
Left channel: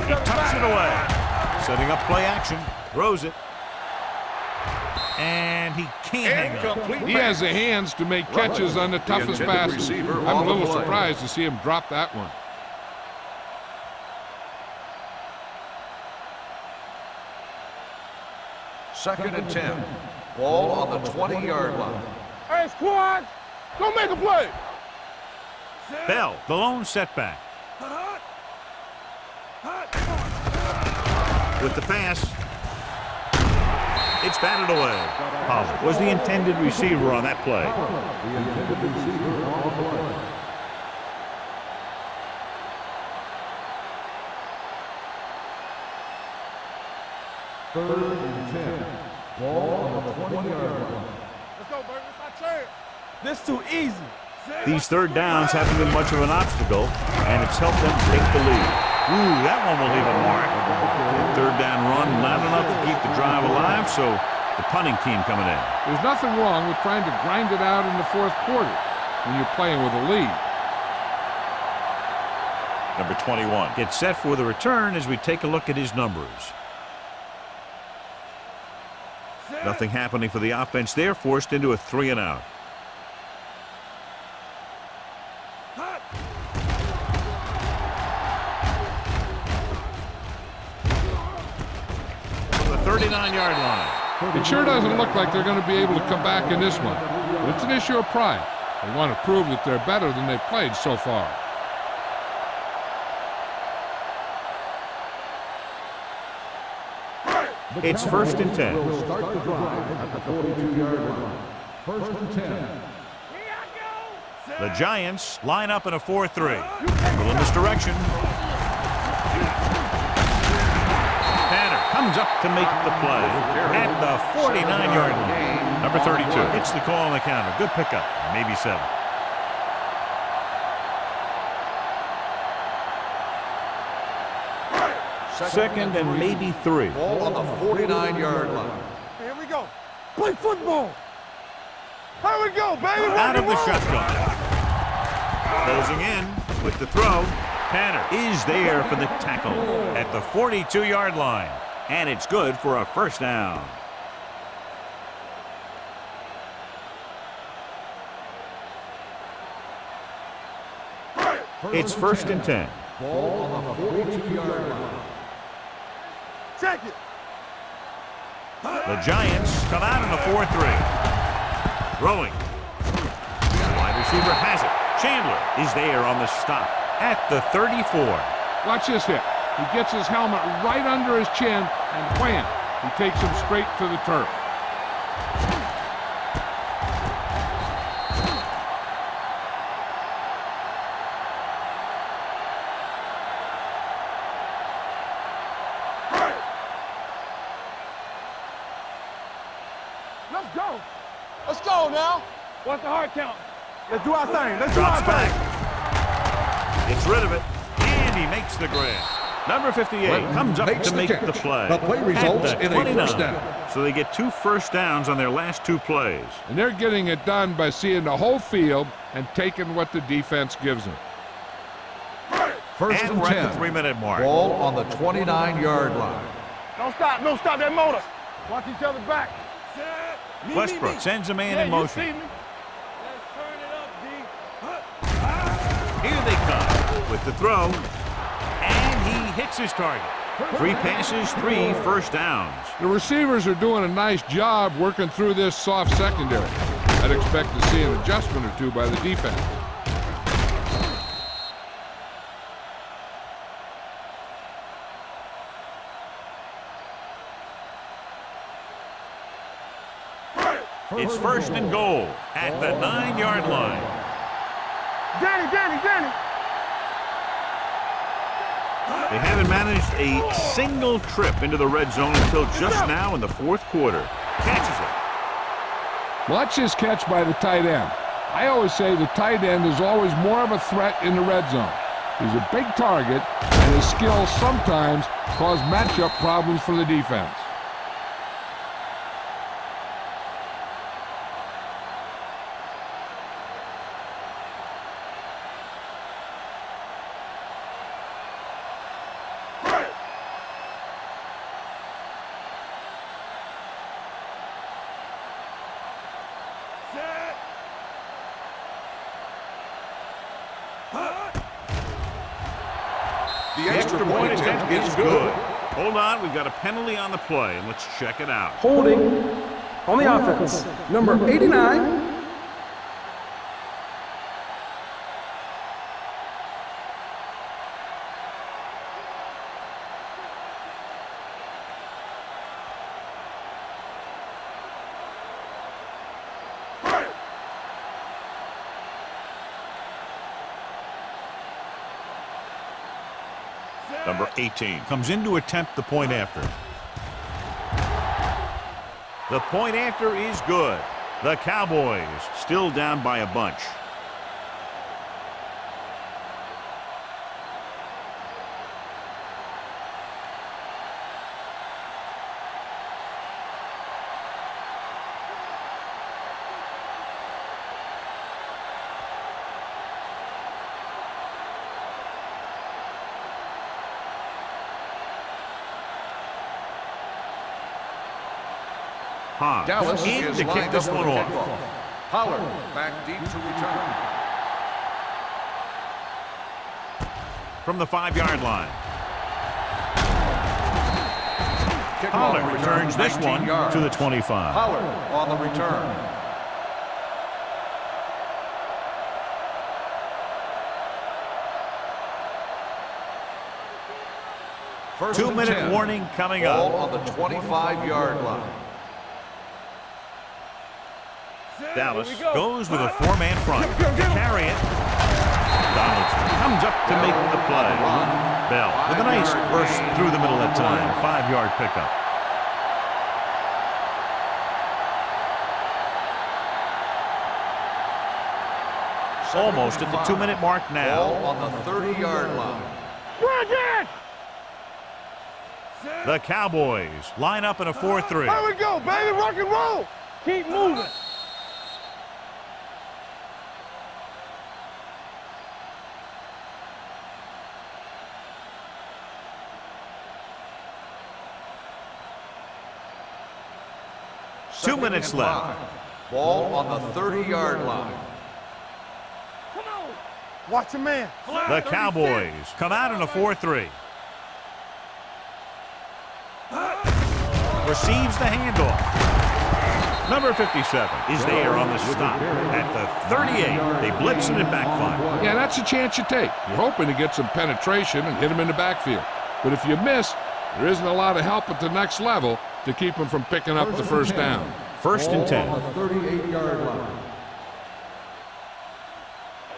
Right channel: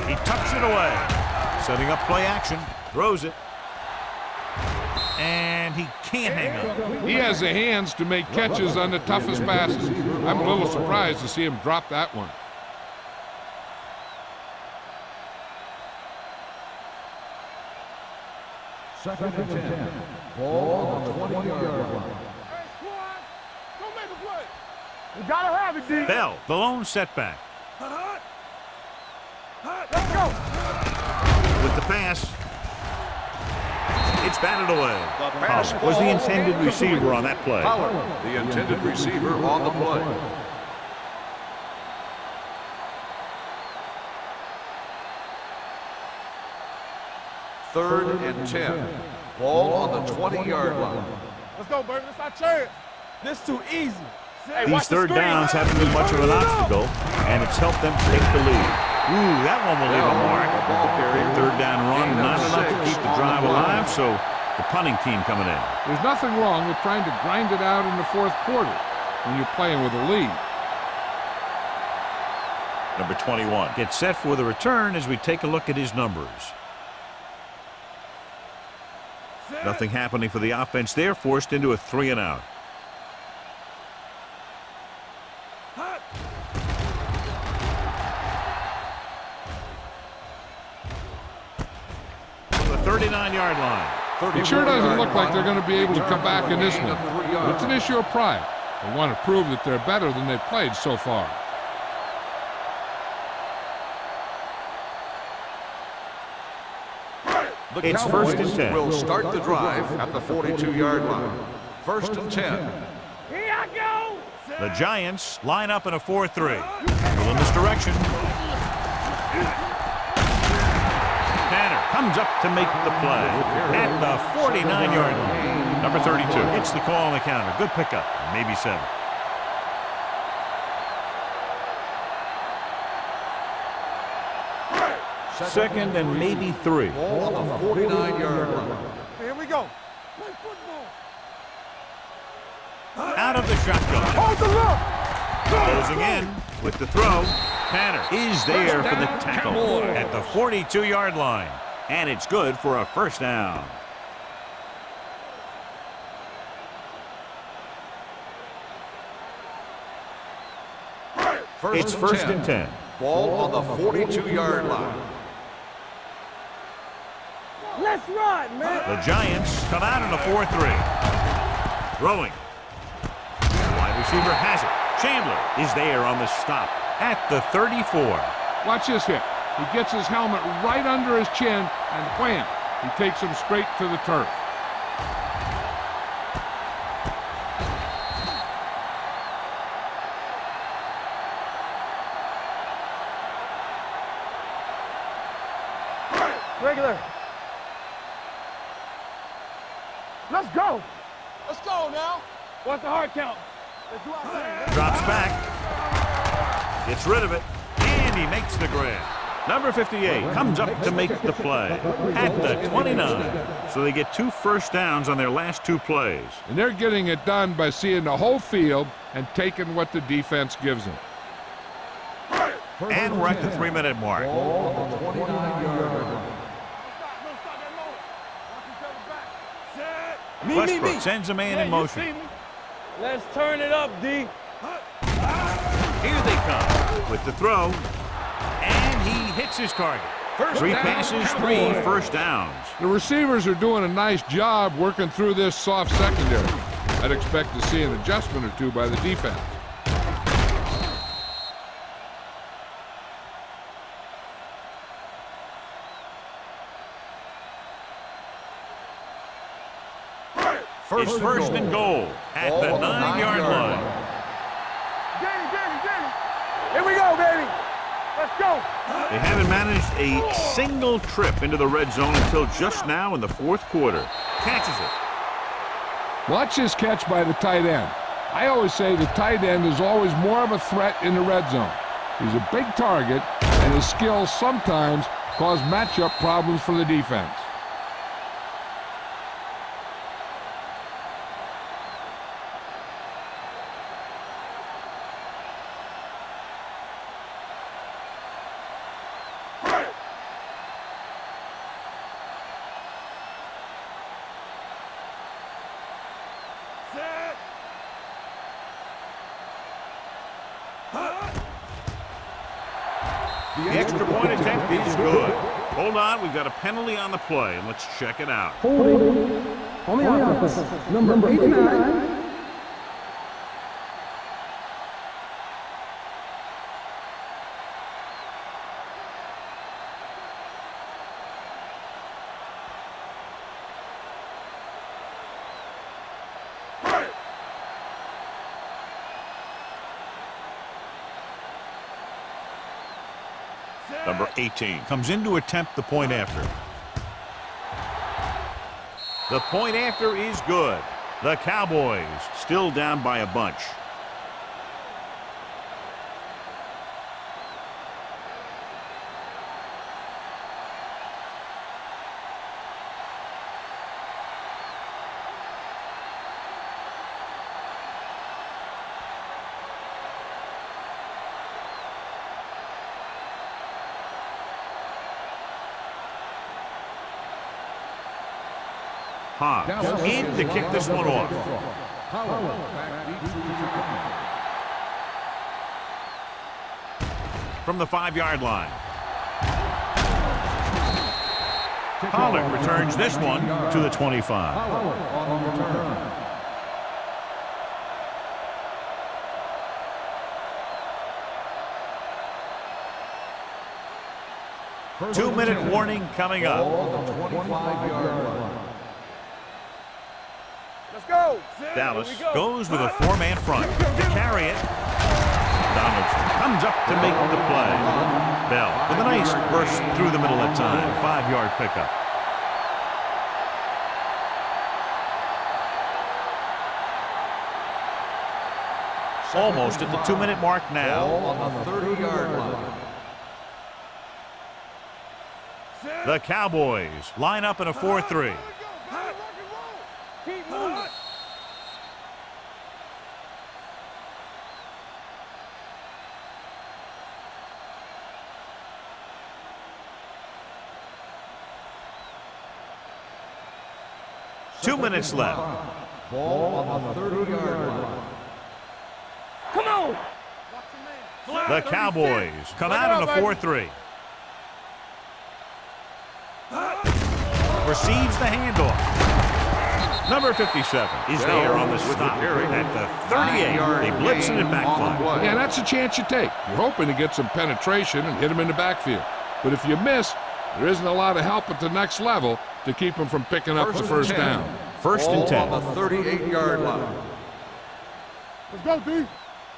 He tucks it away. Setting up play action. Throws it. And he can't hang on. He has the hands to make catches on the toughest passes. I'm a little surprised to see him drop that one. Second and 10. Ball on the 20-yard line. Hey, squad, go make a play. You gotta have it, dude. Bell, the lone setback. With the pass. It's batted away. Pollard was the intended receiver on that play. The intended receiver on the play. Third and 10. Ball on the 20-yard line. Let's go, Burton. It's our chance. This too easy. These third downs haven't been much of an obstacle, and it's helped them take the lead. Ooh, that one will leave a mark. That third down run, not enough to keep the drive alive, so the punting team coming in. There's nothing wrong with trying to grind it out in the fourth quarter when you're playing with a lead. Number 21 gets set for the return as we take a look at his numbers. Nothing happening for the offense there, forced into a 3-and-out. From the 39-yard line. It sure doesn't look like they're going to be able to come back in this one, but it's an issue of pride. They want to prove that they're better than they've played so far. It's first and 10. Will start the drive at the 42-yard line. First and 10. Here I go. The Giants line up in a 4-3. Well, in this direction. Tanner comes up to make the play at the 49-yard line. Number 32 hits the call on the counter. Good pickup, maybe 7. Second and maybe 3. Ball on the 49-yard line. Here we go. Play football. Here we go, baby. Out of the shotgun. Closing in with the throw. Tanner is there for the tackle at the 42-yard line. And it's good for a first down. It's first and 10. Ball on the 42-yard line. Check it. Let's run, man. The Giants come out in a 4-3. Throwing. The wide receiver has it. Chandler is there on the stop at the 34. Watch this hit. He gets his helmet right under his chin, and wham, he takes him straight to the turf. Regular. Let's go. Let's go now. What's the hard count? Let's do our thing. Let's Drops back. Gets rid of it. And he makes the grab. Number 58 comes up to make the play at the 29. So they get 2 first downs on their last 2 plays. And they're getting it done by seeing the whole field and taking what the defense gives them. And we're at the 3-minute mark. Ball on the 29-yard line. Don't stop. Don't stop that motor. Watch each other back. Set. Westbrook sends a man in motion. You see me? Let's turn it up, D. Here they come with the throw. And he hits his target. 3 passes, 3 first downs. The receivers are doing a nice job working through this soft secondary. I'd expect to see an adjustment or 2 by the defense. It's first and goal at the 9-yard line. Danny. Here we go, baby. Let's go. They haven't managed a single trip into the red zone until just now in the 4th quarter. Catches it. Watch this catch by the tight end. I always say the tight end is always more of a threat in the red zone. He's a big target, and his skills sometimes cause matchup problems for the defense. The extra point attempt is good. Hold on, we've got a penalty on the play, and let's check it out. Holding on the offense. Number 89. Number 18 comes in to attempt the point after. The point after is good. The Cowboys still down by a bunch. Dallas in to kick this one off. Pollard back deep to return. From the 5-yard line. Kickoff Pollard returns this 19 one yards. to the 25. Pollard on the return. First and 2-minute 10. warning coming Ball up. on the 25-yard line. Let's go. Dallas goes with a 4-man front to carry it. Donaldson comes up to make the play. Bell with a nice burst through the middle that time. 5-yard pickup. Almost at the 2-minute mark now. Ball on the 30-yard line. The Cowboys line up in a 4-3. There we go, baby. Rock and roll. Keep moving. Two minutes left. Ball on the 30-yard line. Come on. Watch your man. The Cowboys come out in a 4-3. Receives the handoff. Number 57 is there on the stop at the 38. They blitz and it backfires. Yeah, that's a chance you take. You're hoping to get some penetration and hit him in the backfield. But if you miss, there isn't a lot of help at the next level to keep him from picking up the first down. 1st and 10. On the 38-yard line. Let's go, D.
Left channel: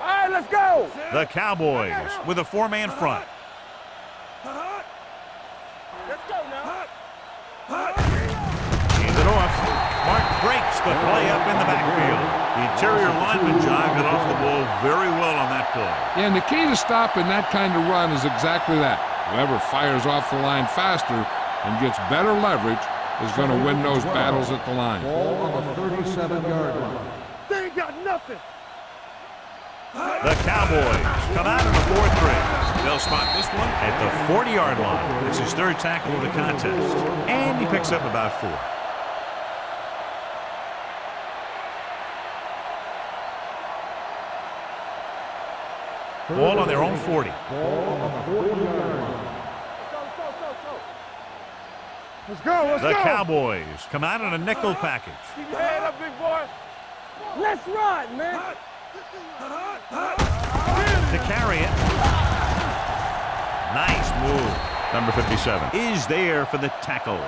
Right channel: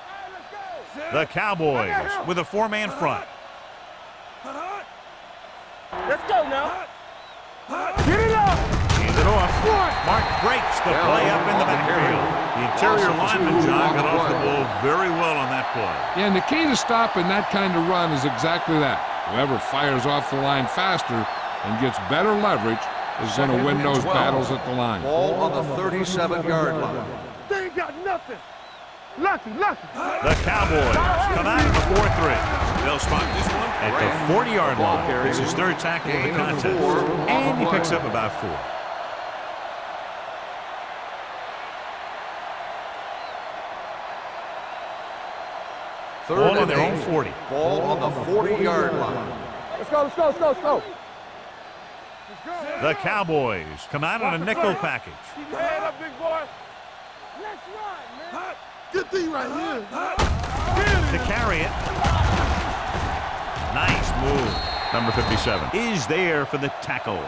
All right, let's go. The Cowboys with a 4-man front. Let's go now. Hand it off. Mark breaks the play up in the backfield. The interior lineman, John, got off the ball very well on that play. Yeah, and the key to stopping that kind of run is exactly that. Whoever fires off the line faster and gets better leverage is going to win those battles at the line. Ball on the 37-yard line. They ain't got nothing. Lucky. The Cowboys come out in a 4-3. They'll spot this one at the 40-yard line. It's his 3rd tackle of the contest. And he picks up about 4. Ball on their own 40. Ball on the 40-yard line. Let's go. The Cowboys come out in a nickel package. Keep your head up, big boy. Let's run, man. Get D right here. To carry it. Nice move. Number 57 is there for the tackle.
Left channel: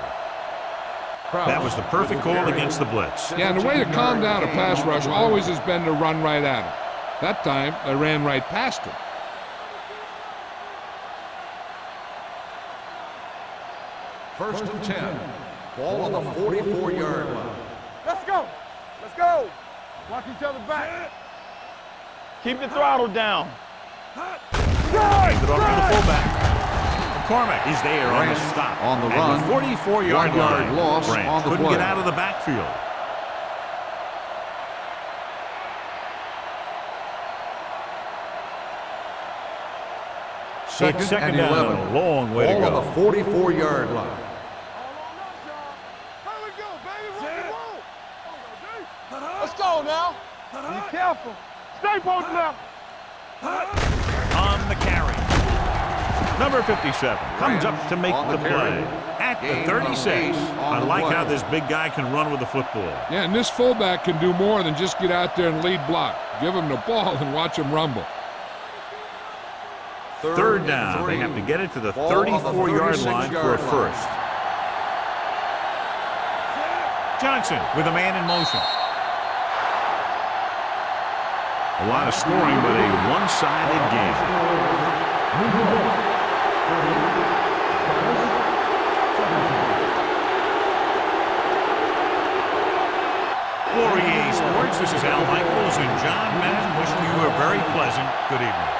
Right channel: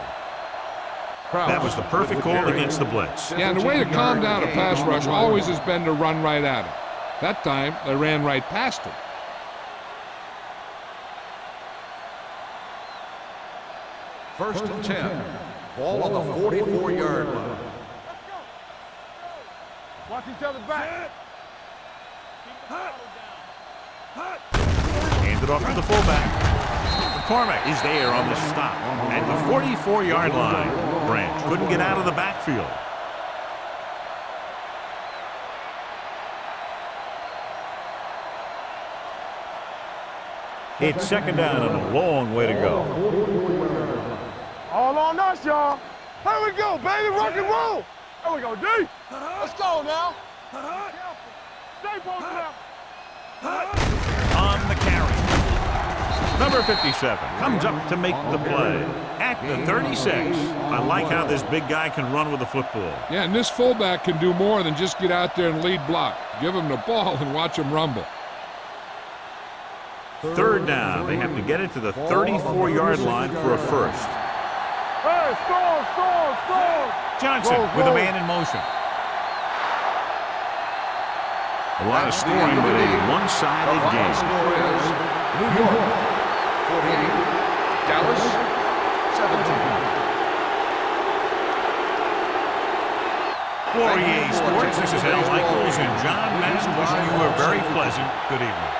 That was the perfect call against the blitz. Yeah, and the way to calm down a pass rush always has been to run right at him. That time, they ran right past him. First and 10. Ball on the 44-yard line. Let's go. Watch each other back. Keep the throttle down. Hand it off to the fullback. McCormick is there on the stop at the 44-yard line. Branch couldn't get out of the backfield. It's 2nd down and a long way to go. On the 44-yard line. All on us, y'all. Here we go, baby. Rock and roll. There we go, D. Let's go now. Be careful. Stay posted up. On the carry. Number 57 comes up to make the play at the 36. I like how this big guy can run with the football. Yeah, and this fullback can do more than just get out there and lead block. Give him the ball and watch him rumble. 3rd down. They have to get it to the 34-yard line for a first. Hey, score. Johnson with a man in motion. A lot of scoring, but a one-sided game. New York, 48, Dallas, 17. For EA Sports, this is Al Michaels and John Madden wishing you a very pleasant good evening.